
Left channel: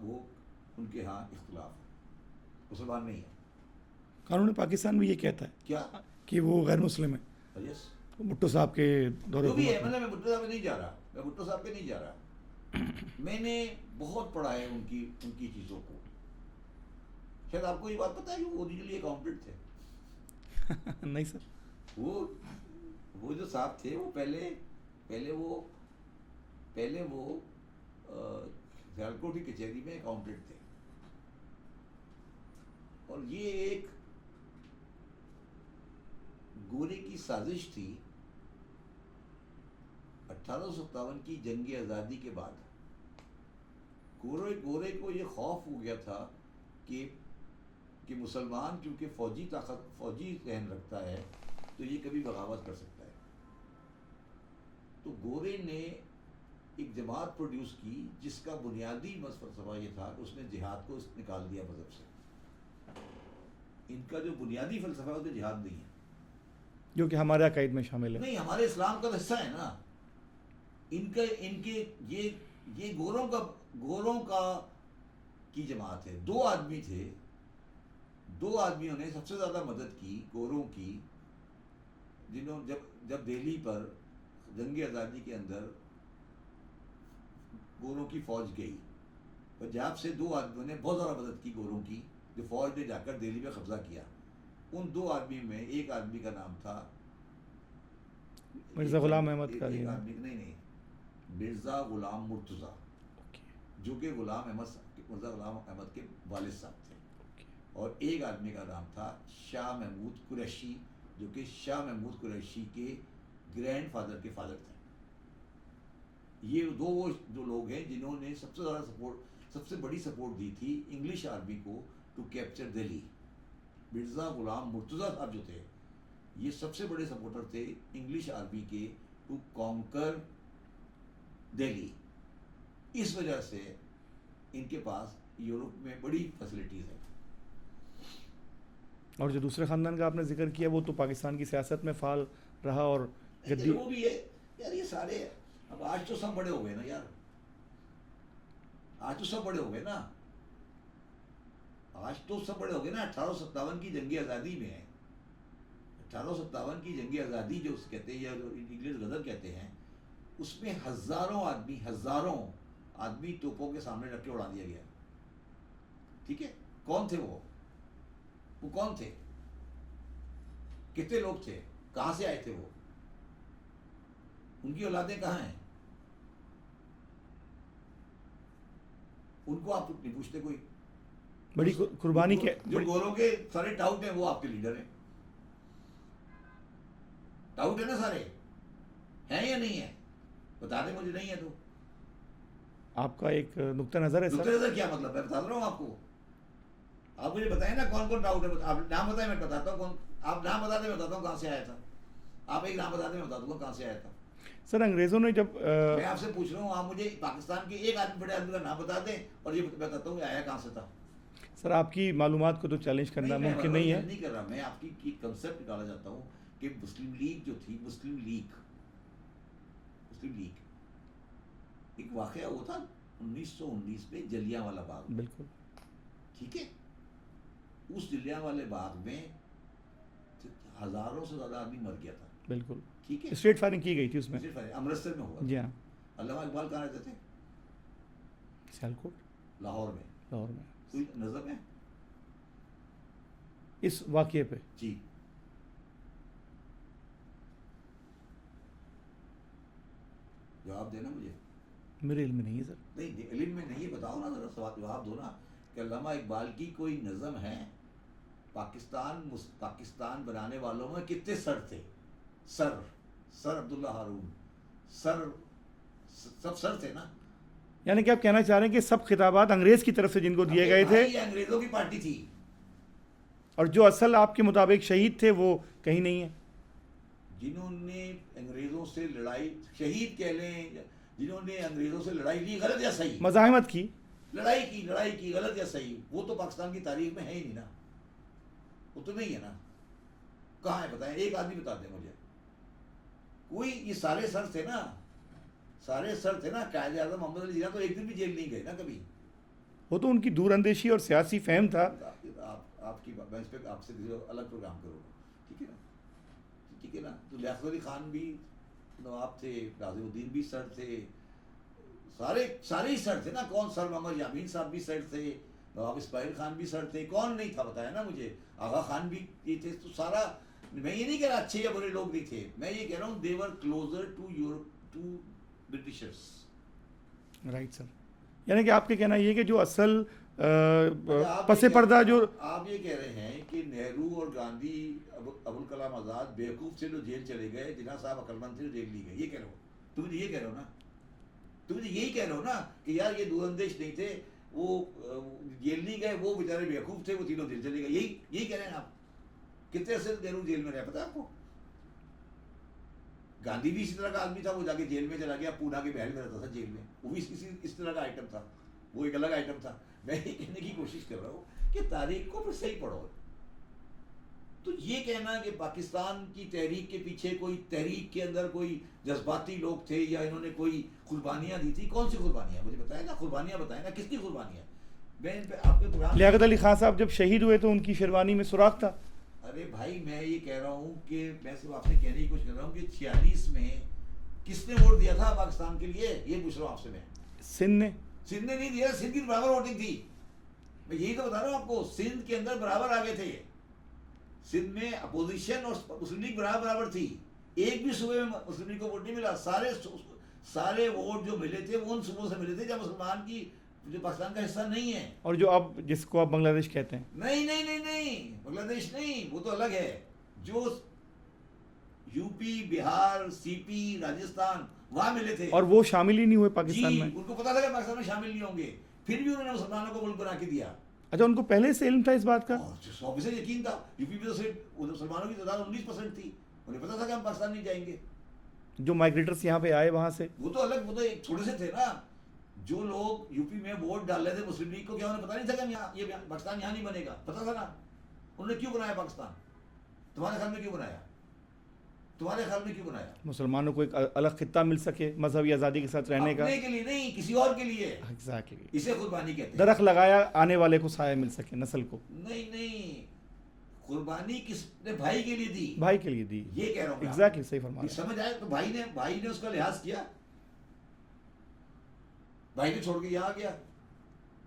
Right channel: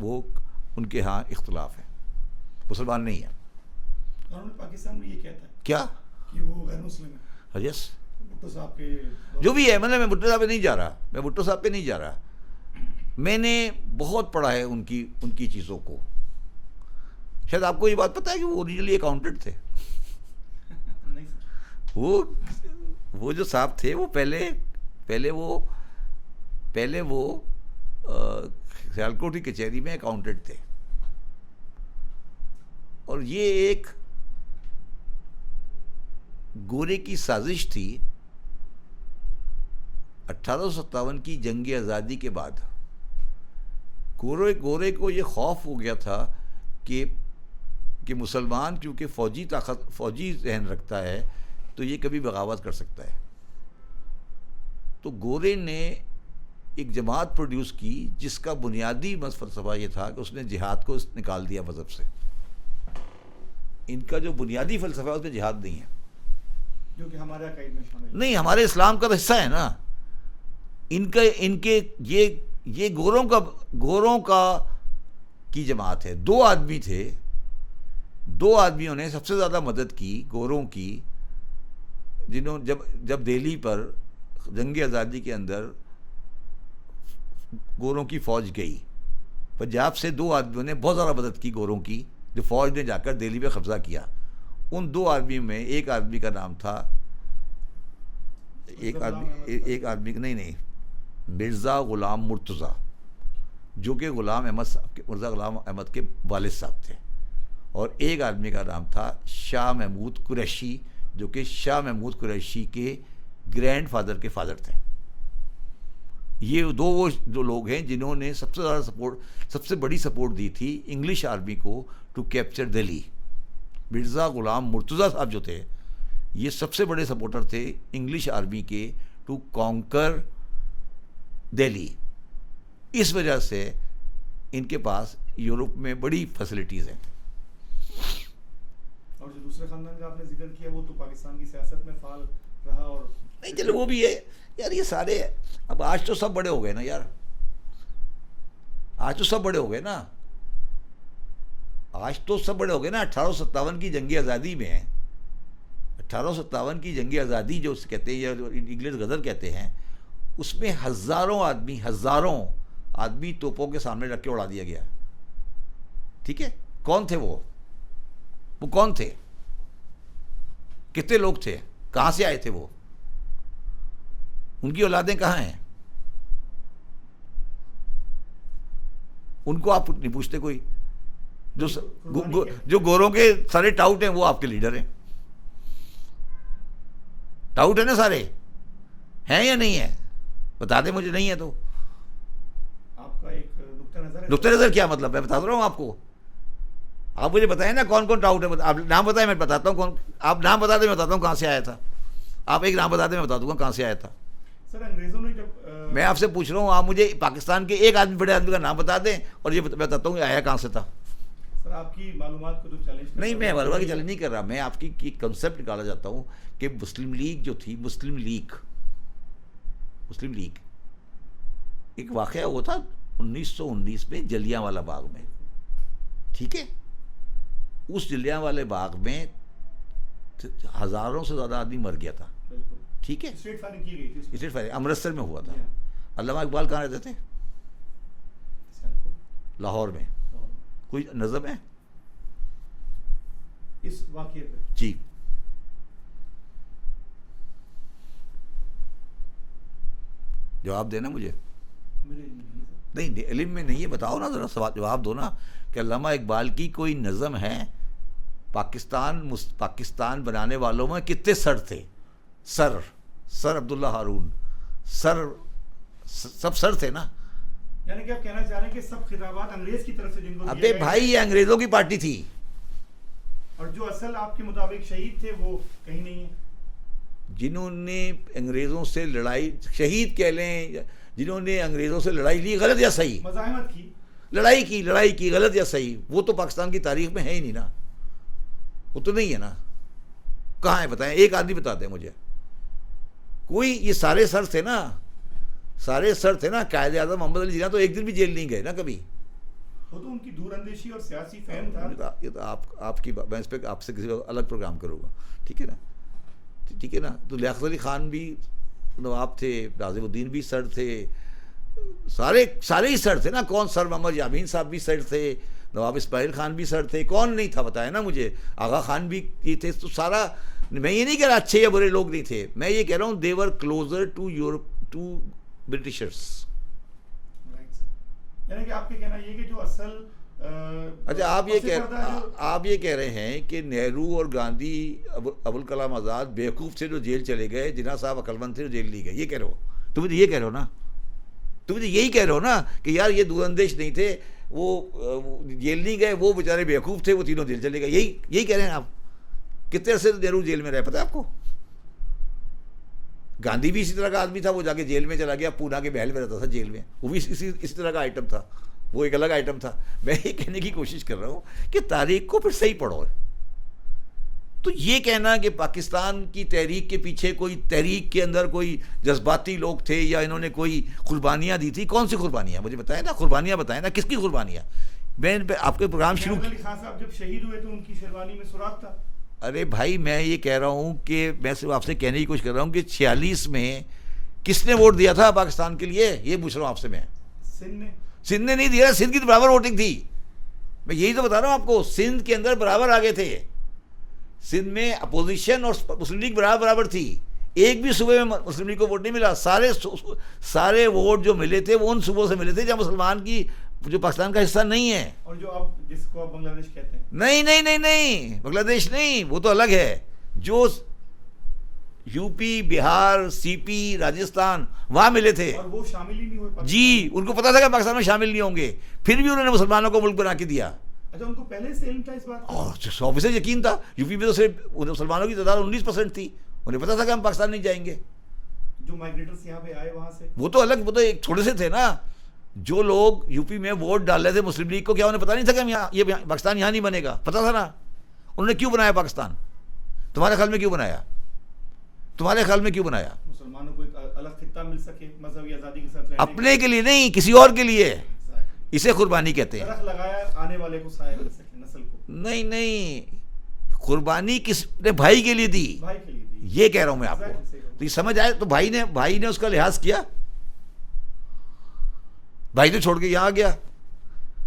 وہ ان کے ہاں اختلاف ہے. مسلمان نہیں ہے. قانون پاکستان بھی یہ کہتا ہے کیا کہ وہ غیر مسلم ہے. یس، بھٹو صاحب کے جو بھی ہے. میں بھٹو صاحب پہ نہیں جا رہا. میں نے بہت پڑھا ہے ان کی چیزوں کو. شاید آپ کو یہ بات پتہ ہے کہ وہ اوریجنلی اکاؤنٹنٹ تھے. نہیں سر، وہ جو صاحب تھے وہ پہلے وہ سیالکوٹ کی کچہری میں اکاؤنٹنٹ تھے. اور یہ ایک گورے کی سازش تھی 1857 کی جنگ آزادی کے بعد. گورے کو یہ خوف ہو گیا تھا کہ مسلمان کیونکہ فوجی ذہن رکھتا ہے تو یہ کبھی بغاوت کر سکتا ہے. تو گورے نے ایک جماعت پروڈیوس کی جس کا بنیادی فلسفہ یہ تھا کہ اس نے جہاد کو نکال دیا مذہب سے. ان کا جو بنیادی فلسفہ ہے اس میں جہاد نہیں ہے، جو کہ ہمارے عقائد میں شامل ہے. نہیں، ہمارے اسلام کا تو حصہ ہے نا. ان کے یہ گوروں کا کی جماعت ہے. 2 آدمی تھے, 2 آدمیوں نے سب سے زیادہ مدد کی گوروں کی, جنہوں جب دہلی پر جنگ آزادی کے اندر گوروں کی فوج گئی, پنجاب سے 2 آدمیوں نے بہت زیادہ مدد کی گوروں کی, جو فوج نے جا کر دہلی پہ قبضہ کیا. ان 2 آدمیوں میں ایک آدمی کا نام تھا, ایک آدمی نہیں, مرزا غلام مرتضیٰ, جو کہ مرزا غلام احمد کے والد صاحب تھے, اور ایک آدمی کا نام تھا شاہ محمود قریشی, جو کہ شاہ محمود قریشی کے گرینڈ فادر کے فادر تھے. یہ 2 وہ جو لوگ ہیں جنہوں نے سب سے زیادہ سب سے بڑی سپورٹ دی تھی انگلش آرمی کو ٹو کیپچر دہلی. مرزا غلام مرتضیٰ صاحب جو تھے, یہ سب سے بڑے سپورٹر تھے انگلش آرمی کے ٹو کانکر دہلی. اس وجہ سے ان کے پاس یورپ میں بڑی فیسلٹیز ہیں. اور جو دوسرے خاندان کا آپ نے ذکر کیا, وہ تو پاکستان کی سیاست میں فعال رہا. اور چلو وہ بھی ہے یار, یہ سارے اب آج تو سب بڑے ہو گئے نا یار, آج تو سب بڑے ہو گئے نا, آج تو سب بڑے ہو گئے نا. 1857 کی جنگی آزادی میں 1857 کی جنگی آزادی جو کہتے ہیں, یا جو انگلش غدر کہتے ہیں, اس میں ہزاروں آدمی توپوں کے سامنے رکھ کے اڑا دیا گیا. ٹھیک ہے, کون تھے وہ کون تھے, کتنے لوگ تھے, کہاں سے آئے تھے وہ, ان کی اولادیں کہاں ہیں, ان کو آپ نہیں پوچھتے کوئی. جو گوروں کے سارے ٹاؤٹ ہیں وہ آپ کے لیڈر ہیں. ٹاؤٹ ہے نا سارے, ہیں یا نہیں ہے, بتا دیں مجھے. نہیں ہے تو آپ کا ایک نقطہ نظر ہے. نقطہ نظر کیا مطلب ہے, بتا رہا ہوں آپ کو. آپ مجھے بتائیں نا کون کون ٹاؤٹ ہے, آپ نام بتائیں میں بتاتا ہوں کون. آپ نام بتا دیں میں بتاتا ہوں کہاں سے آیا تھا. آپ ایک نام بتا دیں میں بتا دوں گا کہاں سے آیا تھا. سر انگریزوں نے جب میں آپ سے پوچھ رہا ہوں, آپ مجھے پاکستان کے ایک بڑے آدمی کا نام بتا دیں اور یہ بتاتا ہوں کہ آیا کہاں سے تھا. سر آپ کی معلومات کو تو چیلنج کرنا نہیں, میں معلومات چیلنج نہیں کر رہا, میں آپ کی کنسیپٹ نکالا جاتا ہوں کہ مسلم لیگ جو تھی, مسلم لیگ ایک واقعہ ہوا تھا 1919 میں جلیانوالہ باغ میں. ٹھیک ہے, اس جلیانوالے باغ میں ہزاروں سے زیادہ آدمی مر گیا تھا. بالکل ٹھیک ہے, اسٹریٹ فائرنگ کی گئی تھی اس میں. اسٹریٹ فائرنگ امرتسر میں ہوا جی تھا. ہاں. علامہ اقبال کہاں رہتے تھے؟ سیالکوٹ, لاہور میں. کوئی نظم ہے اس واقعے پہ؟ جی, جواب دینا مجھے. میرے علم میں نہیں ہے سر. نہیں علم میں نہیں ہے, بتاؤ نا ذرا, سوال جواب دو نا کہ علامہ اقبال کی کوئی نظم ہے. پاکستان بنانے والوں میں کتنے سر تھے؟ سر عبداللہ ہارون, سب سر تھے نا. یعنی کہ آپ کہنا چاہ رہے ہیں کہ سب خطابات انگریز کی طرف سے جن کو دیے گئے بھائی, یہ انگریزوں کی پارٹی تھی, اور جو اصل آپ کے مطابق شہید تھے وہ کہیں نہیں ہیں. جنہوں نے انگریزوں سے لڑائی, شہید کہہ لیں, جنہوں نے انگریزوں سے لڑائی لی, غلط یا صحیح, مزاحمت کی, لڑائی کی, غلط یا صحیح, وہ تو پاکستان کی تاریخ میں ہے ہی نہیں نا. وہ تو نہیں ہے نا. کہاں ہے بتائیں, ایک آدمی بتا دیں مجھے کوئی. یہ سارے سر تھے نا, قائد اعظم محمد علی جناح تو ایک دن بھی جیل نہیں گئے نا کبھی. وہ تو ان کی دور اندیشی اور سیاسی فہم تھا. یہ تو آپ کی میں اس پہ آپ سے کسی الگ پروگرام کروں گا. ٹھیک ہے نا. تو لیاقت علی خان بھی نواب تھے, ناظم الدین بھی سر تھے, سارے ہی سر تھے نا. کون سر محمد یامین صاحب بھی سر تھے, نواب اسماعیل خان بھی سر تھے, کون نہیں تھا بتائے نا مجھے. آغا خان بھی یہ تھے. تو سارا, میں یہ نہیں کہہ رہا اچھے یا برے لوگ نہیں تھے, میں یہ کہہ رہا ہوں they were closer to Europe, to Britishers. Right sir. یعنی کہ آپ کے کہنا یہ کہ جو اصل پس پردہ جو آپ یہ کہہ رہے ہیں کہ نہرو اور گاندھی, ابوالکلام آزاد بیوقوف تھے جو جیل چلے گئے, جناح صاحب عقل مند تھے جو جیل لی گئے. یہ کہہ رہے ہو تو مجھے, یہ کہہ رہے ہو نا, تو مجھے یہی کہہ رہے ہو نا کہ یار یہ دور اندیش نہیں تھے, وہ جیل نہیں گئے, وہ بیچارے بیوقوف تھے, وہ تینوں جیل چلے گئے. یہی کہہ رہے ہیں آپ. کتنے عرصے نہرو جیل میں رہے پتہ ہے آپ کو؟ گاندھی بھی اسی طرح کا آدمی تھا, وہ جا کے جیل میں چلا گیا, پونا کے محل میں رہتا تھا جیل میں, وہ بھی اسی طرح کا آئٹم تھا, وہ ایک الگ آئٹم تھا. میں یہ کہنے کی کوشش کر رہا ہوں کہ تاریخ کو پھر صحیح پڑھو. تو یہ کہنا کہ پاکستان کی تحریک کے پیچھے کوئی تحریک کے اندر کوئی جذباتی لوگ تھے یا انہوں نے کوئی قربانیاں دی تھی، کون سی قربانیاں مجھے بتائیں نا، قربانیاں بتائیں نا، کس کی قربانیاں؟ میں آپ کے پروگرام لیاقت علی خان صاحب جب شہید ہوئے تو ان کی شیروانی میں سوراخ تھا. ارے بھائی میں یہ کہہ رہا ہوں کہ میں صرف آپ سے کہنے کی کوشش کر رہا ہوں کہ 46 میں کس نے ووٹ دیا تھا پاکستان کے لیے، یہ پوچھ رہا ہوں آپ سے. میں سندھ نے نہیں دیا، سندھ کی تو برابر ووٹنگ تھی. میں یہی تو بتا رہا ہوں آپ کو، سندھ کے اندر برابر آگے تھے. سندھ میں اپوزیشن اور مسلم لیگ برابر تھی. ایک بھی صوبے میں مسلم لیگ کو ووٹ نہیں ملا. سارے ووٹ جو ملے تھے وہ ان صوبوں سے ملے تھے جہاں مسلمان کی جو پاکستان کا حصہ نہیں ہے. اور جو اب جس کو آپ بنگلہ دیش کہتے ہیں. نہیں بنگلہ دیش نہیں، وہ تو الگ ہے. جو یو پی، بہار، سی پی، راجستھان وہاں ملے تھے. اور وہ شامل ہی نہیں ہوئے پاکستان جی میں. ان کو پتا تھا کہ پاکستان میں شامل نہیں ہوں گے، پھر بھی انہوں نے مسلمانوں کو ملک بنا کے دیا. اچھا، ان کو پہلے سے علم تھا اس بات کا؟ 100% یقین تھا. یو پی میں تو صرف مسلمانوں کی تعداد 19% تھی. انہیں پتا تھا کہ ہم پاکستان نہیں جائیں گے. جو مائیگریٹرس یہاں پہ آئے وہاں سے وہ تو الگ، وہ تو ایک تھوڑے سے تھے نا. جو لوگ یو پی میں ووٹ ڈال رہے تھے مسلم لیگ کو، کیا انہیں پتا نہیں تھا کہ ہم یہ پاکستان یہاں نہیں بنے گا؟ پتا تھا نا. انہوں نے کیوں بنایا پاکستان؟ تمہارے خیال میں کیوں بنایا؟ مسلمانوں کو ایک الگ خطہ مل سکے مذہبی آزادی کے ساتھ رہنے کا. اپنے کے لیے نہیں، کسی اور کے لیے. اسے قربانی کہتے ہیں. درخت لگایا آنے والے کو سایہ مل سکے، نسل کو. نہیں، قربانی کس نے بھائی کے لیے دی. بھائی کے لیے دی، یہ کہہ رہا ہوں میں آپ کو. سمجھ آئے تو بھائی نے اس کا لحاظ کیا. بھائی تو چھوڑ کے یہاں آ گیا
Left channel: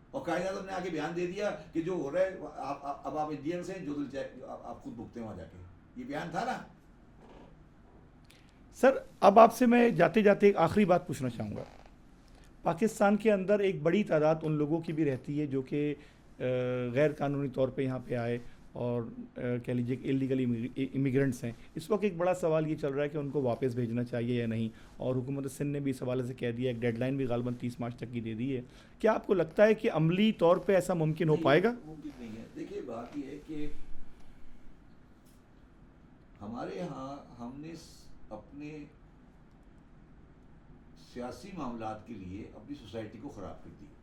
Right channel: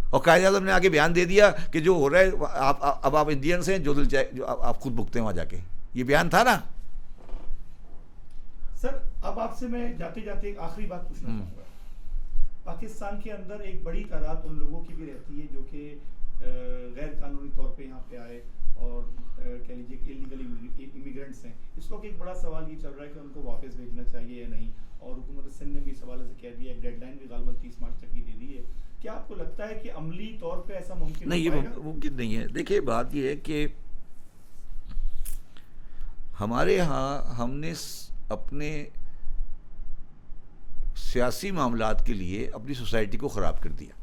اور قائد اعظم نے آگے بیان دے دیا کہ جو ہو رہا ہے اب آپ انڈینس ہیں، جو دل چاہے جو آپ خود بھگتے ہیں وہاں جا کے. یہ بیان تھا نا. سر اب آپ سے میں جاتے جاتے ایک آخری بات پوچھنا چاہوں گا. پاکستان کے اندر ایک بڑی تعداد ان لوگوں کی بھی رہتی ہے جو کہ غیر قانونی طور پہ یہاں پہ آئے اور کہہ لیجیے کہ اللیگل امیگرنٹس ہیں. اس وقت ایک بڑا سوال یہ چل رہا ہے کہ ان کو واپس بھیجنا چاہیے یا نہیں، اور حکومت سندھ نے بھی اس حوالے سے کہہ دیا، ایک ڈیڈ لائن بھی غالباً 30 مارچ تک کی دے دی ہے. کیا آپ کو لگتا ہے کہ عملی طور پہ ایسا ممکن ہو پائے گا؟ ممکن نہیں ہے. دیکھیے بات یہ ہے کہ ہمارے ہاں ہم نے اپنے سیاسی معاملات کے لیے اپنی سوسائٹی کو خراب کر دیا.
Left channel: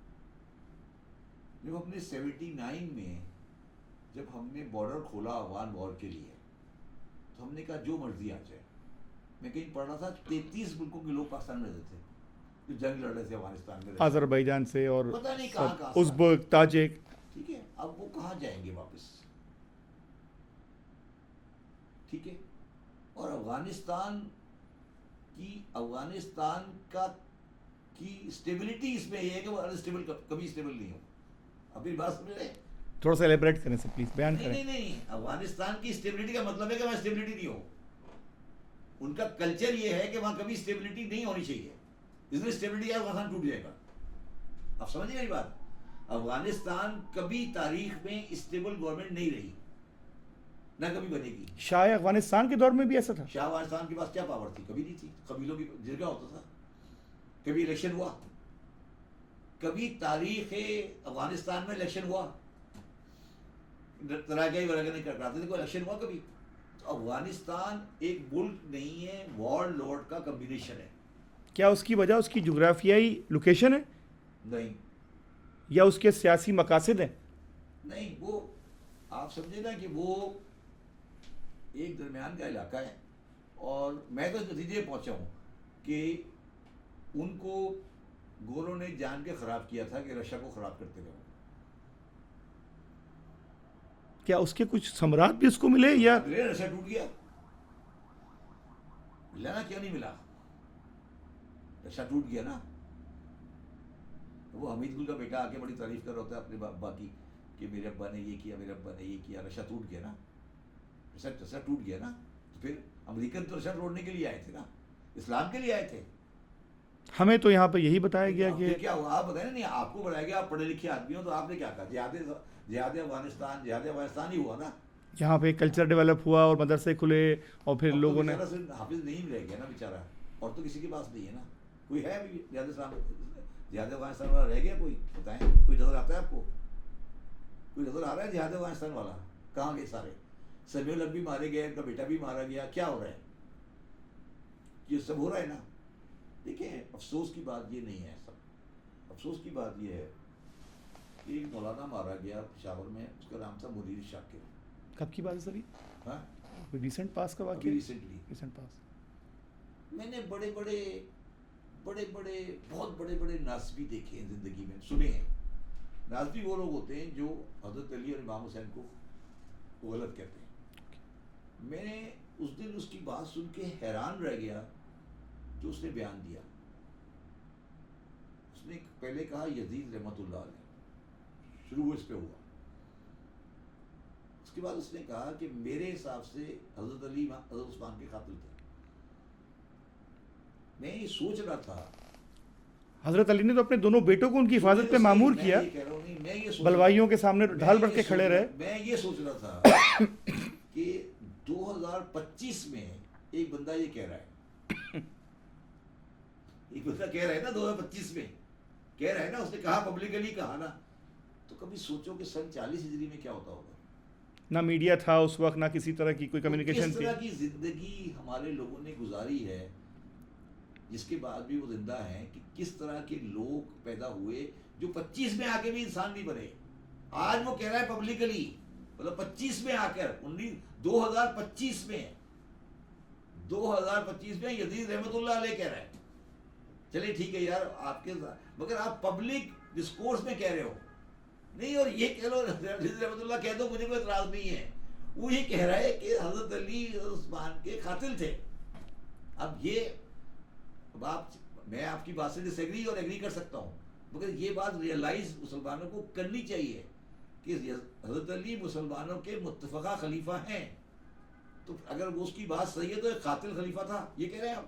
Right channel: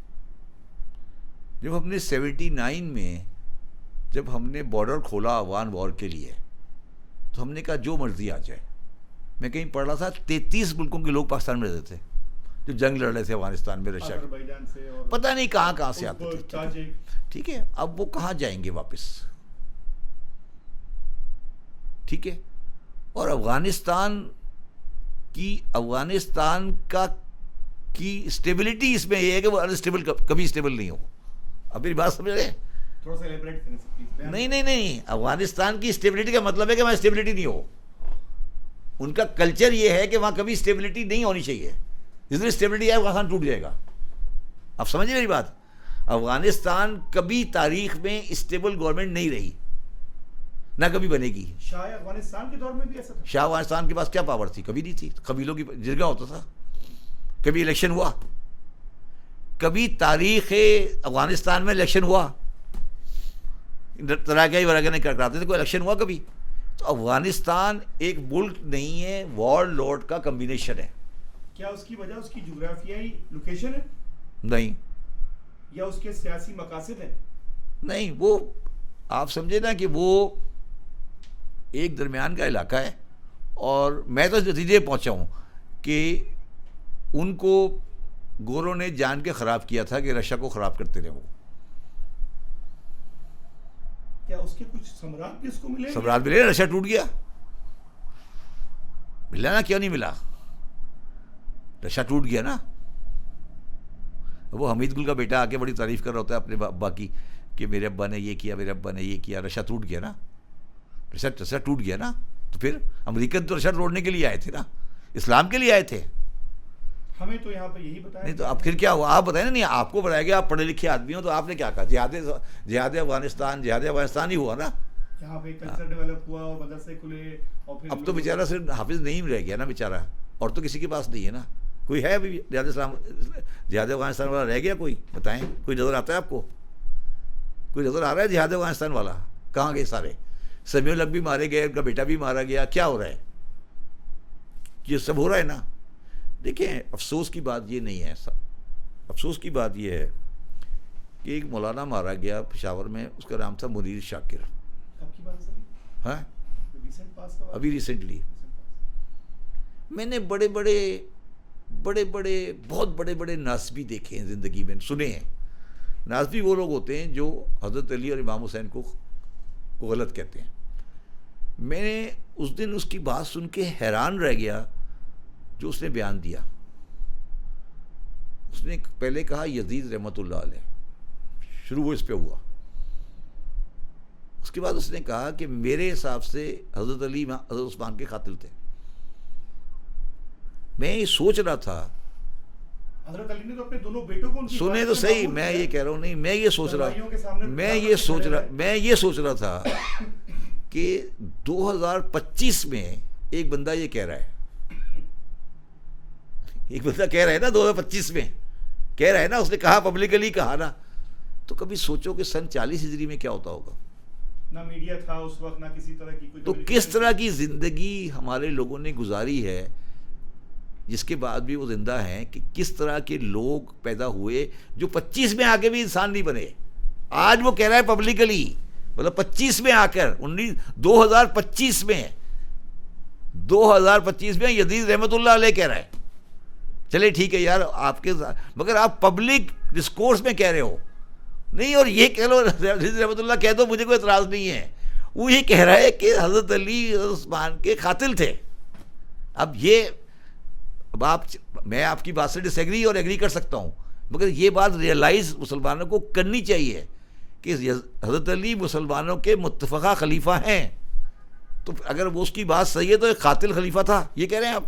جب ہم نے 79 میں جب ہم نے بارڈر کھولا افغان وار کے لیے تو ہم نے کہا جو مرضی آ جائے. میں کہیں پڑھ رہا تھا 33 ملکوں کے لوگ پاکستان میں رہتے تھے جو جنگ لڑ رہے تھے افغانستان میں، آذربائیجان سے اور پتہ نہیں کہاں سے، ازبک، تاجک. ٹھیک ہے، اب وہ کہاں جائیں گے واپس؟ ٹھیک ہے. اور افغانستان کی اسٹیبلٹی اس میں یہ ہے کہ وہ انسٹیبل کبھی اسٹیبل نہیں ہو. اب میری بات سمجھ رہے ہیں؟ تھوڑا سا ایلیبریٹ کریں سر پلیز. نہیں، افغانستان کی اسٹیبلٹی کا مطلب ہے کہ وہاں اسٹیبلٹی نہیں ہو. ان کا کلچر یہ ہے کہ وہاں کبھی اسٹیبلٹی نہیں ہونی چاہیے. جس دن اسٹیبلٹی آئے افغانستان ٹوٹ جائے گا. آپ سمجھیں میری بات؟ افغانستان کبھی تاریخ میں اسٹیبل گورنمنٹ نہیں رہی، نہ کبھی بنے گی. شاہ افغانستان کے دور میں بھی ایسا تھا. شاہ افغانستان کے پاس کیا پاور تھی؟ کبھی نہیں تھی. قبیلوں کی جرگہ ہوتا تھا. کبھی الیکشن ہوا؟ کبھی تاریخ افغانستان میں الیکشن ہوا؟ تراکیائی وراکیا نہیں کراتے تھے، کوئی الیکشن ہوا کبھی؟ تو افغانستان ایک ملک نہیں ہے، وار لارڈ کا کمبینیشن ہے. کیا اس کی وجہ اس کی جغرافیائی لوکیشن ہے؟ نہیں. یا اس کے سیاسی مقاصد ہیں؟ نہیں، وہ آپ سمجھے نا کہ وہ ایک درمیان کا علاقہ ہے. اور میں تو اس نتیجے پہنچا ہوں کہ ان کو گوروں نے جان کے خراب کیا تھا کہ رشیا کو خراب کرتے رہے. وہ کیا اس کے کچھ ثمرات بھی اس کو ملے؟ ثمرات ملے. رشیا ٹوٹ گیا. ملا نا، کیوں نہیں ملا؟ رشیا ٹوٹ گیا نا. وہ حمید گل کا بیٹا آ کے بڑی تعریف کر رہا ہوتا ہے اپنے ابا کی کہ میرے ابا نے یہ کیا، میرے ابا نے یہ کیا. رشیا ٹوٹ گیا نا. رشیا ٹوٹ گیا نا. تو پھر امریکن تو رشیا توڑنے کے لیے آئے تھے نا، اسلام کے لیے آئے تھے. ہمیں تو یہاں پہ یہی بتایا گیا. اب پھر کیا ہوا؟ آپ بتائیں نا. نہیں، آپ کو بتایا گیا، آپ پڑھے لکھے آدمی ہو تو آپ نے کیا کہا؟ جہاد افغانستان ہی ہوا نا. یہاں پہ کلچر ڈیولپ ہوا اور مدرسے کھلے اور پھر اب تو بیچارہ صرف حافظ نہیں رہ گیا نا بیچارہ، اور تو کسی کے پاس نہیں ہے نا. کوئی ہے ابھی جہاد افغانستان والا رہ گیا؟ کوئی بتائیں. کوئی نظر آتا ہے آپ کو؟ کوئی نظر آ رہا ہے جہاد افغانستان والا؟ کہاں گئے سارے؟ سمیع الحق بھی مارے گئے، ان کا بیٹا بھی مارا گیا. کیا ہو رہا ہے؟ یہ سب ہو رہا ہے نا. دیکھیں، افسوس کی بات یہ نہیں ہے. افسوس کی بات یہ ہے کہ ایک مولانا مارا گیا پشاور میں، اس کا نام تھا منیر شاکر. کب کی بات ہے سر؟ ہاں ریسنٹ پاس کا ابھی ریسنٹلی میں نے بڑے بڑے بہت بڑے ناسبی دیکھے ہیں زندگی میں, سنے ہیں. ناسبی وہ لوگ ہوتے ہیں جو حضرت علی اور امام حسین کو غلط کہتے ہیں. میں نے اس دن اس کی بات سن کے حیران رہ گیا جو اس نے بیان دیا. اس نے پہلے کہا یزید رحمۃ اللہ علیہ, شروع اس پہ ہوا. اس کے بعد اس نے کہا کہ میرے حساب سے حضرت علی حضرت عثمان کے قاتل تھے. میں یہ سوچ رہا تھا, حضرت علی نے تو اپنے دونوں بیٹوں کو ان کی حفاظت سے معمور کیا. میں یہ کہہ رہا ہوں, نہیں میں یہ سوچ رہا ہوں کے سامنے میں یہ سوچ رہا تھا کہ 2025 میں ایک بندہ یہ کہہ رہا ہے, ایک بندہ کہہ رہا ہے نا 2025 میں کہہ رہا ہے نا, اس نے کہا پبلکلی کہا نا. تو کبھی سوچو کہ سن 40 ہجری میں کیا ہوتا ہوگا. نہ میڈیا تھا اس وقت, نہ کسی طرح کی کوئی کمیونیکیشن. کس طرح کی زندگی ہمارے لوگوں نے گزاری ہے, جس کے بعد بھی وہ زندہ ہیں, کہ کس طرح کے لوگ پیدا ہوئے جو 25 میں آ کے بھی انسان نہیں بنے. آج وہ کہہ رہا ہے پبلکلی, مطلب 25 میں آ کر 2025 میں یزید رحمۃ اللہ علیہ کہہ رہا ہے. چلے ٹھیک ہے یار آپ کے, مگر آپ پبلک ڈسکورس میں کہہ رہے ہو نہیں, اور یہ کہہ لو یزید رحمۃ اللہ کہہ دو, مجھے کوئی اعتراض نہیں ہے. وہ یہ کہہ رہا ہے کہ حضرت علی عثمان کے قاتل تھے. اب میں آپ کی بات سے ڈس ایگری اور ایگری کر سکتا ہوں, مگر یہ بات ریئلائز مسلمانوں کو کرنی چاہیے کہ حضرت علی مسلمانوں کے متفقہ خلیفہ ہیں. تو اگر وہ اس کی بات صحیح ہے تو ایک قاتل خلیفہ تھا, یہ کہہ رہے ہیں آپ.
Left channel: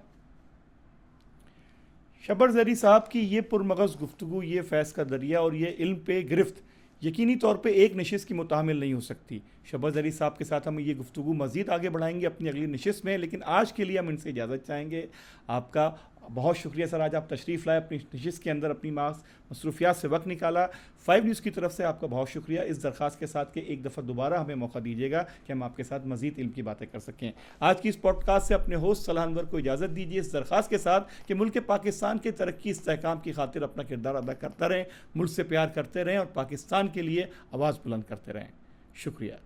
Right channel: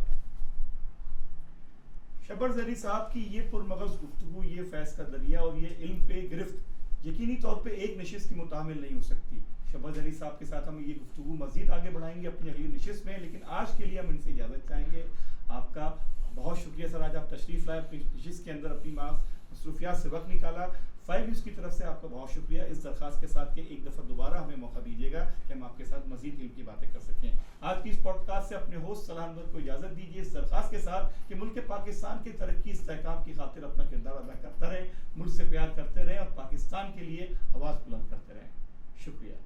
شبر زری صاحب کی یہ پرمغز گفتگو, یہ فیض کا دریا اور یہ علم پہ گرفت یقینی طور پہ ایک نشست کی متحمل نہیں ہو سکتی. شبر زری صاحب کے ساتھ ہم یہ گفتگو مزید آگے بڑھائیں گے اپنی اگلی نشست میں, لیکن آج کے لیے ہم ان سے اجازت چاہیں گے. آپ کا بہت شکریہ سر, آج آپ تشریف لائے, اپنی نشست کے اندر اپنی مصروفیات سے وقت نکالا. 5 نیوز کی طرف سے آپ کا بہت شکریہ, اس درخواست کے ساتھ کہ ایک دفعہ دوبارہ ہمیں موقع دیجیے گا کہ ہم آپ کے ساتھ مزید علم کی باتیں کر سکیں. آج کی اس پوڈ کاسٹ سے اپنے ہوسٹ صلاح انور کو اجازت دیجیے, اس درخواست کے ساتھ کہ ملک پاکستان کے ترقی استحکام کی خاطر اپنا کردار ادا کرتا رہیں, ملک سے پیار کرتے رہیں اور پاکستان کے لیے آواز بلند کرتے رہیں. شکریہ.